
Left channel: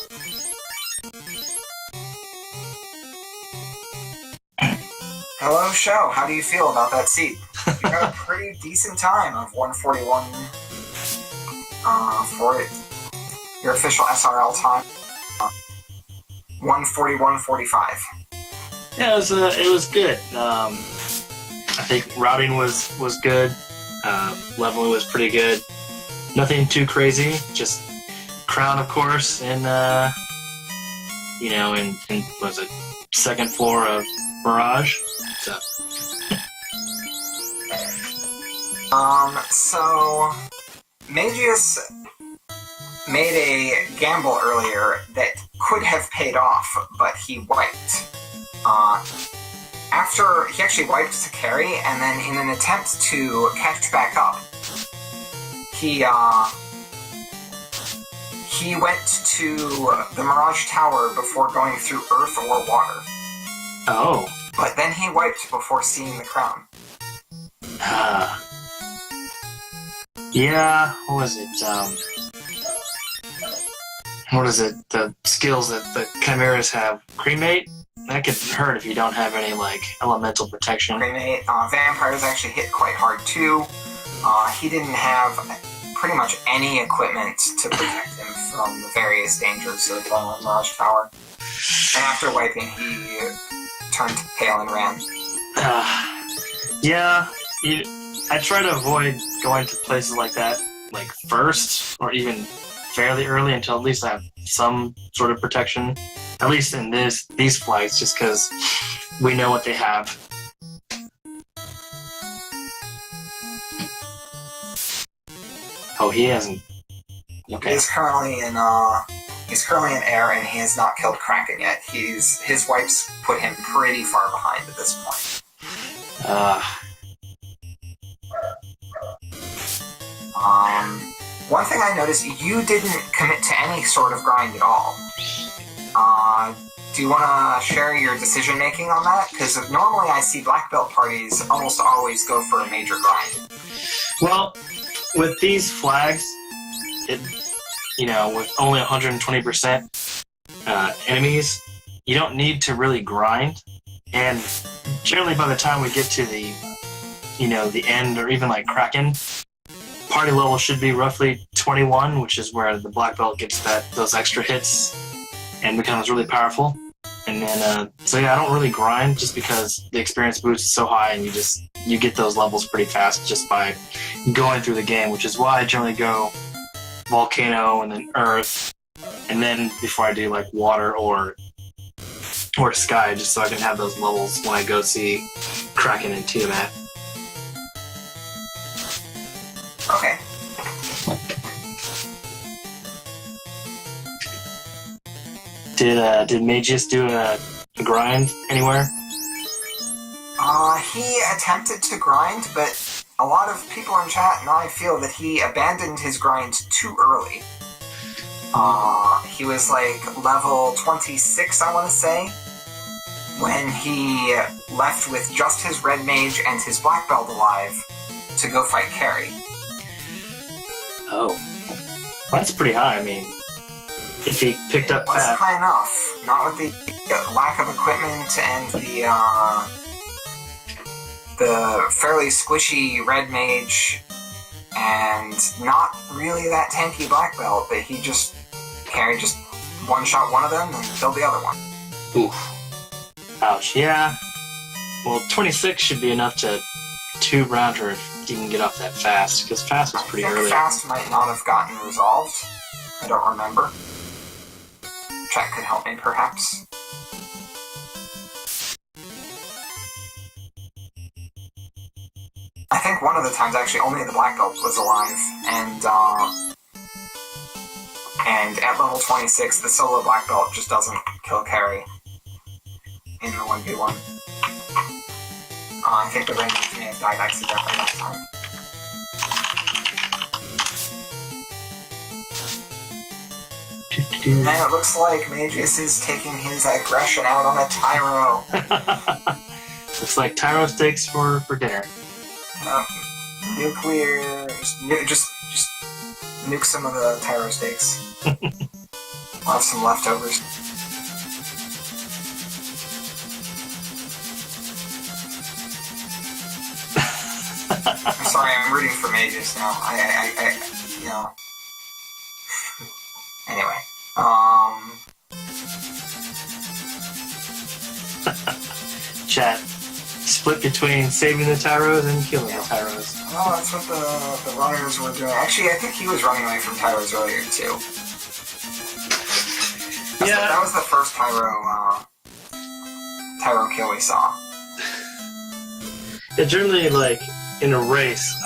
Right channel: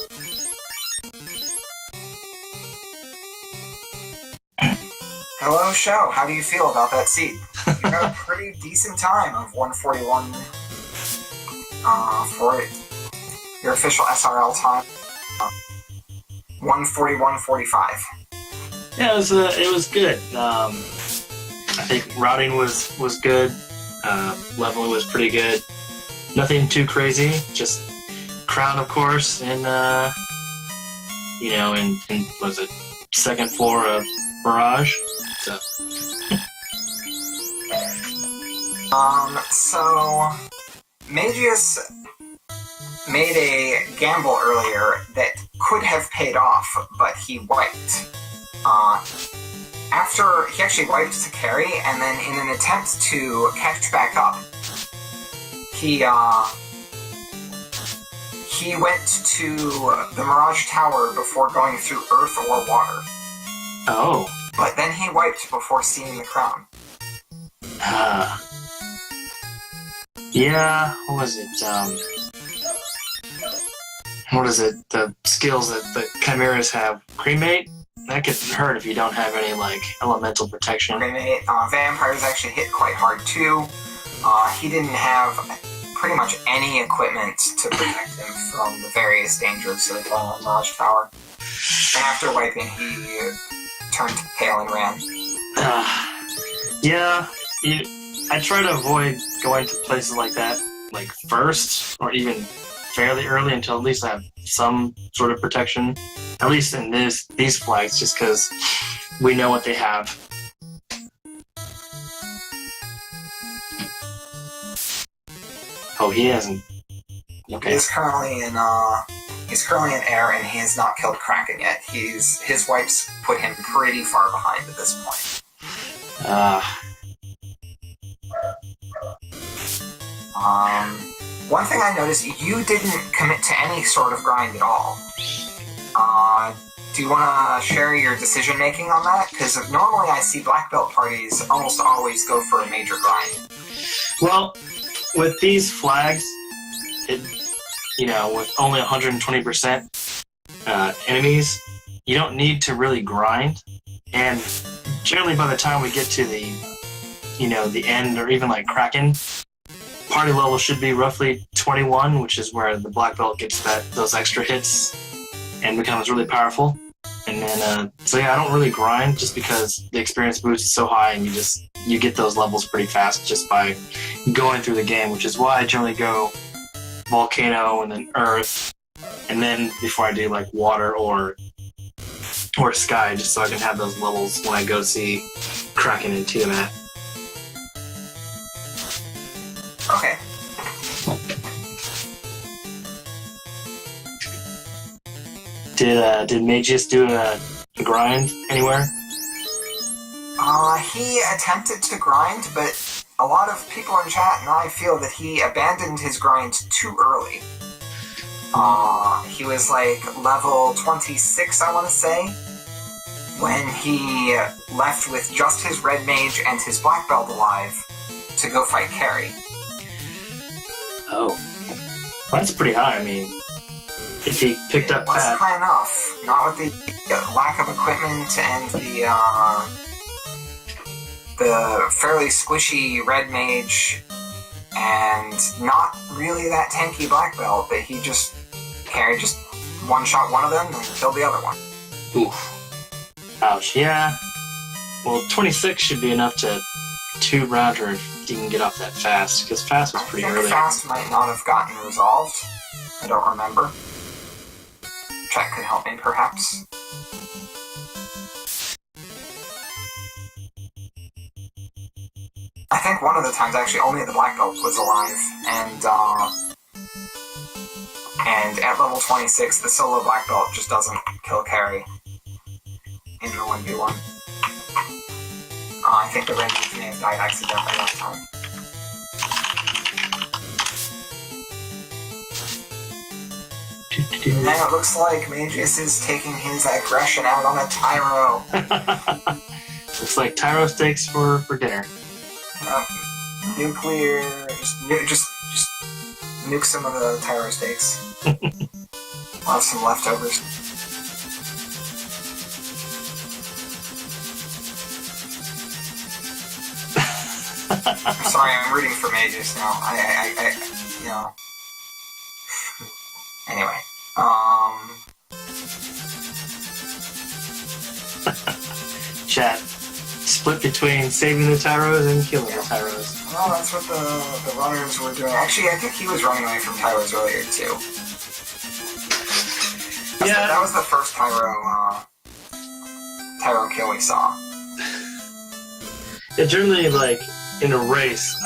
Hello, Sho. How do you feel about that seat? You got a pretty decent time of 141 for it. Your official SRL time, 141.45. Yeah, it was good. I think routing was good. Leveling was pretty good. Nothing too crazy. Just crown, of course, and in was it second floor of Mirage. So So Mageius made a gamble earlier that could have paid off, but he wiped. After he actually wiped to carry, and then in an attempt to catch back up, he went to the Mirage Tower before going through earth or water. oh. But then he wiped before seeing the crown. Yeah, what was it? What is it? The skills that the Chimeras have. Cremate? That could hurt if you don't have any, like, elemental protection. Cremate. Vampires actually hit quite hard too. He didn't have pretty much any equipment to protect him from the various dangers of Mirage Tower. And after wiping, he turned pale and ran. Yeah, I try to avoid going to places like that, like first, or even fairly early until at least I have some sort of protection. At least in these flights, just because we know what they have. Oh, he hasn't. Okay. He's currently in air, and he has not killed Kraken yet. His wipes put him pretty far behind at this point. One thing I noticed, you didn't commit to any sort of grind at all. Do you want to share your decision making on that? Because normally I see black belt parties almost always go for a major grind. Well, with these flags, with only 120% enemies, you don't need to really grind. And generally by the time we get to the end, or even like Kraken, party level should be roughly 21, which is where the black belt gets those extra hits and becomes really powerful. And then, I don't really grind just because the experience boost is so high, and you get those levels pretty fast just by going through the game, which is why I generally go volcano and then earth, and then before I do like water or sky, just so I can have those levels when I go see Kraken and Tiamat. Okay. Did Mageius do a grind anywhere? He attempted to grind, but a lot of people in chat and I feel that he abandoned his grind too early. He was like level 26, I want to say, when he left with just his red mage and his black belt alive to go fight Carrie. Oh, well, that's pretty high. I mean, if he picked up it wasn't that, high enough. Not with the lack of equipment and the fairly squishy red mage, and not really that tanky black belt. But he just one shot one of them and killed the other one. oof, ouch. Yeah. Well, 26 should be enough to two-round her if you can get off that fast, because fast was pretty I think early. fast might not have gotten resolved. I don't remember. Chat could help me, perhaps. I think one of the times, actually, only the black belt was alive, and at level 26, the solo black belt just doesn't kill Carrie in the 1v1. I think the range may have died accidentally that time. Now it looks like Mageius is taking his aggression out on a Tyro. Looks like Tyro steaks for dinner. Nuclear... Just nuke some of the Tyro steaks. I'll have some leftovers. I'm sorry, I'm rooting for Mageius now. Anyway, Chat split between saving the Tyros and killing the Tyros. Well, that's what the runners were doing. Actually, I think he was running away from Tyros earlier, too. That was the first Tyro kill we saw. Yeah, generally, like, in a race,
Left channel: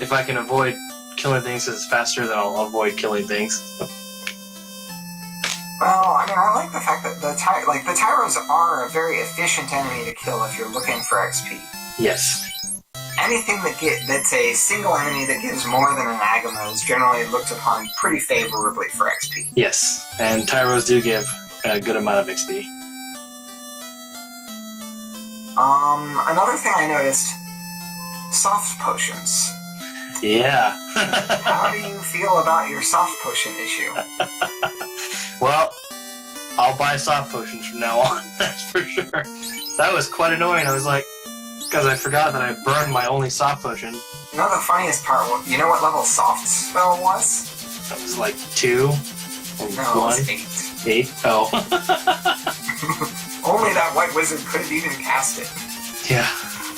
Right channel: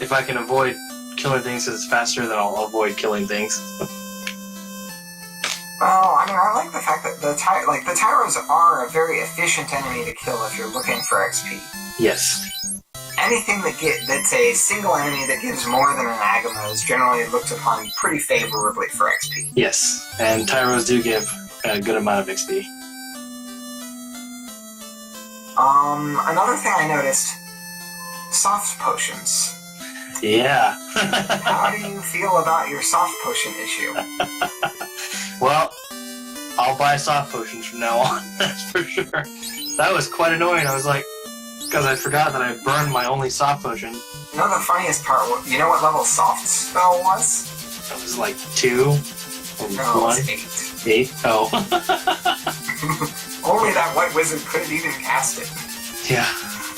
if I can avoid killing things because it's faster, then I'll avoid killing things. Well, I mean, I like the fact that the Tyros are a very efficient enemy to kill if you're looking for XP. Yes. Anything that's a single enemy that gives more than an Agama is generally looked upon pretty favorably for XP. Yes, and Tyros do give a good amount of XP. Another thing I noticed, soft potions. Yeah. How do you feel about your soft potion issue? Well, I'll buy soft potions from now on, that's for sure. That was quite annoying. I was like, because I forgot that I burned my only soft potion. You know the funniest part? You know what level soft spell was? It was like 2 or 1? No, it was 8. 8? Oh. Only that white wizard could have even cast it. Yeah.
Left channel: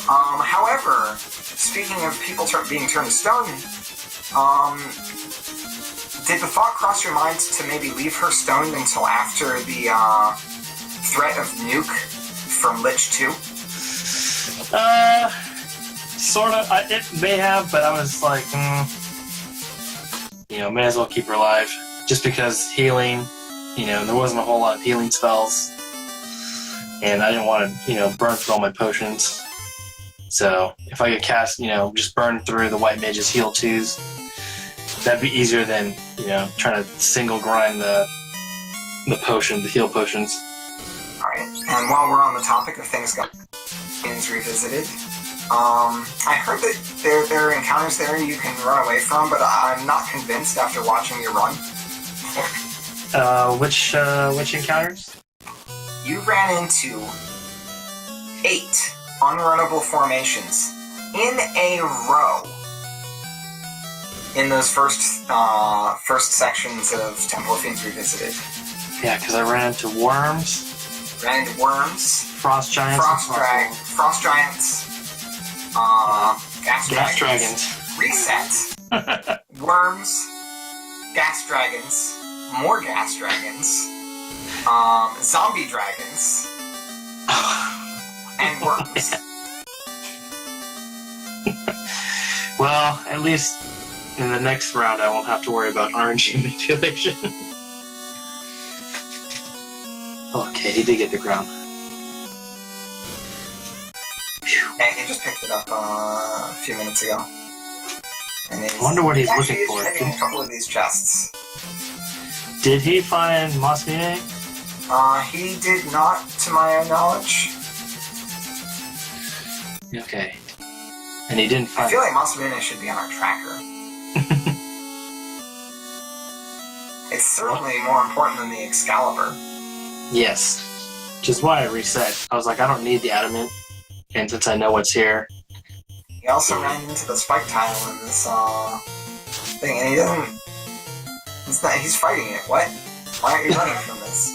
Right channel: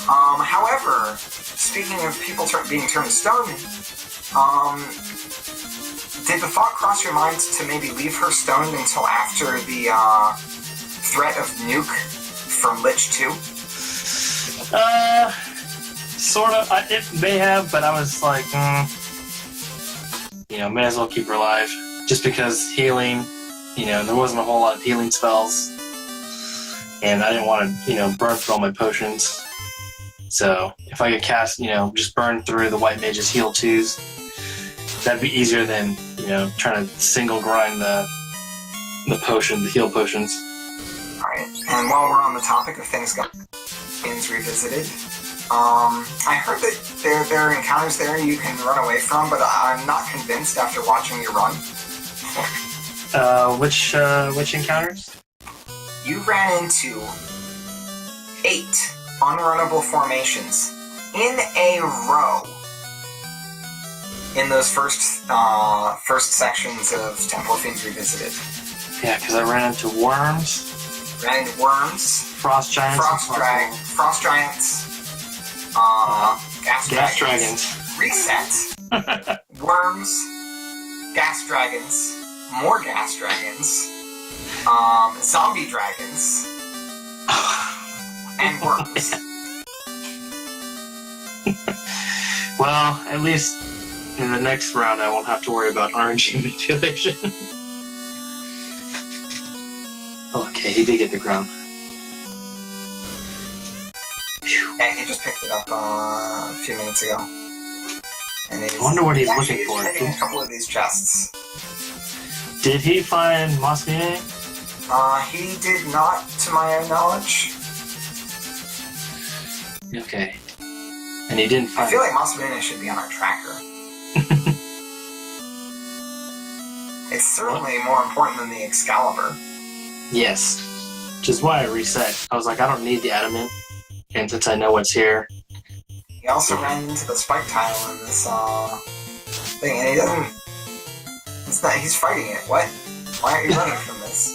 However, speaking of people being turned to stone, did the thought cross your mind to maybe leave her stoned until after the threat of nuke from Lich 2? Sorta. It may have, but I was like, may as well keep her alive. Just because healing, there wasn't a whole lot of healing spells. And I didn't want to, burn through all my potions. So if I could cast, just burn through the white mage's heal 2s, that'd be easier than, trying to single grind the heal potions. Alright, and while we're on the topic of things revisited, I heard that there are encounters there you can run away from, but I'm not convinced after watching you run. Which encounters? You ran into 8 unrunnable formations in a row in those first sections of Temple of Fiends Revisited. Yeah, because I ran into worms. Ran into worms. Frost giants. Frost giants. Gas dragons. Reset. Worms. Gas dragons. More gas dragons. Zombie dragons. And worms. Well, at least in the next round I won't have to worry about RNG manipulation. Okay, he did get the ground. Yeah, he just picked it up a few minutes ago. And I wonder what he's looking for. He's checking a couple of these chests. Did he find Masmine? He did not, to my knowledge. Okay. And he didn't find... I feel like Masmine should be on our tracker. It's certainly more important than the Excalibur. Yes. Which is why I reset. I was like, I don't need the adamant. And since I know what's here... He also ran into the spike tile in this, thing, and he doesn't... He's fighting it. What? Why aren't you running from this?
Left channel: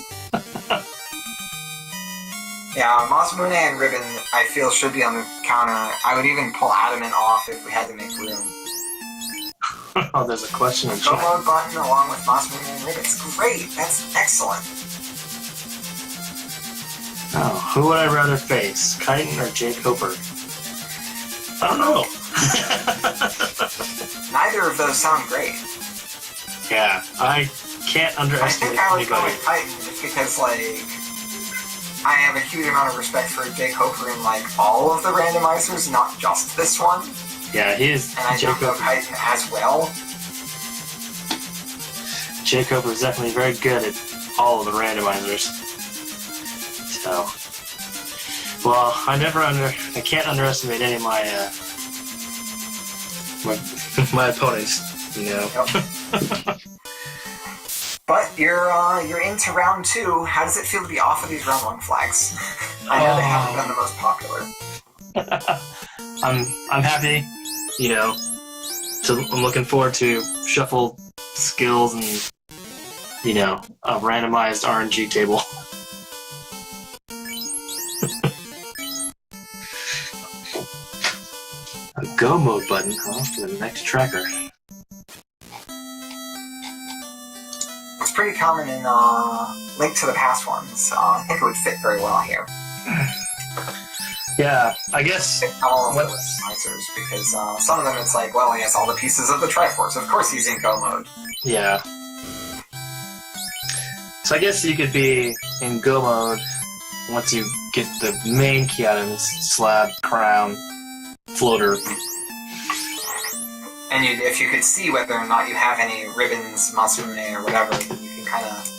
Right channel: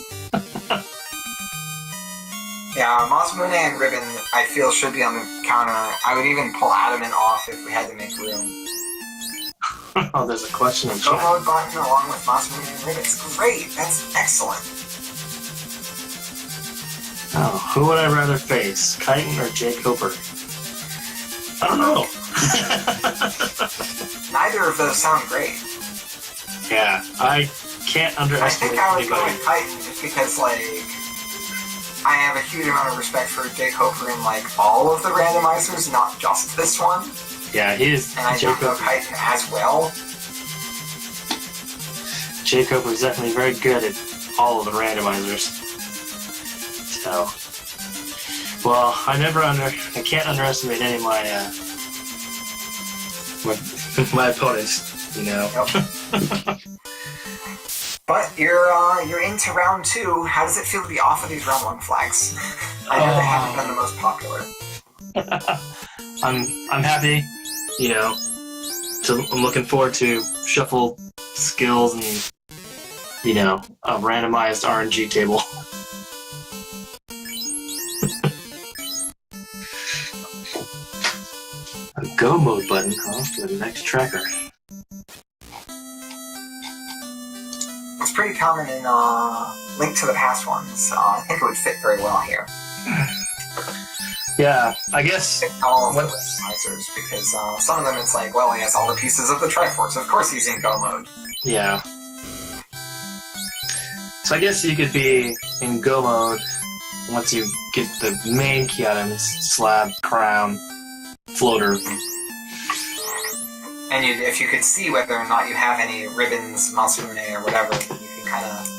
Yeah, Masmune and Ribbon, I feel, should be on the counter. I would even pull Adamant off if we had to make room. Oh, there's a question in The chat. mode button along with Masmune and Ribbon. It's great. That's excellent. Oh, who would I rather face? Chitin or Jake Hooper? I don't know. Neither of those sound great. Yeah, I can't I underestimate think I would go anybody. with Titan just because, I have a huge amount of respect for Jake Hooper in, all of the randomizers, not just this one. Yeah, he is. And I don't know Titan as well. Jake Hooper is definitely very good at all of the randomizers. So, well, I can't underestimate any of my my opponents. Yep. But you're into round 2. How does it feel to be off of these round 1 flags? I know they haven't been the most popular. I'm happy, I'm looking forward to shuffle skills and a randomized RNG table. A go mode button, huh? For the next tracker. It's pretty common in Link to the Past ones. I think it would fit very well here. Yeah, I guess. All of the randomizers, because some of them it's like, well, he has all the pieces of the Triforce. Of course he's in go mode. Yeah. So I guess you could be in go mode once you get the main key items: slab, crown, floater. And if you could see whether or not you have any ribbons, Masumune, or whatever, you can kind of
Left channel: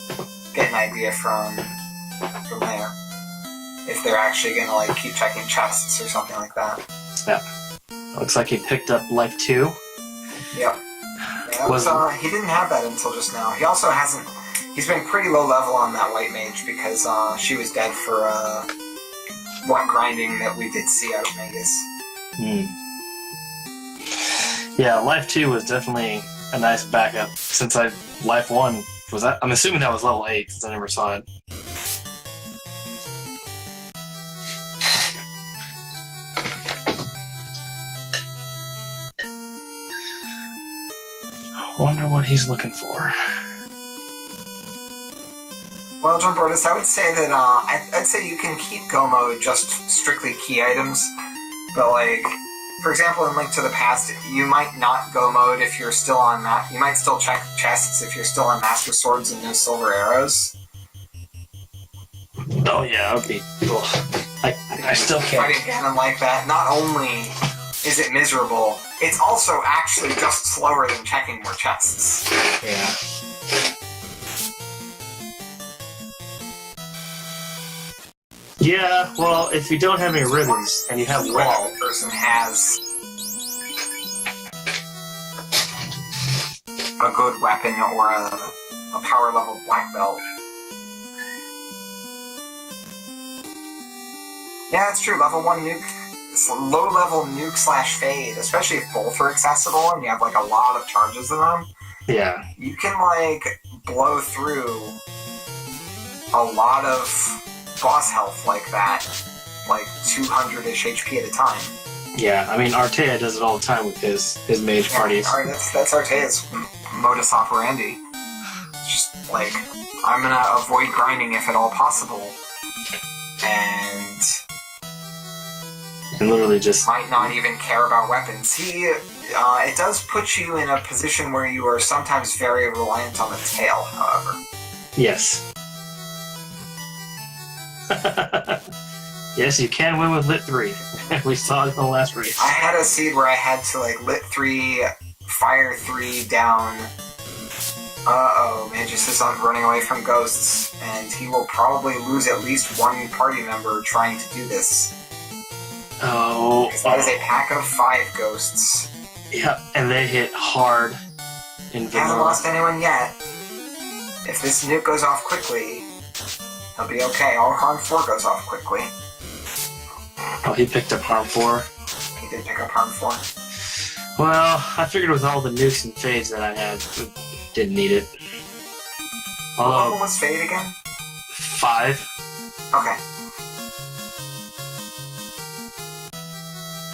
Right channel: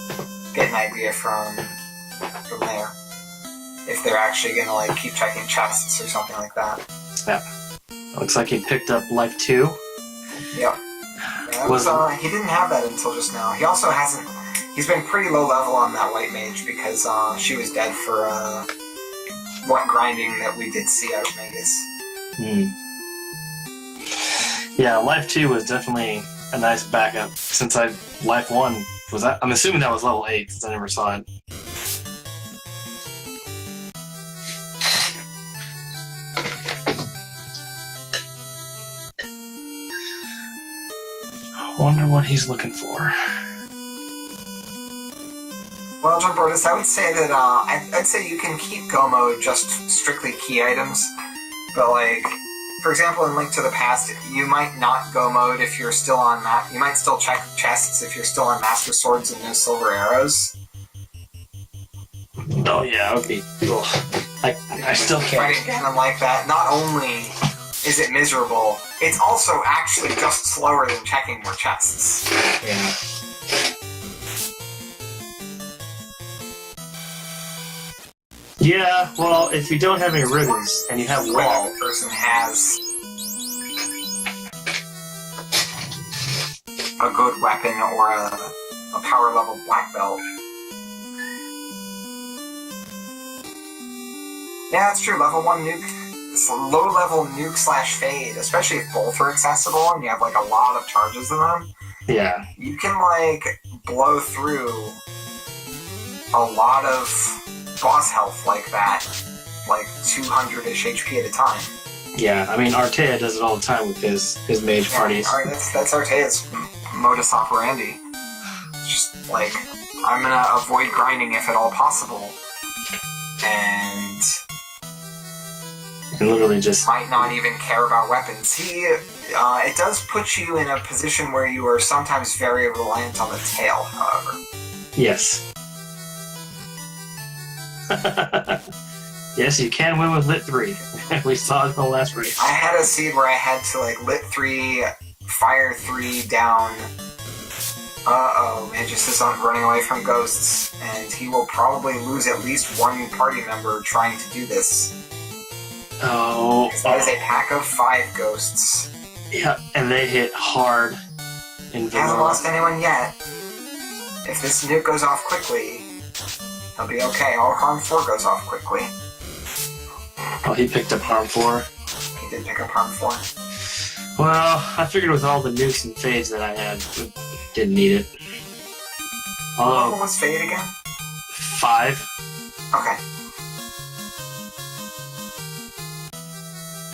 get an idea from there. If they're actually going to like keep checking chests or something like that. Yeah. Looks like he picked up Life 2. Yep. Yeah, he didn't have that until just now. He also hasn't... He's been pretty low level on that White Mage because she was dead for what grinding that we did see out of Mageius. Yeah, Life 2 was definitely a nice backup since Life 1 was... I'm assuming that was level 8 since I never saw it. I wonder what he's looking for. Well, John Brodus, I would say that I'd say you can keep go mode just strictly key items, but like, for example, in Link to the Past, you might not go mode if you're still on that. You might still check chests if you're still on Master Swords and no silver arrows. Oh yeah, okay. I still can't. Fighting Ganon like that, not only is it miserable, it's also actually just slower than checking more chests. Yeah. Yeah, well, if you don't have any ribbons and you have wall, the person has a good weapon or a power level black belt. Yeah, that's true. Level 1 nuke, it's a low level nuke / fade, especially if both are accessible and you have like a lot of charges in them. Yeah. You can like blow through a lot of boss health like that, like 200-ish HP at a time. Yeah, I mean, Artea does it all the time with his mage parties. That's Artea's modus operandi. It's just like, I'm gonna avoid grinding if at all possible, and literally just might not even care about weapons. It does put you in a position where you are sometimes very reliant on the tail, however. Yes. Yes, you can win with Lit 3. We saw it in the last race. I had a seed where I had to like Lit 3, Fire 3 down. Mageius is running away from ghosts, and he will probably lose at least one party member trying to do this. Oh. That is a pack of 5 ghosts. Yeah, and they hit hard in vanilla. Hasn't lost anyone yet. If this nuke goes off quickly, he'll be okay. All Harm 4 goes off quickly. Oh, he picked up Harm 4. He did pick up Harm 4. Well, I figured with all the nukes and fades that I had, didn't need it. Although, What was Fade again? 5. Okay.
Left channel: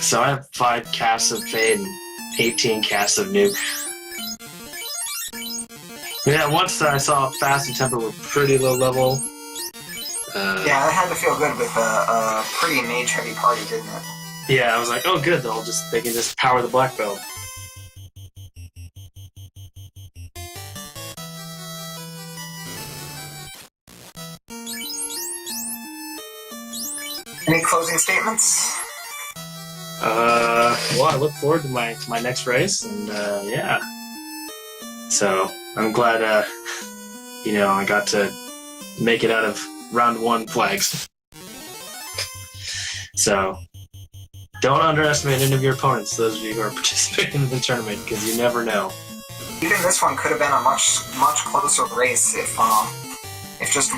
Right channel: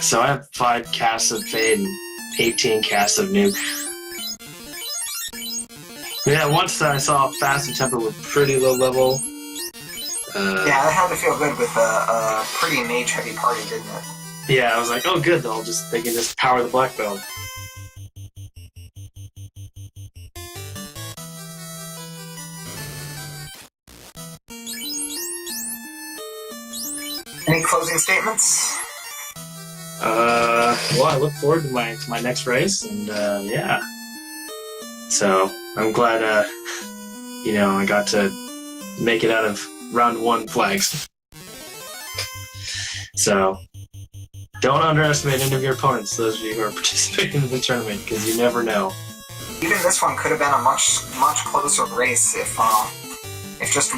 So I have 5 casts of fade and 18 casts of nuke. Yeah, once I saw Fast and Temper were pretty low level. Yeah, that had to feel good with a pretty mage-heavy party, didn't it? Yeah, I was like, oh good, they can just power the black belt. Any closing statements? Well, I look forward to my next race, and yeah. So I'm glad, I got to make it out of round 1 flags. So don't underestimate any of your opponents, those of you who are participating in the tournament, because you never know. Even this one could have been a much closer race if just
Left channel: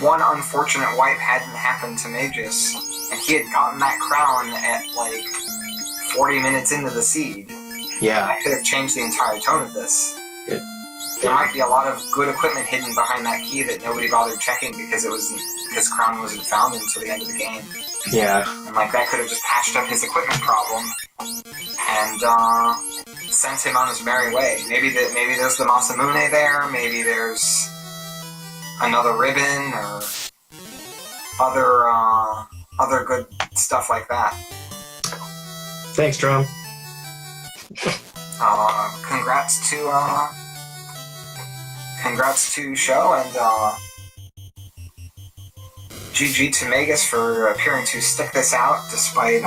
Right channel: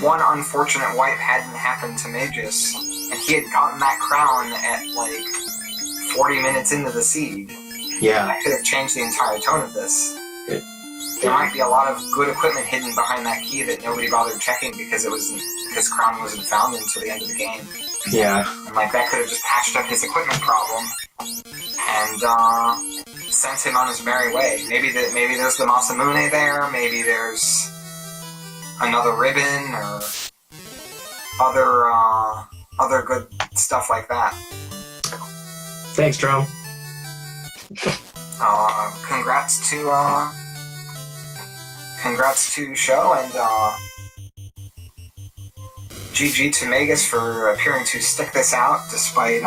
one unfortunate wipe hadn't happened to Mageius, and he had gotten that crown at like 40 minutes into the seed. Yeah. That could have changed the entire tone of this. It there might be a lot of good equipment hidden behind that key that nobody bothered checking because Crown wasn't found until the end of the game. Yeah. And like that could have just patched up his equipment problem and sent him on his merry way. Maybe there's the Masamune there. Maybe there's another ribbon or other good stuff like that. Thanks, Drum. Congrats to Sho and GG to Mageius for appearing to stick this out despite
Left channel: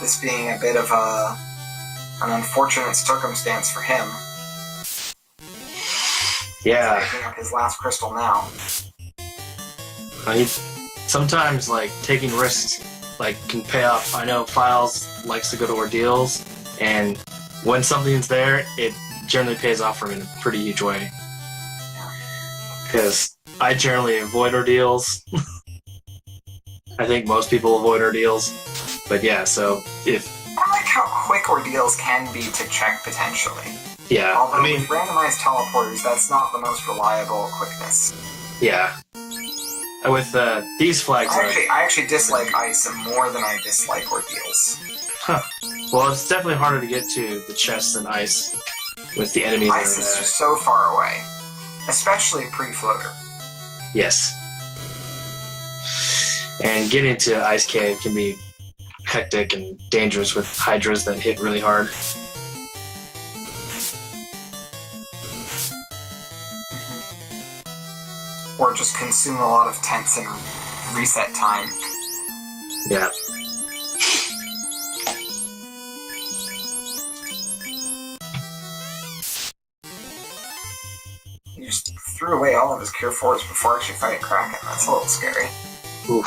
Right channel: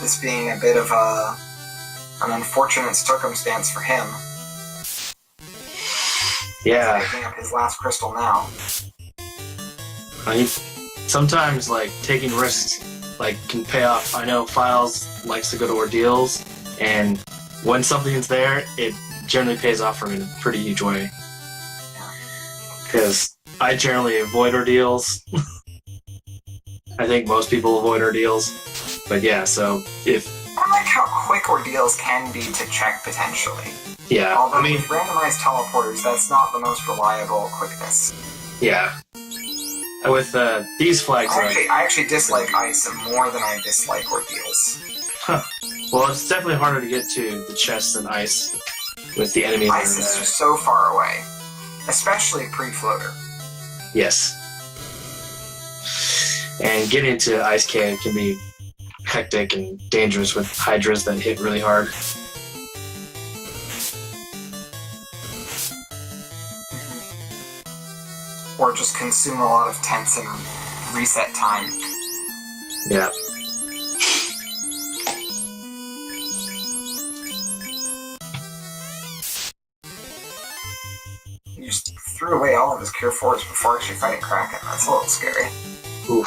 this being a bit of an unfortunate circumstance for him. Yeah. He's picking up his last crystal now. Sometimes like taking risks can pay off. I know Files likes to go to ordeals, and when something's there, it generally pays off for me in a pretty huge way. Because I generally avoid ordeals. I think most people avoid ordeals. But yeah, so if... I like how quick ordeals can be to check potentially. Yeah, Although with randomized teleporters, that's not the most reliable quickness. Yeah. With these flags... I actually dislike ice more than I dislike ordeals. Huh. Well, it's definitely harder to get to the chests than ice with the enemies. Ice is just so far away. Especially pre-floater. Yes. And getting to Ice Cave can be hectic and dangerous with hydras that hit really hard. Or just consume a lot of tents and reset time. Yeah. He just threw away all of his Cure 4s before actually fighting Kraken. That's a little scary. Oof.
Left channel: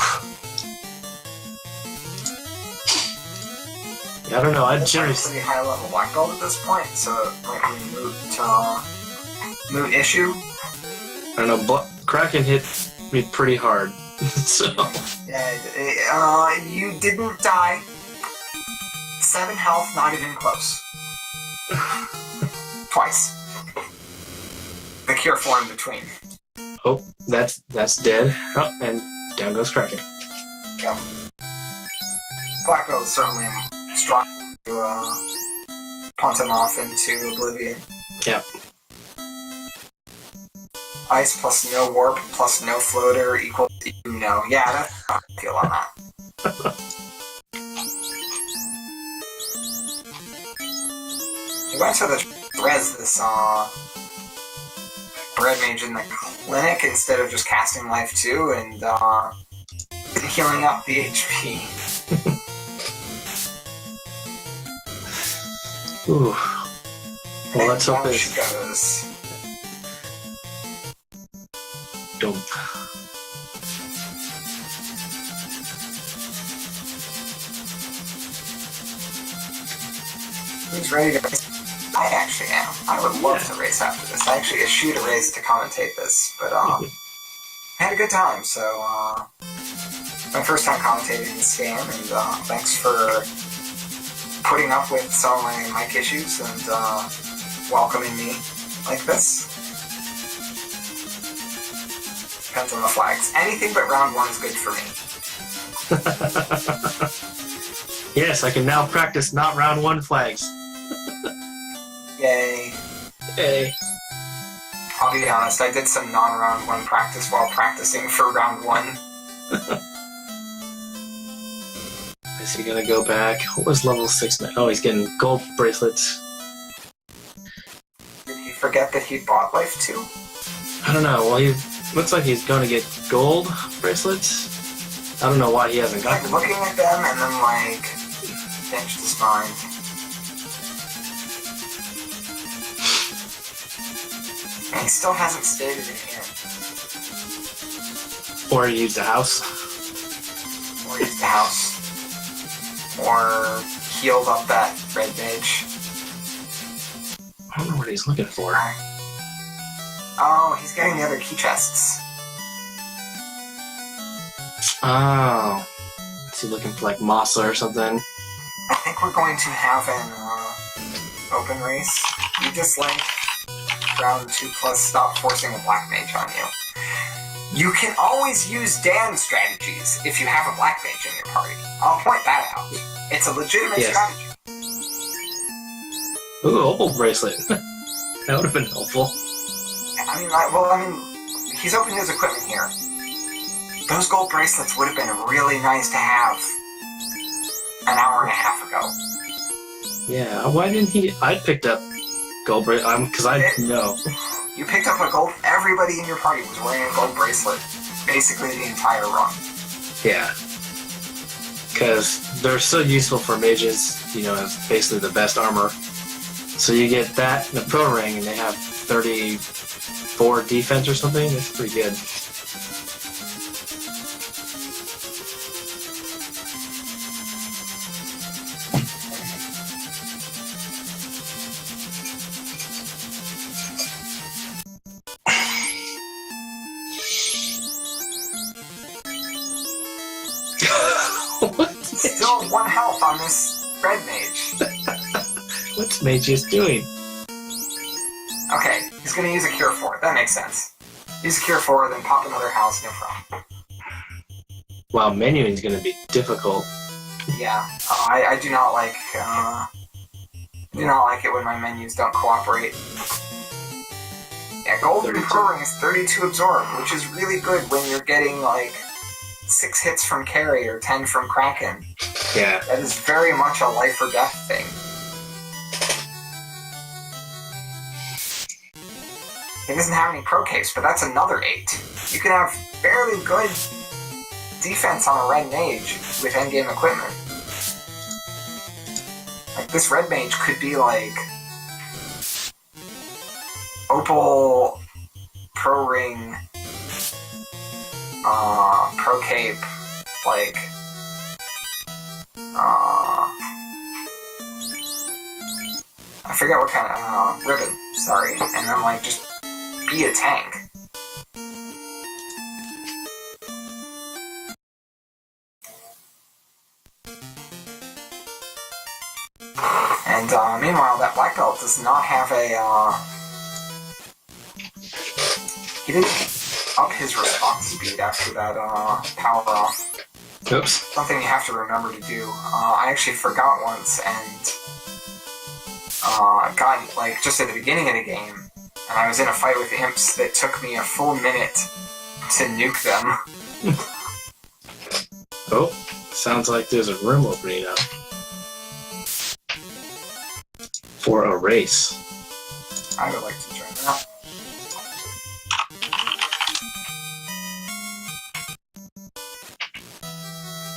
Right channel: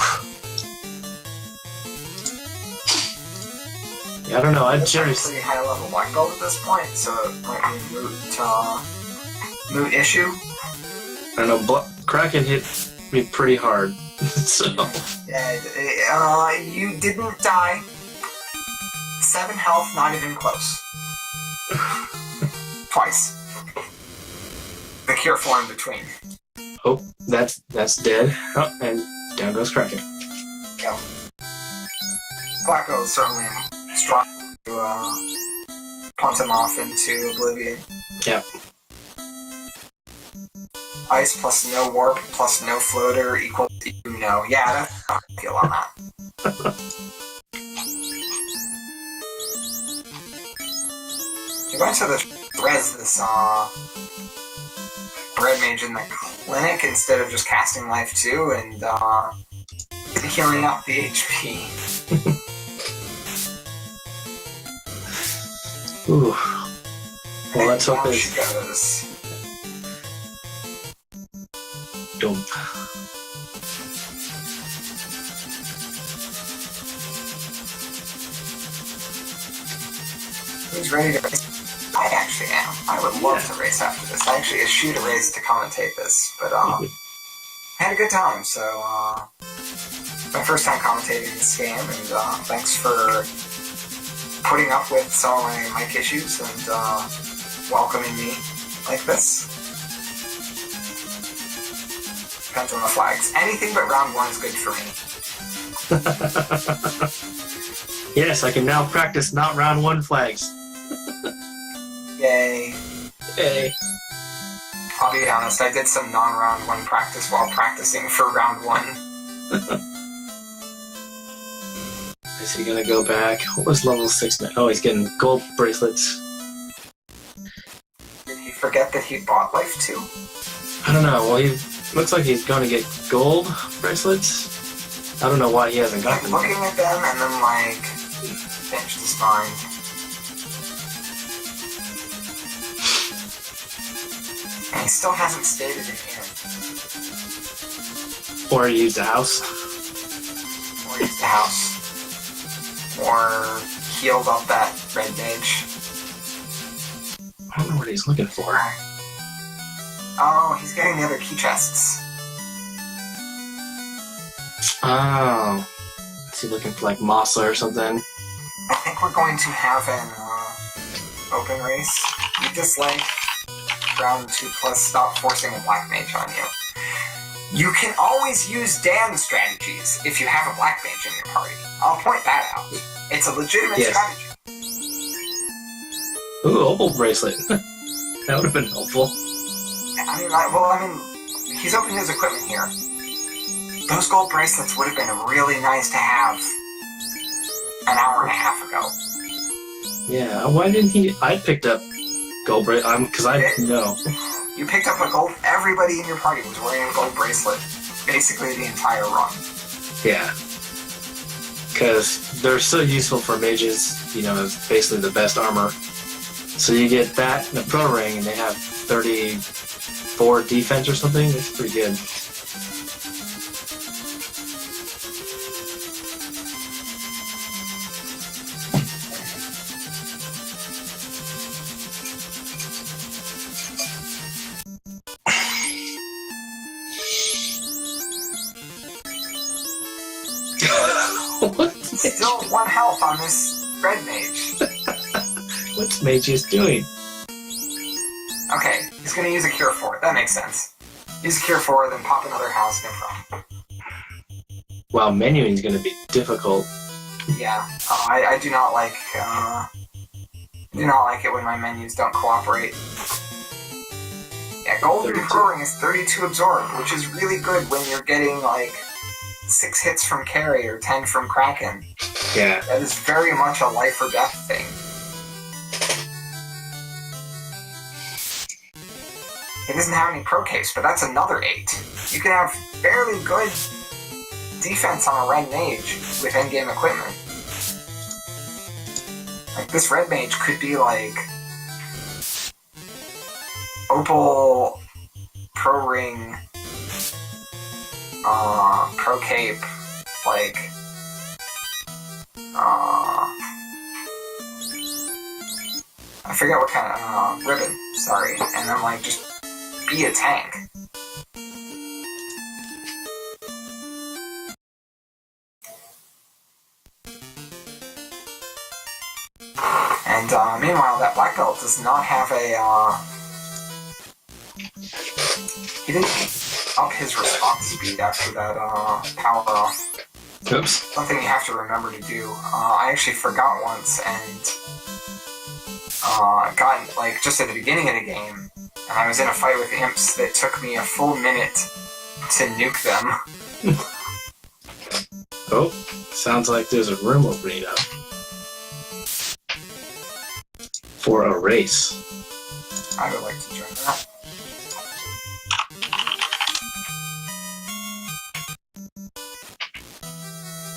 Yeah, I don't know. I'd generally... pretty high level black belt at this point, so it might be a moot issue. I don't know. Kraken hit me pretty hard. So... Yeah, you didn't die. 7 health, not even close. Twice. The Cure 4 in between. Oh, that's dead. Oh, and down goes Kraken. Yep. Black Belt is certainly strong to punt him off into oblivion. Yep. Ice plus no warp plus no floater equals no. Yeah, that's how I feel on that. He went to the res this Red Mage in the clinic instead of just casting life 2 and healing up the HP. Ooh. Well, let's hope down this she goes. Dump. He's ready to race. I actually am. I would love to race after this. I actually eschewed a race to commentate this, but I had a good time, so my first time commentating this game, and thanks for putting up with some of my mic issues and welcoming me like this. Depends on the flags. Anything but round 1 is good for me. Yes, I can now practice not round 1 flags. Yay. Hey. I'll be honest, I did some non-round 1 practice while practicing for round 1. Is he gonna go back? What was level 6 now? Oh, he's getting gold bracelets. Did he forget that he bought life 2? I don't know. Well, he looks like he's gonna get gold bracelets. I don't know why he hasn't got them. Looking at them and then changed his mind. And he still hasn't stayed at an inn. Or he used a house. Or used the house. Or healed up that red mage. I don't know what he's looking for. Oh, he's getting the other key chests. Oh. Is he looking for Masa or something? I think we're going to have an open race. You dislike round 2 plus stop forcing a black mage on you. You can always use Dan's strategies if you have a black mage in your party. I'll point that out. It's a legitimate strategy. Ooh, opal bracelet. That would have been helpful. I mean, he's opening his equipment here. Those gold bracelets would have been really nice to have an hour and a half ago. Yeah, why didn't he? I picked up gold bracelet, because I know. You picked up a gold, everybody in your party was wearing a gold bracelet, basically the entire run. Yeah. Because they're so useful for mages, as basically the best armor. So you get that and the pro ring, and they have 34 defense or something. It's pretty good. Still 1 health on this red mage. What's Mageius doing? Okay, he's gonna use a cure for it. That makes sense. Use a cure for it, then pop another house, no problem. Wow, menuing's gonna be difficult. Yeah, I do not like. Do not like it when my menus don't cooperate. Yeah, gold and pro ring is 32 absorb, which is really good when you're getting like 6 hits from carry or 10 from Kraken. Yeah. That is very much a life or death thing. He doesn't have any pro capes, but that's another 8. You can have fairly good defense on a red mage with endgame equipment. Like, this red mage could be like opal, pro ring, pro cape, like I forget what kind of ribbon, sorry, and then like just be a tank. And meanwhile, that black belt does not have a he didn't up his response speed after that power off. Oops. Something you have to remember to do. I actually forgot once and got like just at the beginning of the game, and I was in a fight with imps that took me a full minute to nuke them. Oh, sounds like there's a room opening up. For a race. I would like to join that.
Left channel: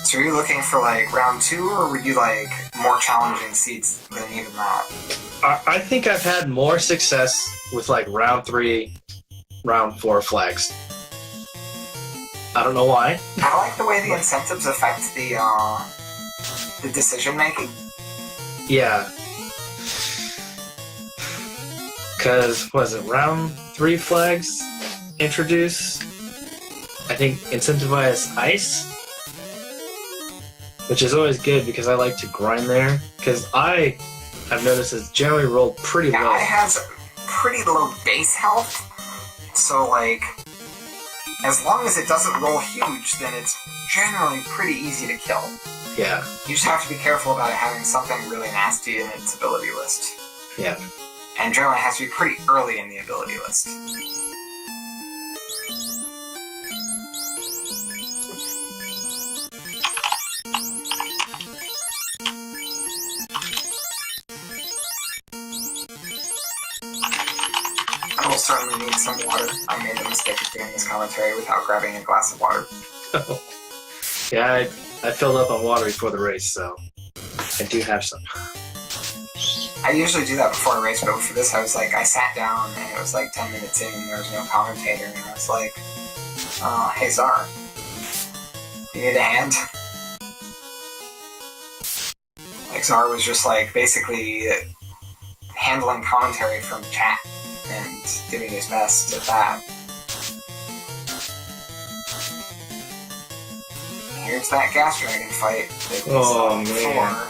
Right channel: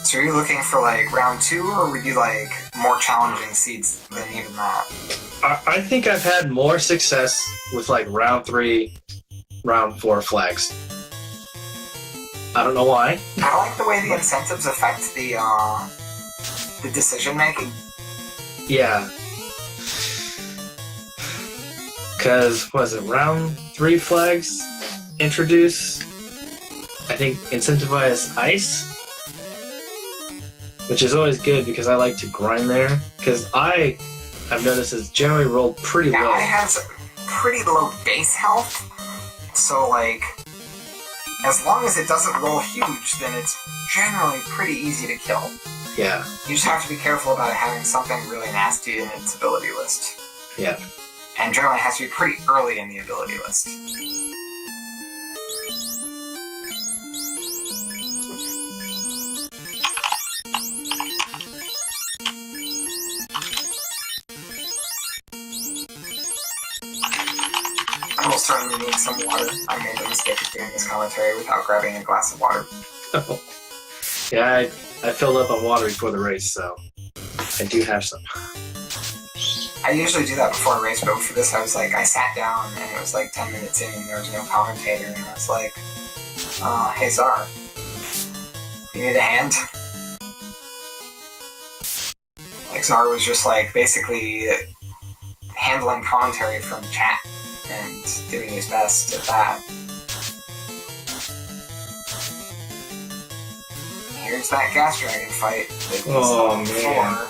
So are you looking for like round 2, or would you like more challenging seeds than even that? I think I've had more success with like round 3, round 4 flags. I don't know why. I like the way the incentives affect the decision making. Yeah. Because, was it round 3 flags introduce, I think, incentivize ice? Which is always good because I like to grind there. Because I've noticed it's generally rolled pretty low. Yeah, it has pretty low base health. So, like, as long as it doesn't roll huge, then it's generally pretty easy to kill. Yeah. You just have to be careful about it having something really nasty in its ability list. Yeah. And generally it has to be pretty early in the ability list. I will certainly need some water. I made the mistake of doing this commentary without grabbing a glass of water. Yeah, I filled up on water before the race, so I do have some. I usually do that before a race, but for this I was like, I sat down and it was like 10 minutes in and there was no commentator, and I was like, hey Czar, you need a hand? Like, Czar was just like basically handling commentary from chat and doing his best at that. Here's that gas dragon fight that we saw before.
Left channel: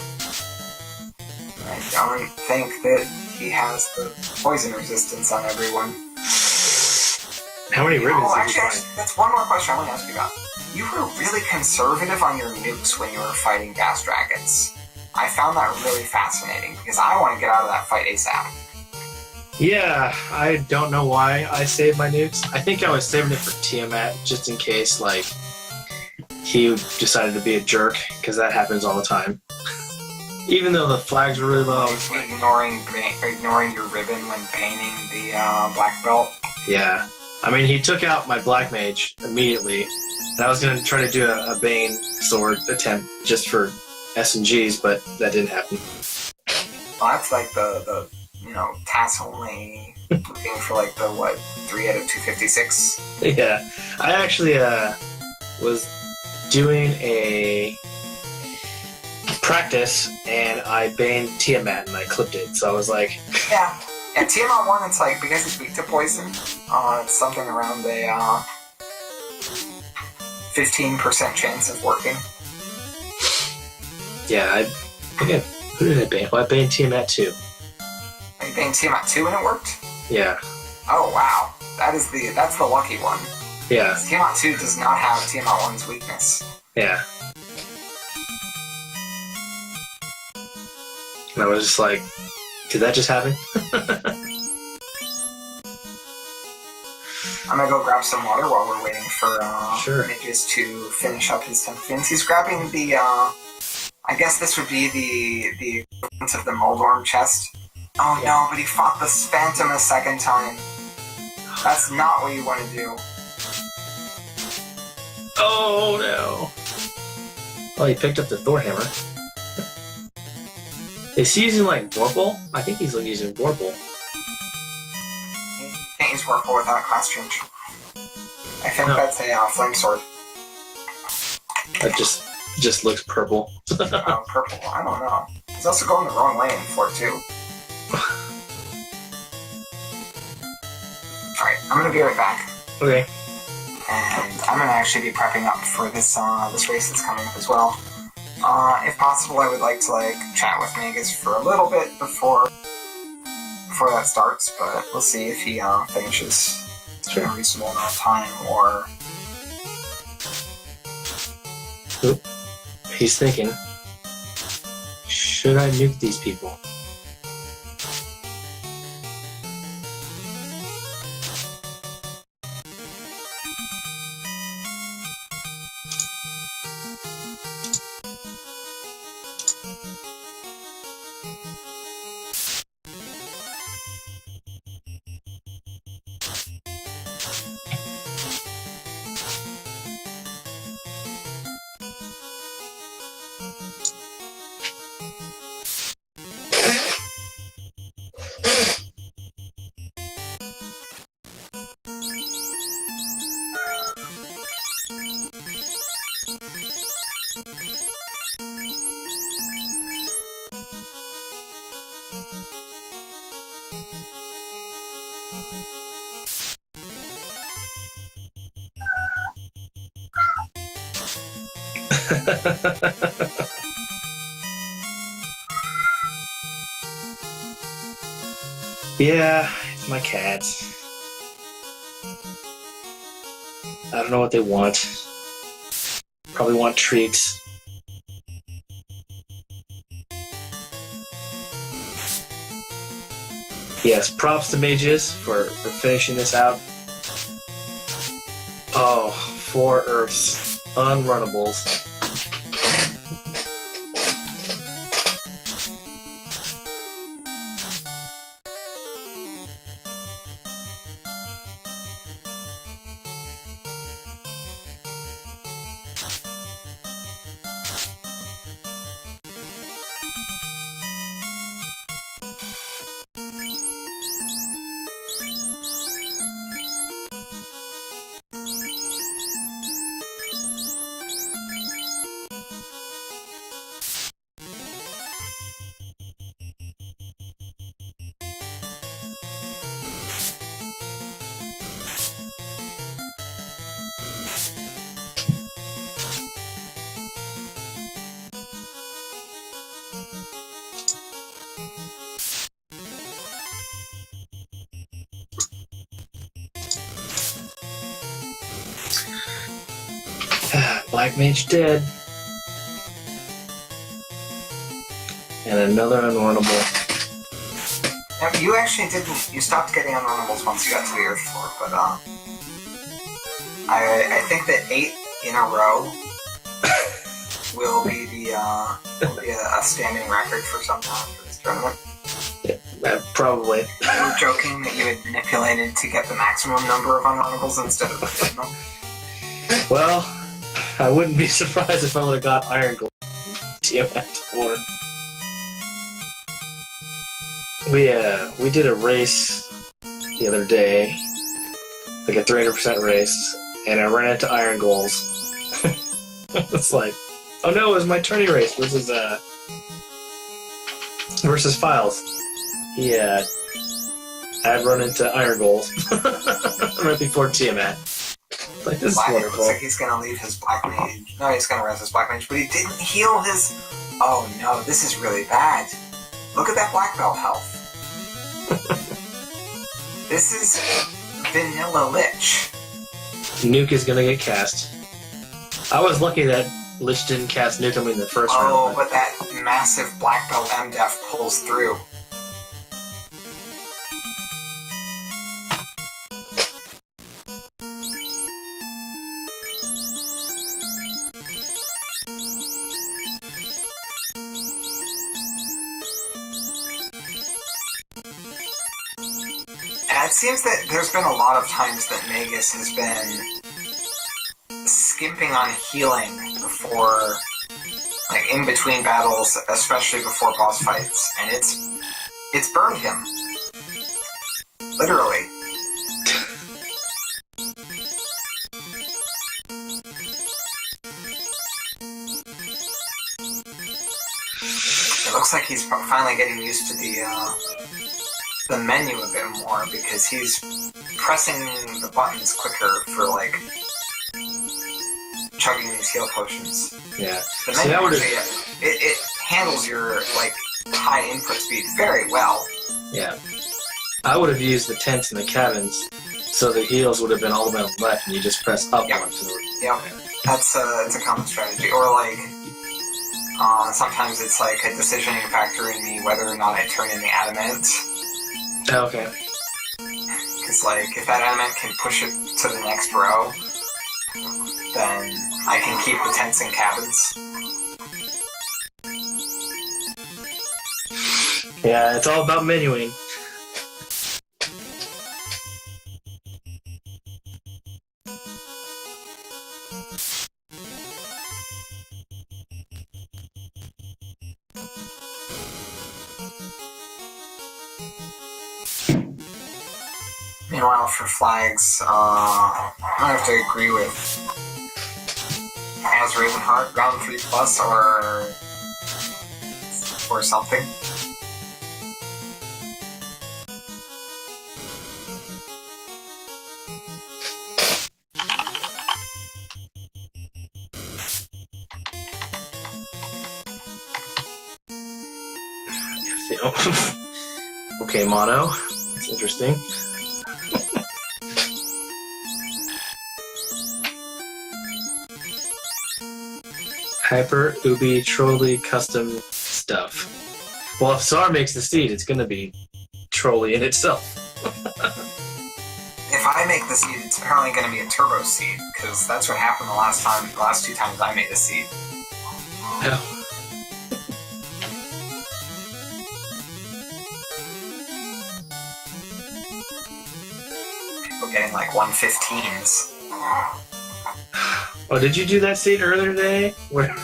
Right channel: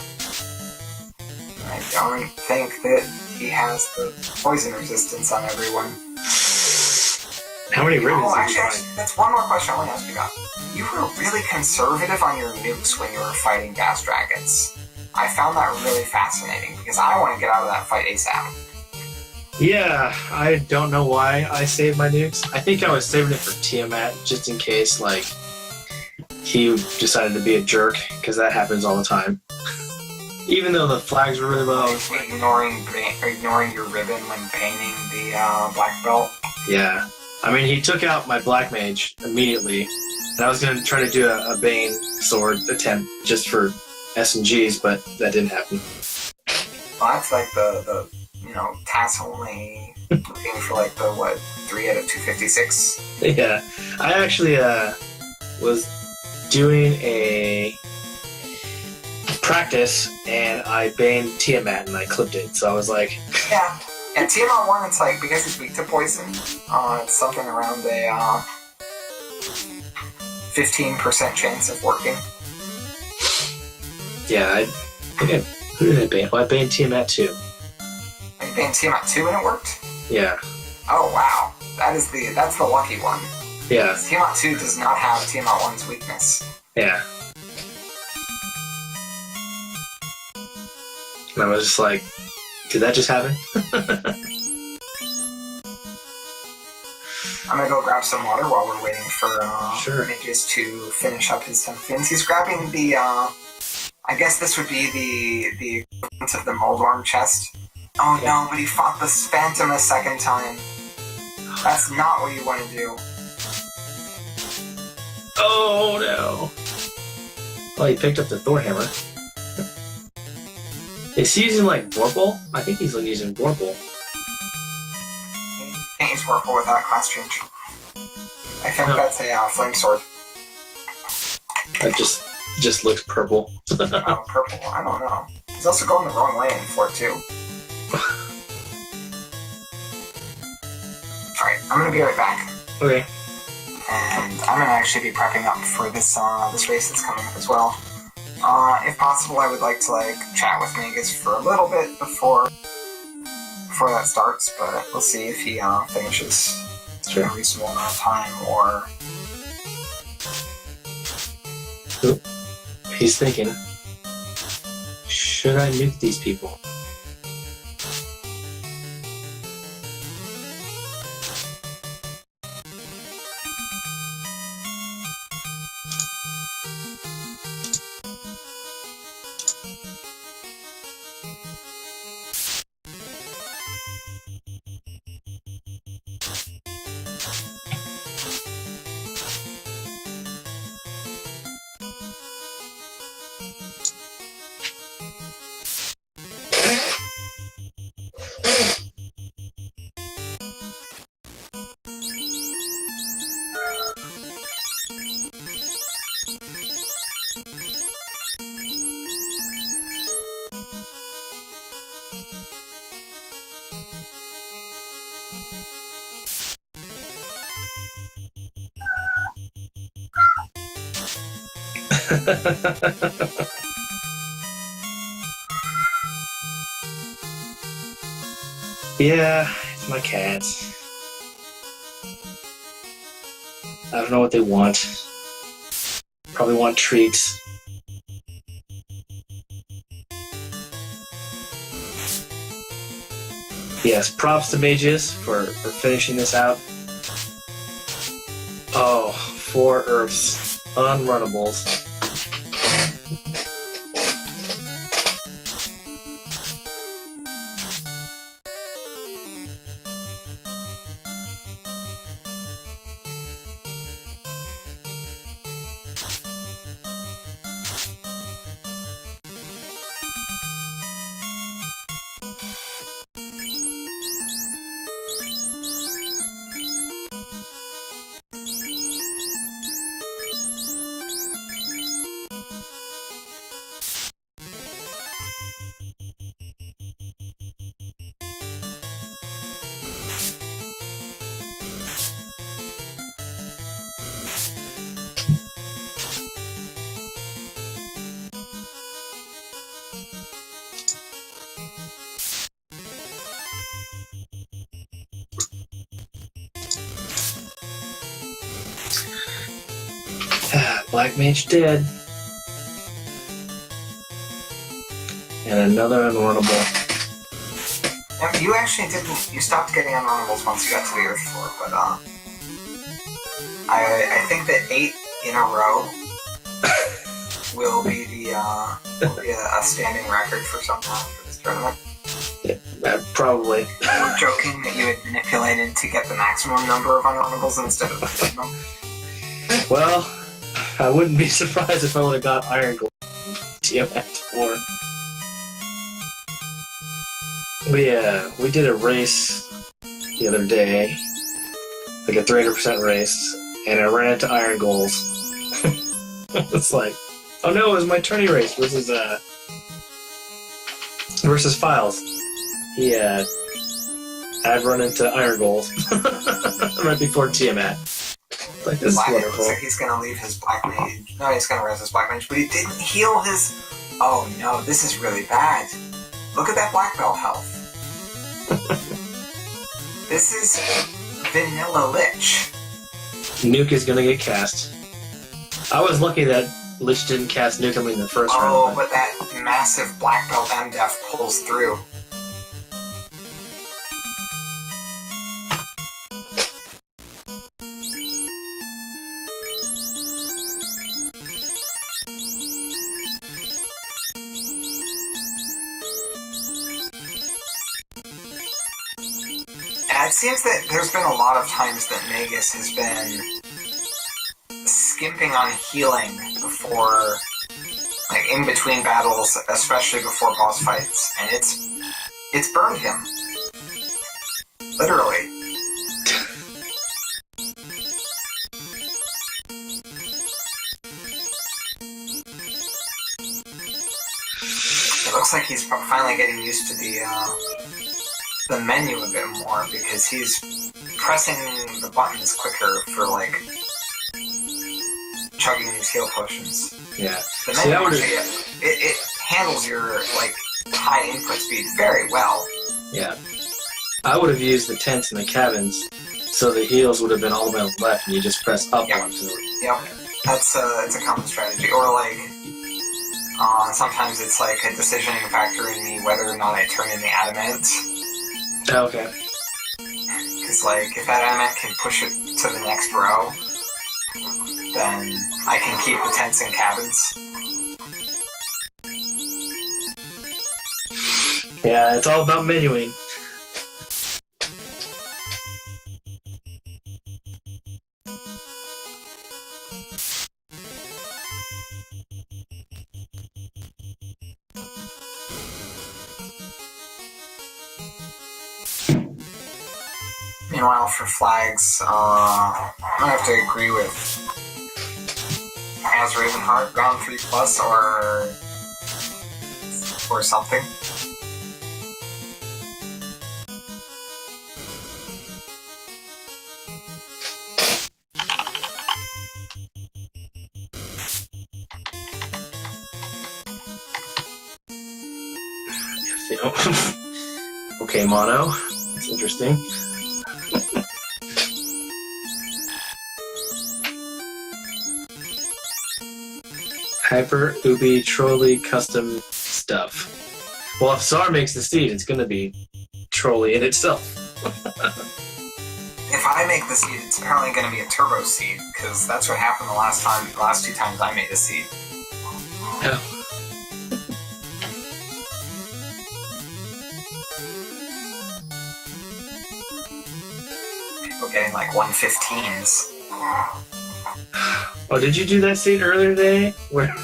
I don't think that he has the poison resistance on everyone. How many ribbons Oh, did you actually, find? that's one more question I want to ask you about. You were really conservative on your nukes when you were fighting gas dragons. I found that really fascinating because I want to get out of that fight ASAP. Yeah, I don't know why I saved my nukes. I think I was saving it for Tiamat just in case, like, he decided to be a jerk, because that happens all the time. Even though the flags were really low. Ignoring your ribbon when painting the black belt. Yeah. I mean, he took out my black mage immediately, and I was going to try to do a Bane sword attempt just for S&Gs, but that didn't happen. Well, that's like the task only looking for like the 3 out of 256. Yeah. I actually was doing a practice, and I banned Tiamat, and I clipped it, so I was like... Yeah. And Tiamat 1, it's like, because he's weak to poison, it's something around a 15% chance of working. Yeah, who did I ban? Well, I banned Tiamat 2. And you banned Tiamat 2 and it worked? Yeah. Oh, wow. That's the lucky one. Yeah. Tiamat 2 does not have Tiamat 1's weakness. Yeah. And I was just like, did that just happen? I'm gonna go grab some water while we're waiting for Sure. Mageius to finish up his 10 fins. He's grabbing the, I guess this would be the equivalent of the Moldorm chest. Oh Yeah. no, but he fought the Phantom a second time. That's not what you want to do. Oh no. Well, he picked up the Thor hammer. Is he using like Vorpal? I think he's using Vorpal. Can't use Warful without a class change. I think No. that's a flame sword. That just looks purple. Oh, purple. I don't know. He's also going the wrong way in 4-2. Alright, I'm gonna be right back. Okay. And I'm gonna actually be prepping up for this this race that's coming up as well. If possible, I would like to chat with Mageius for a little bit before that starts, but we'll see if he finishes in a reasonable amount of time or. He's thinking, should I nuke these people? Yeah, it's my cats. I don't know what they want. Probably want treats. Yes, props to Mageius for finishing this out. Oh, 4 Earths. Unrunnables. Black Mage dead. And another unrunnable. Now, you actually didn't. You stopped getting unrunnables once you got to the Earth floor, but I think that 8 in a row will be a standing record for some time for this tournament. Yeah, probably. You were joking that you had manipulated to get the maximum number of unrunnables instead of the minimum. Well, I wouldn't be surprised if I would have got Iron Gold TMX 4. We did a race the other day, like a 300% race, and I ran into Iron Goals. It's like, oh no, it was my tourney race versus Files. Yeah, I'd run into Iron Goals right before Tiamat. Like, this is wonderful. Looks like he's gonna leave his Black Mage. No, he's gonna res his Black Mage, but he didn't heal his... Oh no, this is really bad. Look at that Black Belt health. This is Vanilla Lich. Nuke is gonna get cast. I was lucky that Lich didn't cast Nuke on me in the first round. Oh, but that massive Black Belt MDef pulls through. It seems that there's been a lot of times that Mageius has been skimping on healing before, like in between battles, especially before boss fights, and it's burned him. Literally. It looks like he's finally getting used to the menu a bit more, because he's pressing the buttons quicker for, like, chugging these heal potions. Yeah. The menu actually, it handles your, like, high input speed very well. Yeah. I would have used the tents and the cabins, so the heals would have been all the way on the left, and you just press up Yep. onto it. Yep. That's a common strategy. Or, like, sometimes it's, like, a decisioning factor in me whether or not I turn in the adamant. Okay. Because, like, if that adamant can push it to the next row, then I can keep the tents and cabins. Yeah, it's all about menuing. Meanwhile, for flags, I have to agree with as Ravenheart, round 3+ or something. Okay, mono. That's interesting. Hyper Ubi Trolley custom stuff. Well, if Sar makes the seed, it's gonna be Trolley in itself. If I make the seed, it's apparently going to be a turbo seed, because that's what happened the last 2 times I made the seed. Yeah. People getting like 115s. Oh, did you do that scene earlier today? Where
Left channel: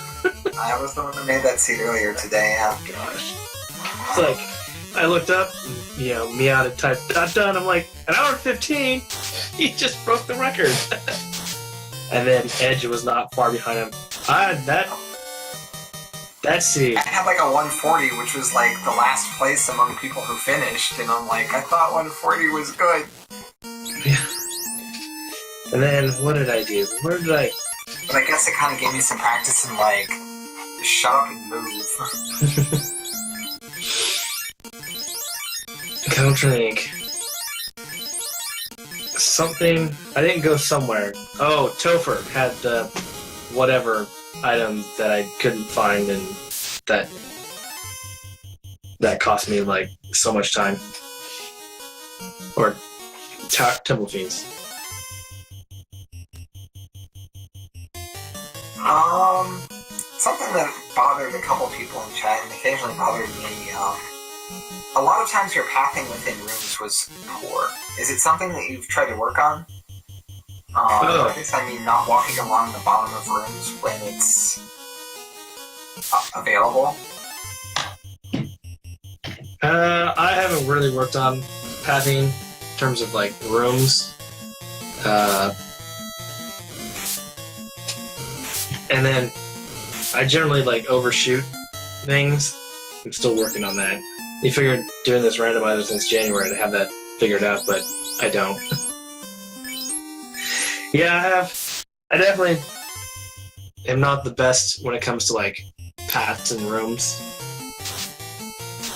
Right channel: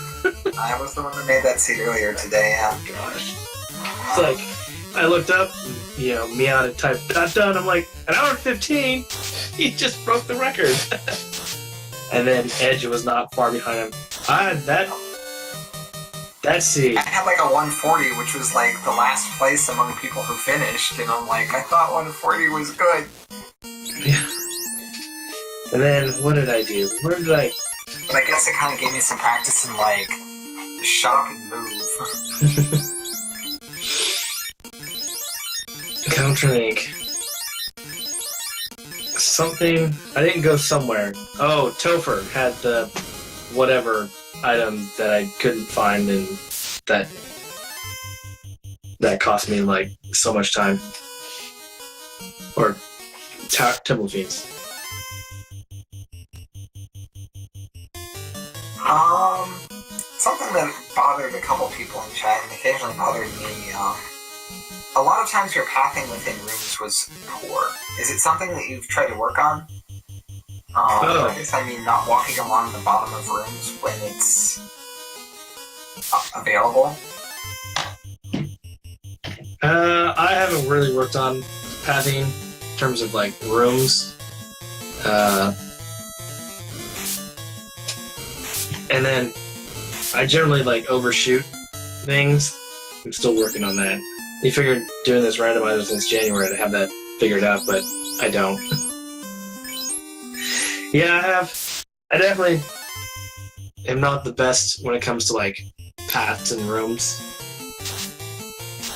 I was the one that made that seed earlier today, yeah. it's like, I looked up, you know, Meowed had typed done. I'm like, 1:15? He just broke the record. And then Edge was not far behind him. I had that seed. I had like a 140, which was like the last place among people who finished, and I'm like, I thought 140 was good. Yeah. And then, what did I do? Where did I... But I guess it kind of gave me some practice in like, shut up and move. Countering. Something... I didn't go somewhere. Oh, Topher had the whatever item that I couldn't find, and that cost me like so much time. Or Temple Fiends. Something that bothered a couple people in chat and occasionally bothered me, a lot of times your pathing within rooms was poor. Is it something that you've tried to work on? I guess I mean not walking along the bottom of rooms when it's available. I haven't really worked on pathing in terms of like rooms. And then I generally like overshoot things. I'm still working on that. You figured doing this randomizer since January to have that figured out, but I don't. Yeah, I definitely am not the best when it comes to like paths and rooms.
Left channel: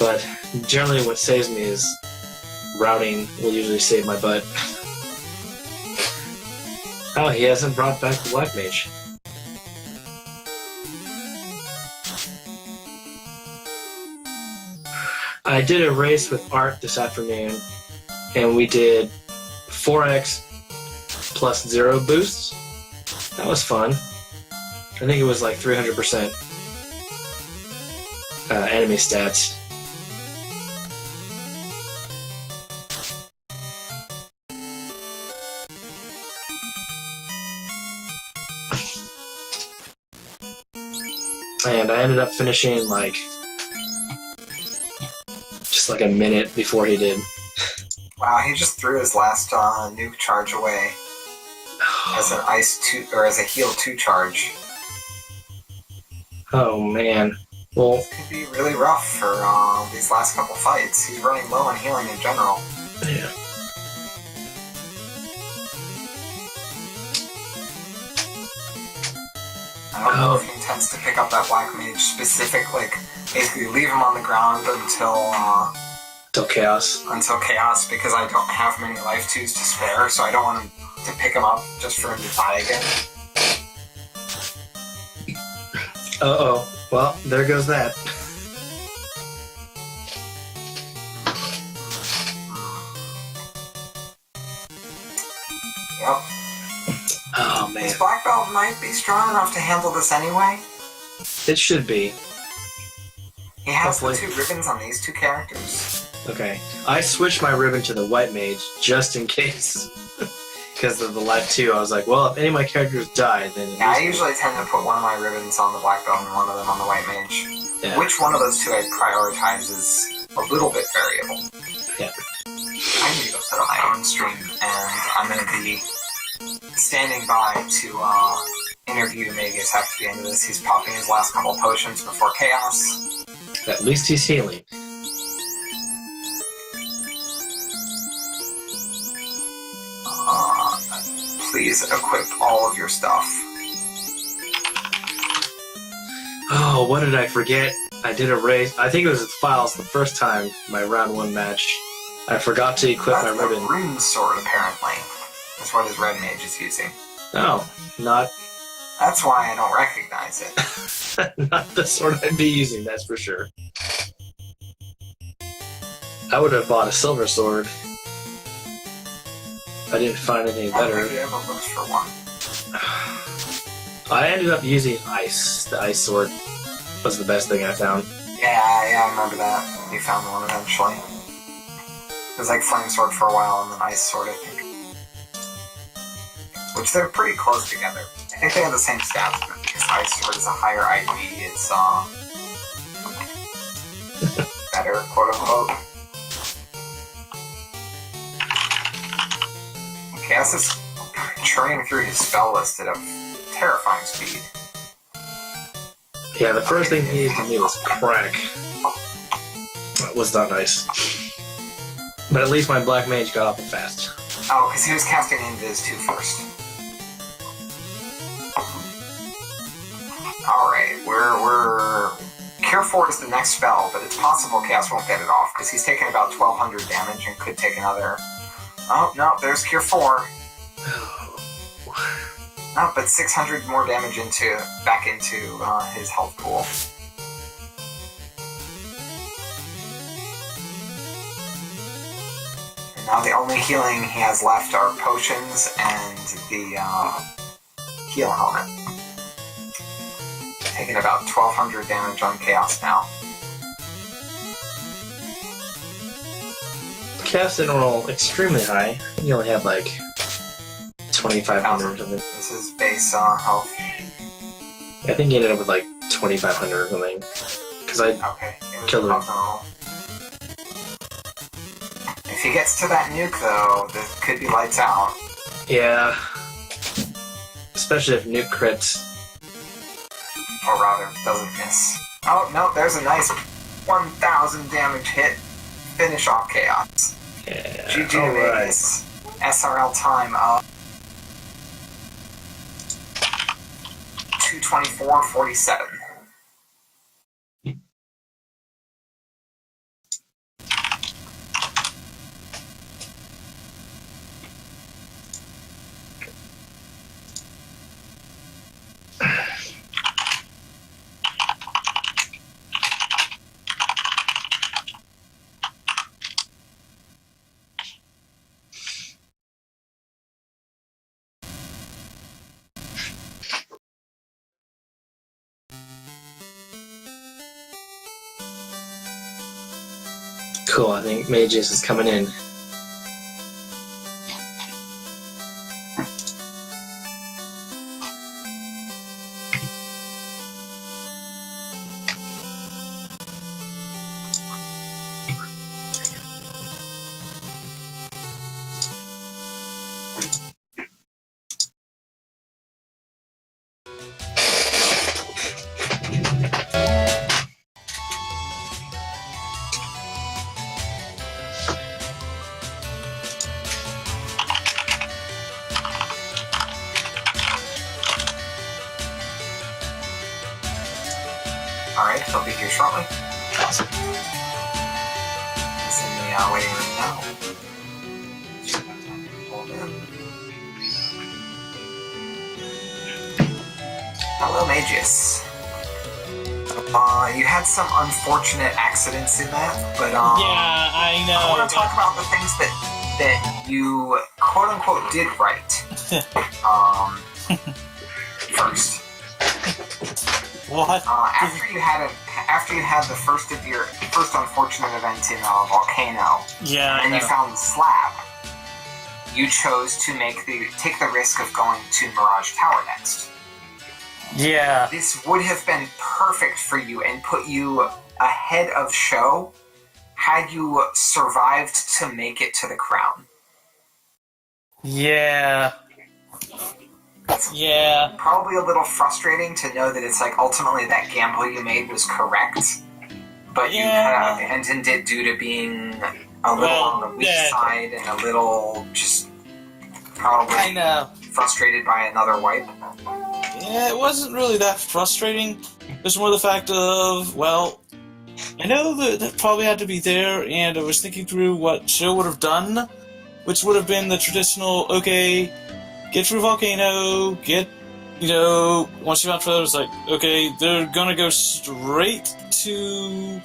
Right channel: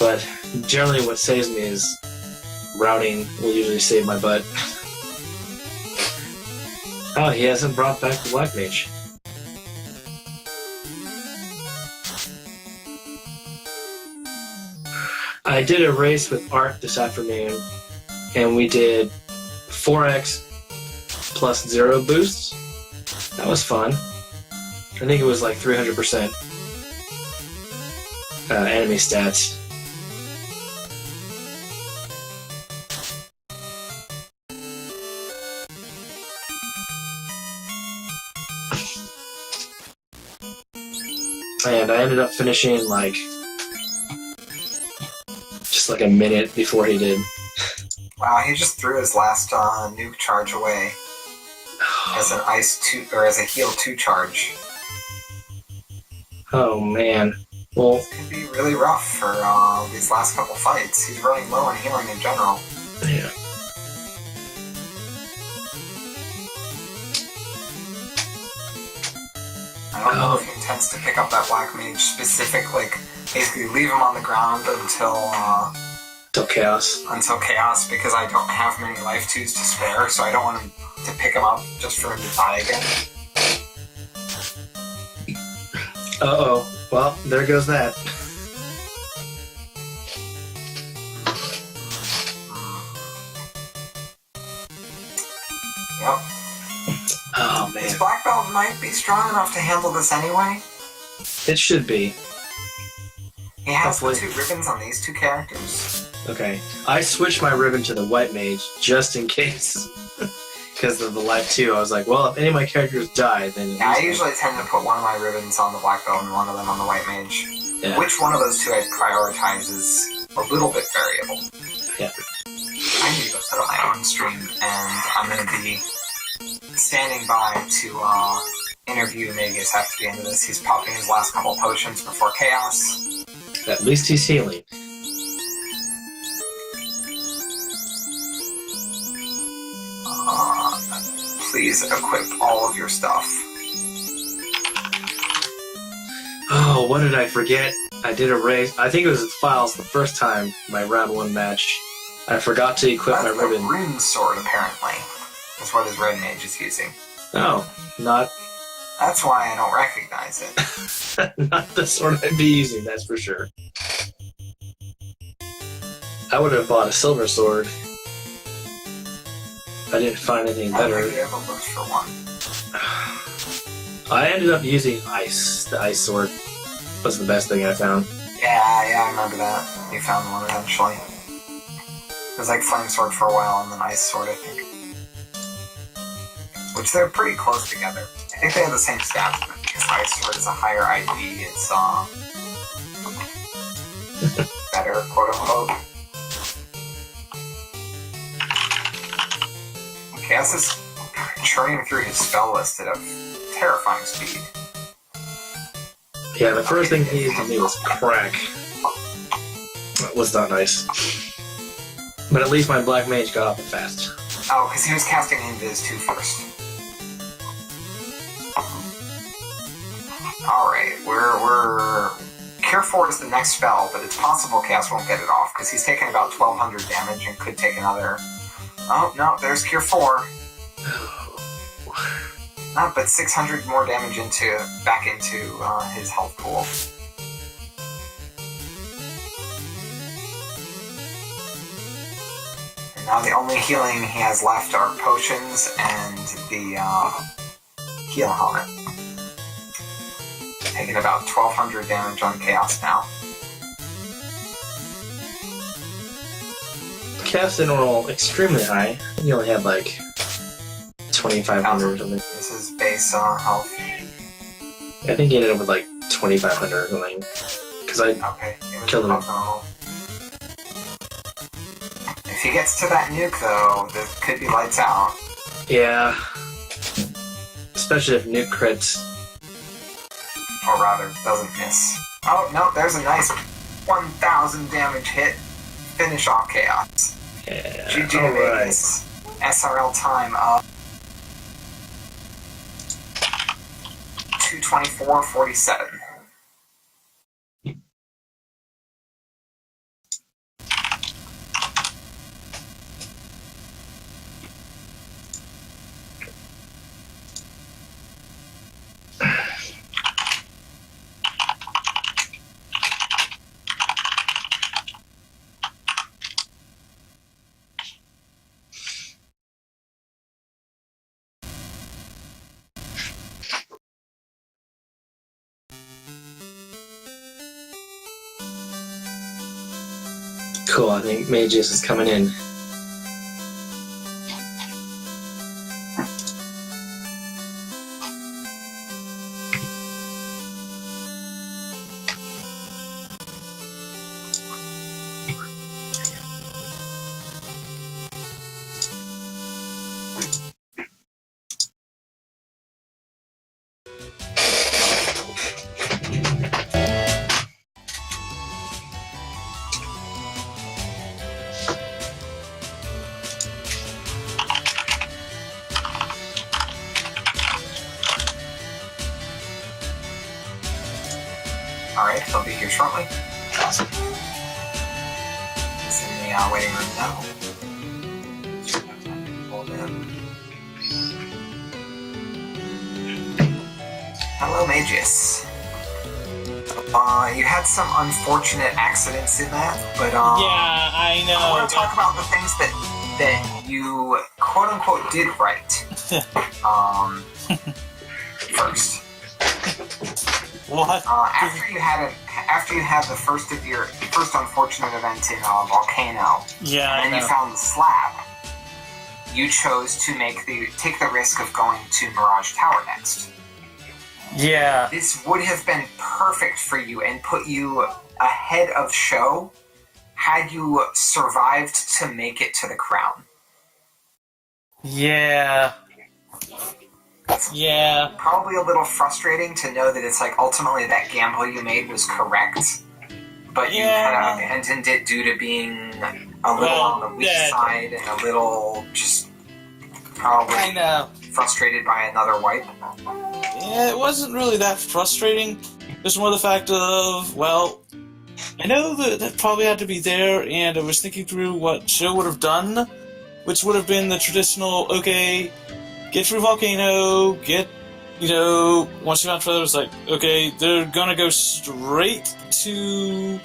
But generally what saves me is routing will usually save my butt. Oh, he hasn't brought back the Black Mage. I did a race with Art this afternoon, and we did 4x plus 0 boosts. That was fun. I think it was like 300% enemy stats. And I ended up finishing like just like a minute before he did. Wow, he just threw his last nuke charge away as an ice 2 or as a heal 2 charge. Oh man. Well, This could be really rough for these last couple fights. He's running low on healing in general. yeah. I don't know if he intends to pick up that Black Mage specific, like basically leave him on the ground Till chaos. until chaos, because I don't have many life 2s to spare, so I don't want him to pick him up just for him to die again. Uh-oh. Well, there goes that. Yep. Oh man. His Black Belt might be strong enough to handle this anyway. It should be. He has the Hopefully. 2 ribbons on these 2 characters. Okay. I switched my ribbon to the White Mage just in case. Because of the life 2, I was like, well, if any of my characters die, then... Yeah, I usually tend to put one of my ribbons on the Black Belt and one of them on the White Mage. Yeah. Which one of those 2 I prioritize is a little bit variable. Yeah. I need to go set up my own stream, and I'm going to be standing by to interview Mageius after the end of this. He's popping his last couple potions before chaos. At least he's healing. Please equip all of your stuff. Oh, what did I forget? I did a race. I think it was files the first time, my round 1 match. I forgot to equip my That's the ribbon. rune sword, apparently. That's what his red mage is using. No, not That's why I don't recognize it. not the sword I'd be using, that's for sure. I would have bought a silver sword. I didn't find anything I don't better. think it ever looks for one. I ended up using ice. The ice sword was the best thing I found. Yeah, I remember that. You found one eventually. It was like flame sword for a while and then ice sword, I think. Which they're pretty close together. I think they have the same stats, but because ice sword is a higher ID, it's better, quote unquote. Chaos is churning through his spell list at a terrifying speed. Yeah, the first thing he needed to do was crack. That was not nice. But at least my Black Mage got off it fast. Oh, because he was casting Invis too first. Alright, we're... Cure 4 is the next spell, but it's possible Chaos won't get it off, because he's taking about 1200 damage and could take another... Oh, no, there's Cure 4. But 600 more damage back into his health pool. And now the only healing he has left are potions and the heal helmet. Taking about 1200 damage on Chaos now. Chaos didn't roll extremely high. He only had like 2,500 or something. This is base health. I think he ended up with like 2,500 or something. Because I killed him. If he gets to that nuke, though, this could be lights out. Yeah. Especially if nuke crits. Or rather, doesn't miss. Oh, no, there's a nice 1,000 damage hit. Finish off Chaos. Yeah. GG to Mageius. SRL time of 2:24:47. Cool, I think Mageius is coming in. Alright, he'll be here shortly. Awesome. He's in the waiting room now. Hold in. Hello, Mageius. You had some unfortunate accidents in that, but yeah, I know. I want to talk about the things that you quote unquote did right. First. What? After you had the first unfortunate event in Volcano, Yeah, and then you found the slab, you chose to take the risk of going to Mirage Tower next. Yeah. This would have been perfect for you and put you ahead of Sho had you survived to make it to the crown. Yeah. Yeah. Probably a little frustrating to know that it's like ultimately that gamble you made was correct, but you kind of abandoned it due to being a little on the weak side and a little just probably frustrated by another wipe. Yeah, it wasn't really that frustrating. It's more the fact of, well, I know that probably had to be there, and I was thinking through what Sho would have done, which would have been the traditional, okay, get through Volcano, once you found Feather, it's like, okay, they're gonna go straight to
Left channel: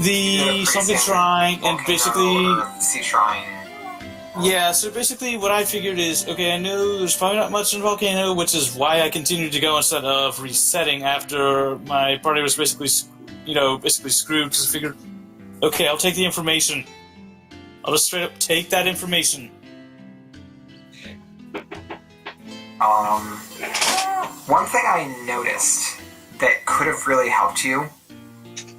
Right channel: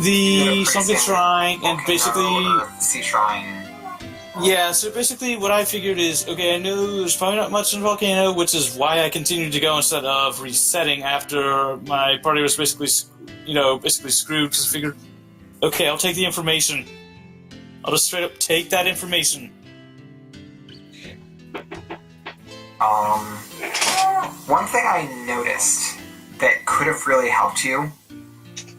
the something shrine, and basically... Sea Shrine. Yeah, so basically what I figured is, okay, I know there's probably not much in Volcano, which is why I continued to go instead of resetting after my party was basically screwed, because I figured, okay, I'll take the information. I'll just straight up take that information. One thing I noticed that could have really helped you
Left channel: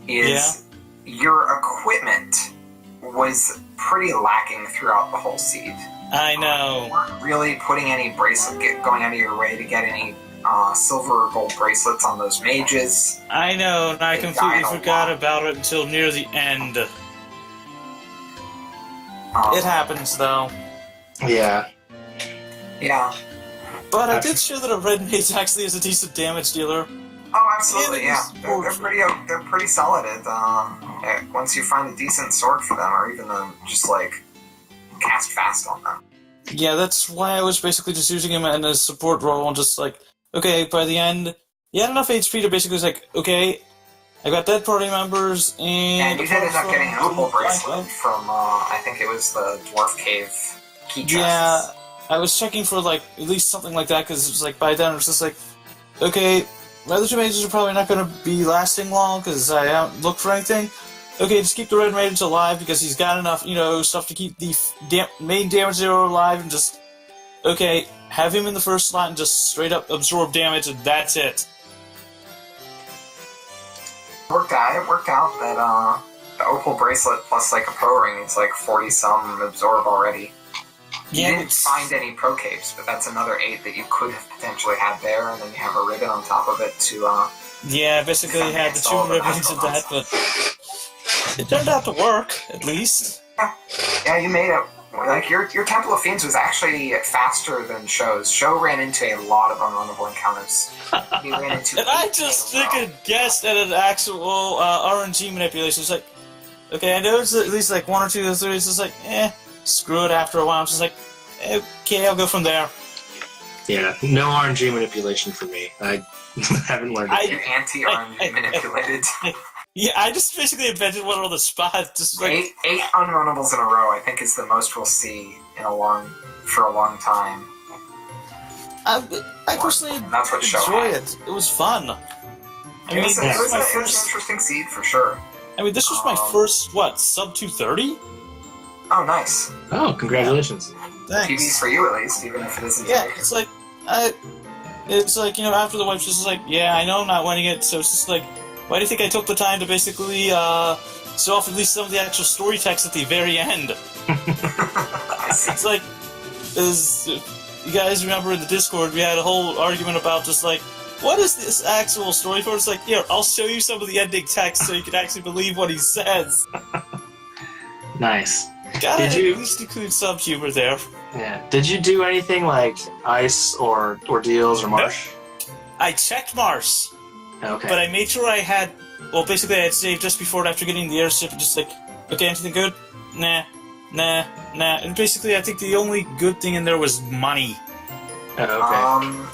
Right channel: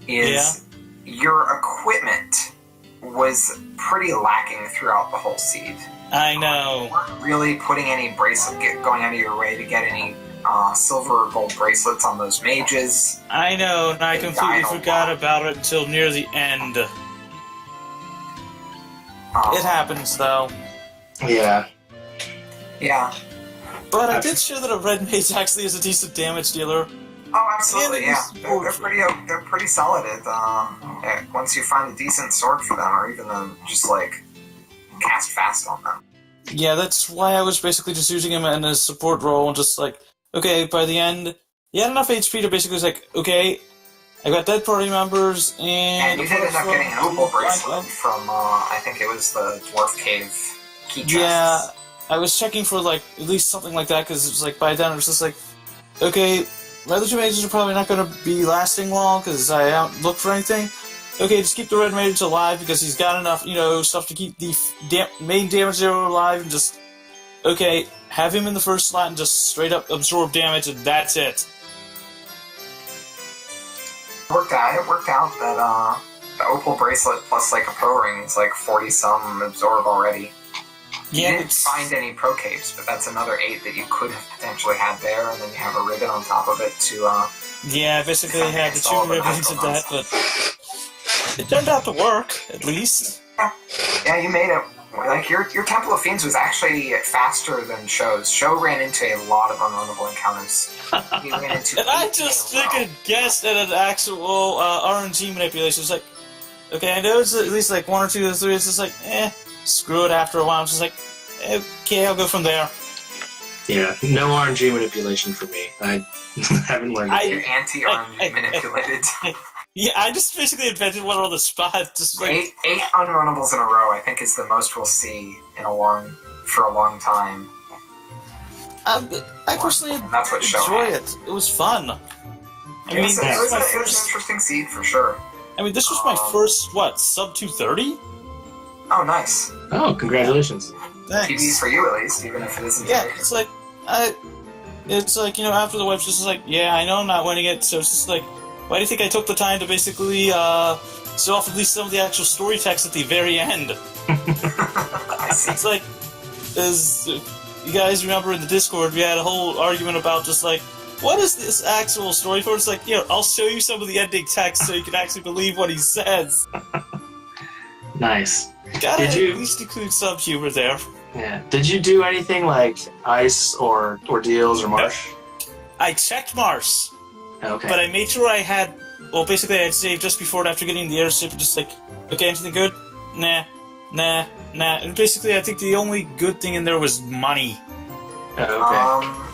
is your equipment was pretty lacking throughout the whole seed. I know. You weren't really putting any going out of your way to get any silver or gold bracelets on those mages. I know, and I completely forgot about it until near the end. It happens, though. Yeah. Yeah. But I did show that a red mage actually is a decent damage dealer. Oh, absolutely, yeah. They're pretty solid at, once you find a decent sword for them, or even just, cast fast on them. Yeah, that's why I was basically just using him in a support role and just like, okay, by the end, he had enough HP to basically was like, okay, I got dead party members, And you did end up getting an opal bracelet from, I think it was the Dwarf Cave key chests. Yeah, I was checking for like at least something like that because it was like by then it was just like, okay, my other two mages are probably not going to be lasting long because I haven't looked for anything. Okay, just keep the red mage alive because he's got enough, stuff to keep the main damage zero alive and just, okay, have him in the first slot and just straight up absorb damage and that's it. It worked out that the opal bracelet plus like a pro ring is like 40-some absorb already. You didn't find any pro caves, but that's another 8 that you could have potentially had there, and then you have a ribbon on top of it to, Yeah, basically I had the 2 ribbons of that, but it turned out to work, at least. Yeah, you made it. Like, your Temple of Fiends was actually faster than Sho's. Sho ran into a lot of unrunnable encounters. He ran into and I just guessed at an actual RNG manipulation. It's like, okay, I know it's at least like 1 or 2 or 3, it's just like, screw it after a while. I'm just like, okay, I'll go from there. Yeah, no RNG manipulation for me. I haven't learned it. You're anti-RNG manipulated. Yeah, I just basically invented one on the spot. Just like eight unrunnables in a row, I think, is the most we'll see for a long time. I personally That's what enjoy it. It was fun. It was an interesting seed for sure. I mean, this was my first sub 230. Oh, nice. Oh, congratulations. Thanks. TV for you at least, even if it isn't. Yeah, it's like, after the wife's just like, yeah, I know I'm not winning it, so it's just like, why do you think I took the time to basically show off at least some of the actual story text at the very end? I see. It's like, as you guys remember in the Discord, we had a whole argument about just like, what is this actual story for? It's like, I'll show you some of the ending text so you can actually believe what he says. Nice. Gotta at least include some humor there. Yeah. Did you do anything like Ice or Ordeals or Marsh? Nope. I checked Marsh. Okay. But I made sure I had, basically I had saved just before and after getting the airship and just like, okay, anything good? Nah. And basically I think the only good thing in there was money. Okay.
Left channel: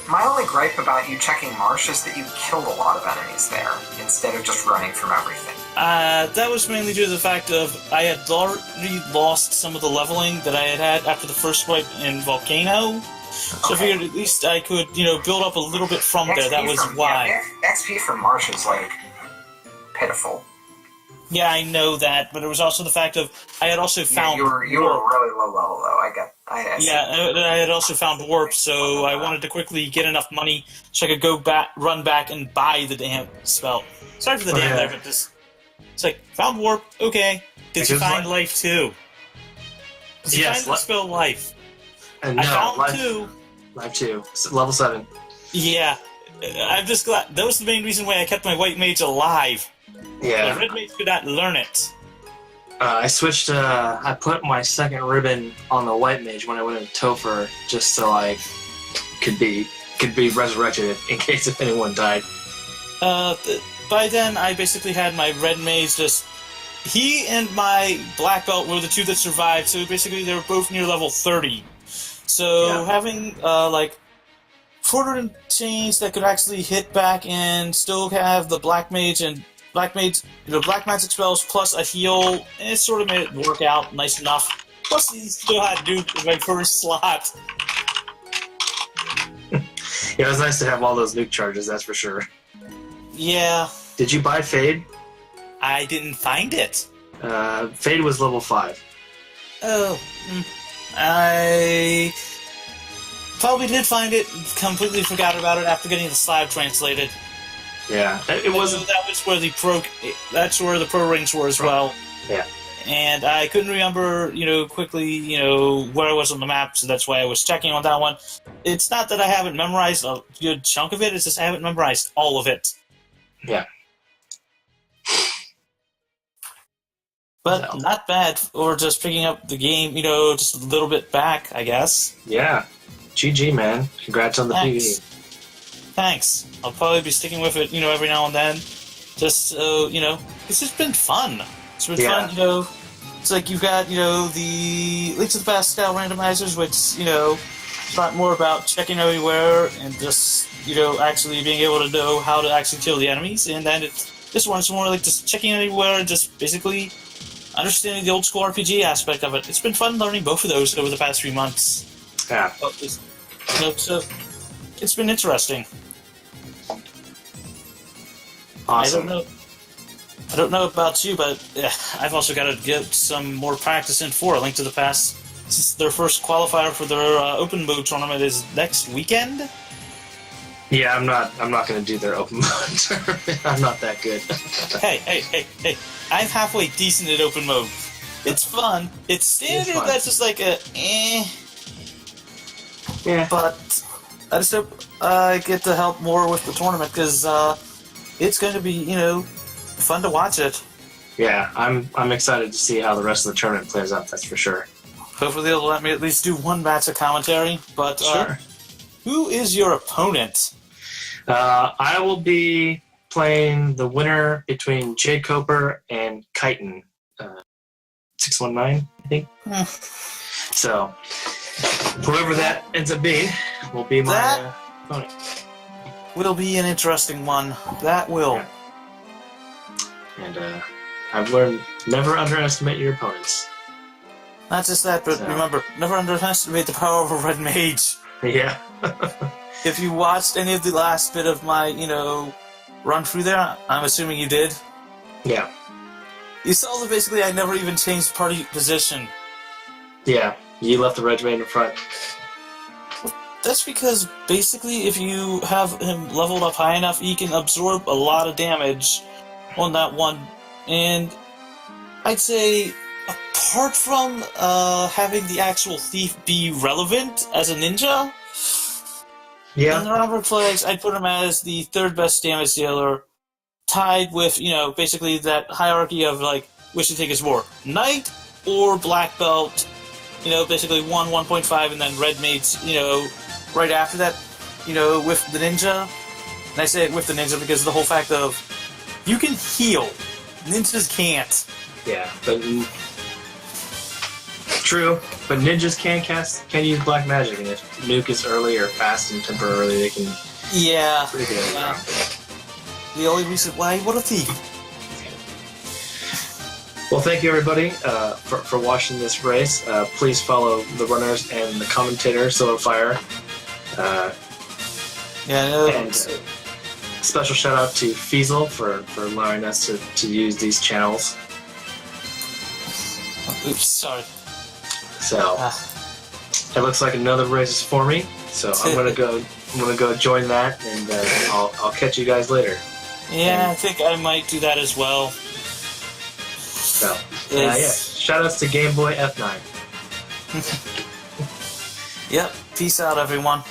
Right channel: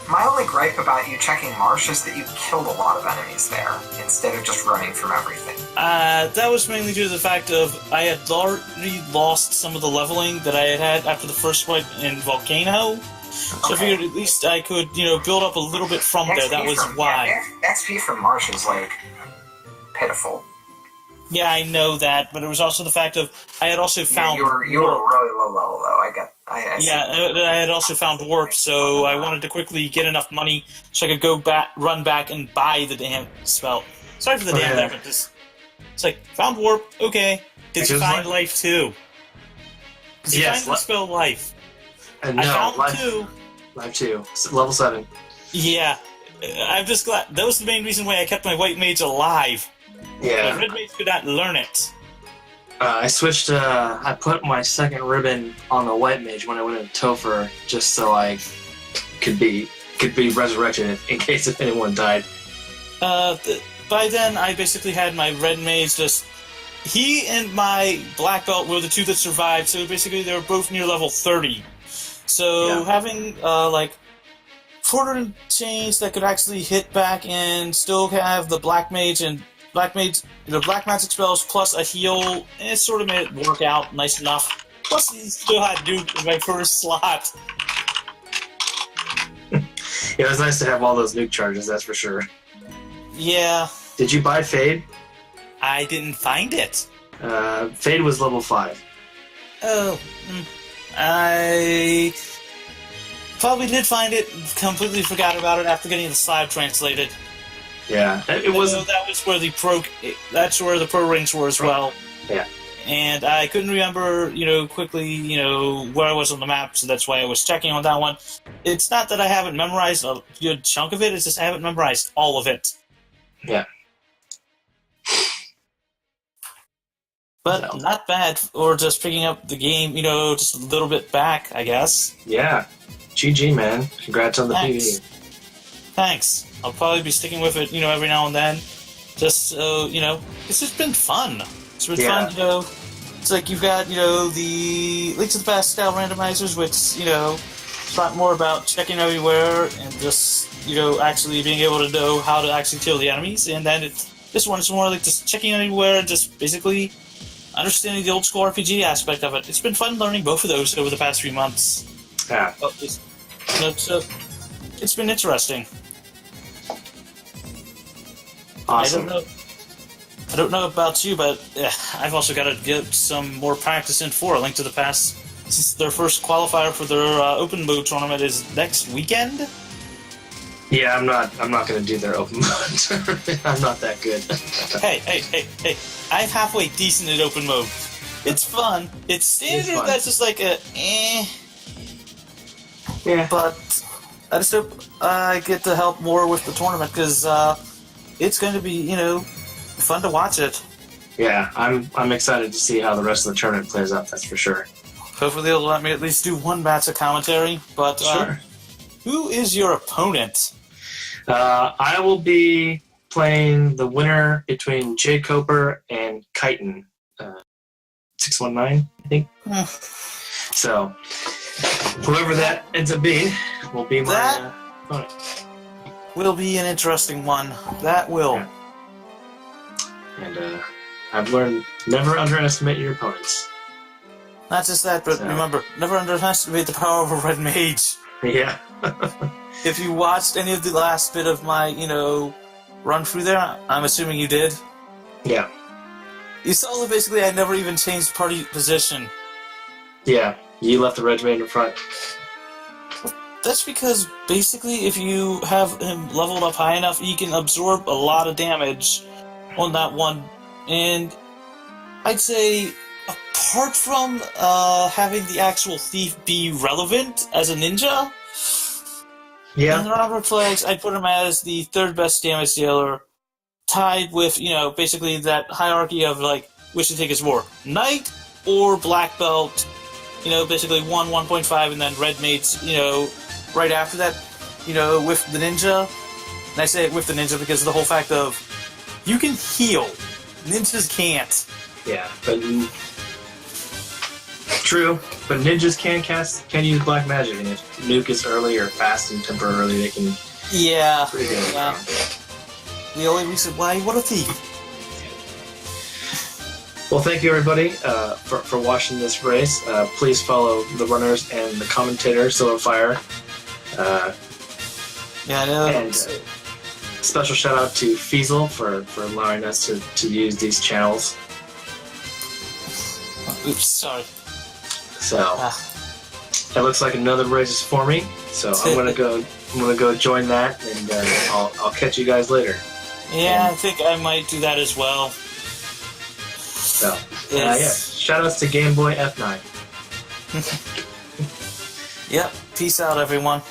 My only gripe about you checking Marsh is that you killed a lot of enemies there, instead of just running from everything. That was mainly due to the fact of I had already lost some of the leveling that I had after the first wipe in Volcano. So I figured at least I could, build up a little bit from there. That was why. Yeah, XP from Marsh is, like, pitiful. Yeah, I know that, but it was also the fact of I had also found you were really low level, though. I had also found warp, so I wanted to quickly get enough money so I could go back, run back, and buy the damn spell. Sorry for the damn there, but it's like found warp. Okay, did you find life too? Did you find the spell life? No, I found 2. Life 2, level 7. Yeah, I'm just glad. That was the main reason why I kept my white mage alive. Yeah. The red mage could not learn it. I switched. I put my second ribbon on the white mage when I went into Topher, just so I could be resurrected in case if anyone died. By then, I basically had my red mage just. He and my black belt were the 2 that survived, so basically they were both near level 30. So having 400 and change that could actually hit back and still have the black mage and black magic spells plus a heal, it sort of made it work out nice enough. Plus, he still had Duke in my first slot. It was nice to have all those nuke charges, that's for sure. Yeah. Did you buy Fade? I didn't find it. Fade was level 5. Oh. I probably did find it, completely forgot about it after getting the slide translated. Yeah, it wasn't. That was where that's where the pro rings were as well. Yeah. And I couldn't remember, quickly, where I was on the map, so that's why I was checking on that one. It's not that I haven't memorized a good chunk of it, it's just I haven't memorized all of it. Yeah. But not bad for just picking up the game, just a little bit back, I guess. Yeah. GG, man. Congrats on the PvE. Thanks. I'll probably be sticking with it, every now and then. Just so, it's just been fun. It's been fun, It's like you've got, the Link to the Past style randomizers, which, it's a lot more about checking everywhere and just, actually being able to know how to actually kill the enemies. And then this one is more like just checking everywhere and just basically understanding the old school RPG aspect of it. It's been fun learning both of those over the past 3 months. Yeah. So it's been interesting. Awesome. I don't know about you, but I've also got to get some more practice in for A Link to the Past, since their first qualifier for their open mode tournament is next weekend. Yeah, I'm not going to do their open mode. I'm not that good. Hey! I'm halfway decent at open mode. It's fun. It's standard. fun. That's just like a Yeah. But I just hope I get to help more with the tournament because it's going to be fun to watch it. Yeah, I'm excited to see how the rest of the tournament plays out. That's for sure. Hopefully they'll let me at least do one match of commentary. But Sure. Who is your opponent? I will be playing the winner between Jay Coper and Chitin, 619, I think. So, whoever that ends up being will be my opponent. Will be an interesting one. That will. Yeah. And I've learned never underestimate your opponents. Not just that, but remember, never underestimate the power of a red mage. Yeah. If you watched any of the last bit of my, run through there, I'm assuming you did. Yeah. You saw that basically I never even changed party position. Yeah. You left the regiment in front. That's because basically if you have him leveled up high enough, he can absorb a lot of damage on that one. And I'd say, apart from having the actual thief be relevant as a ninja, Yeah. in the Robert Plagues, I'd put him as the third best damage dealer, tied with, basically that hierarchy of, which do you think is more, Knight or Black Belt, basically 1.5, and then Red Mates, right after that, with the Ninja. And I say it with the Ninja because of the whole fact of, you can heal. Ninjas can't. Yeah, but true. But ninjas can use black magic, and if nuke is early or fast and temporarily, they can. Yeah. Pretty good. Yeah. The only reason why, what a thief. Well, thank you everybody for watching this race. Please follow the runners and the commentator, Silverfire. Yeah, I know. And special shout out to Feasel for allowing us to use these channels. Oops, sorry. So it looks like another race is forming. So I'm gonna go join that, and I'll catch you guys later. Yeah, I think I might do that as well. So yeah, shout outs to Game Boy F9. Yep. Peace out, everyone.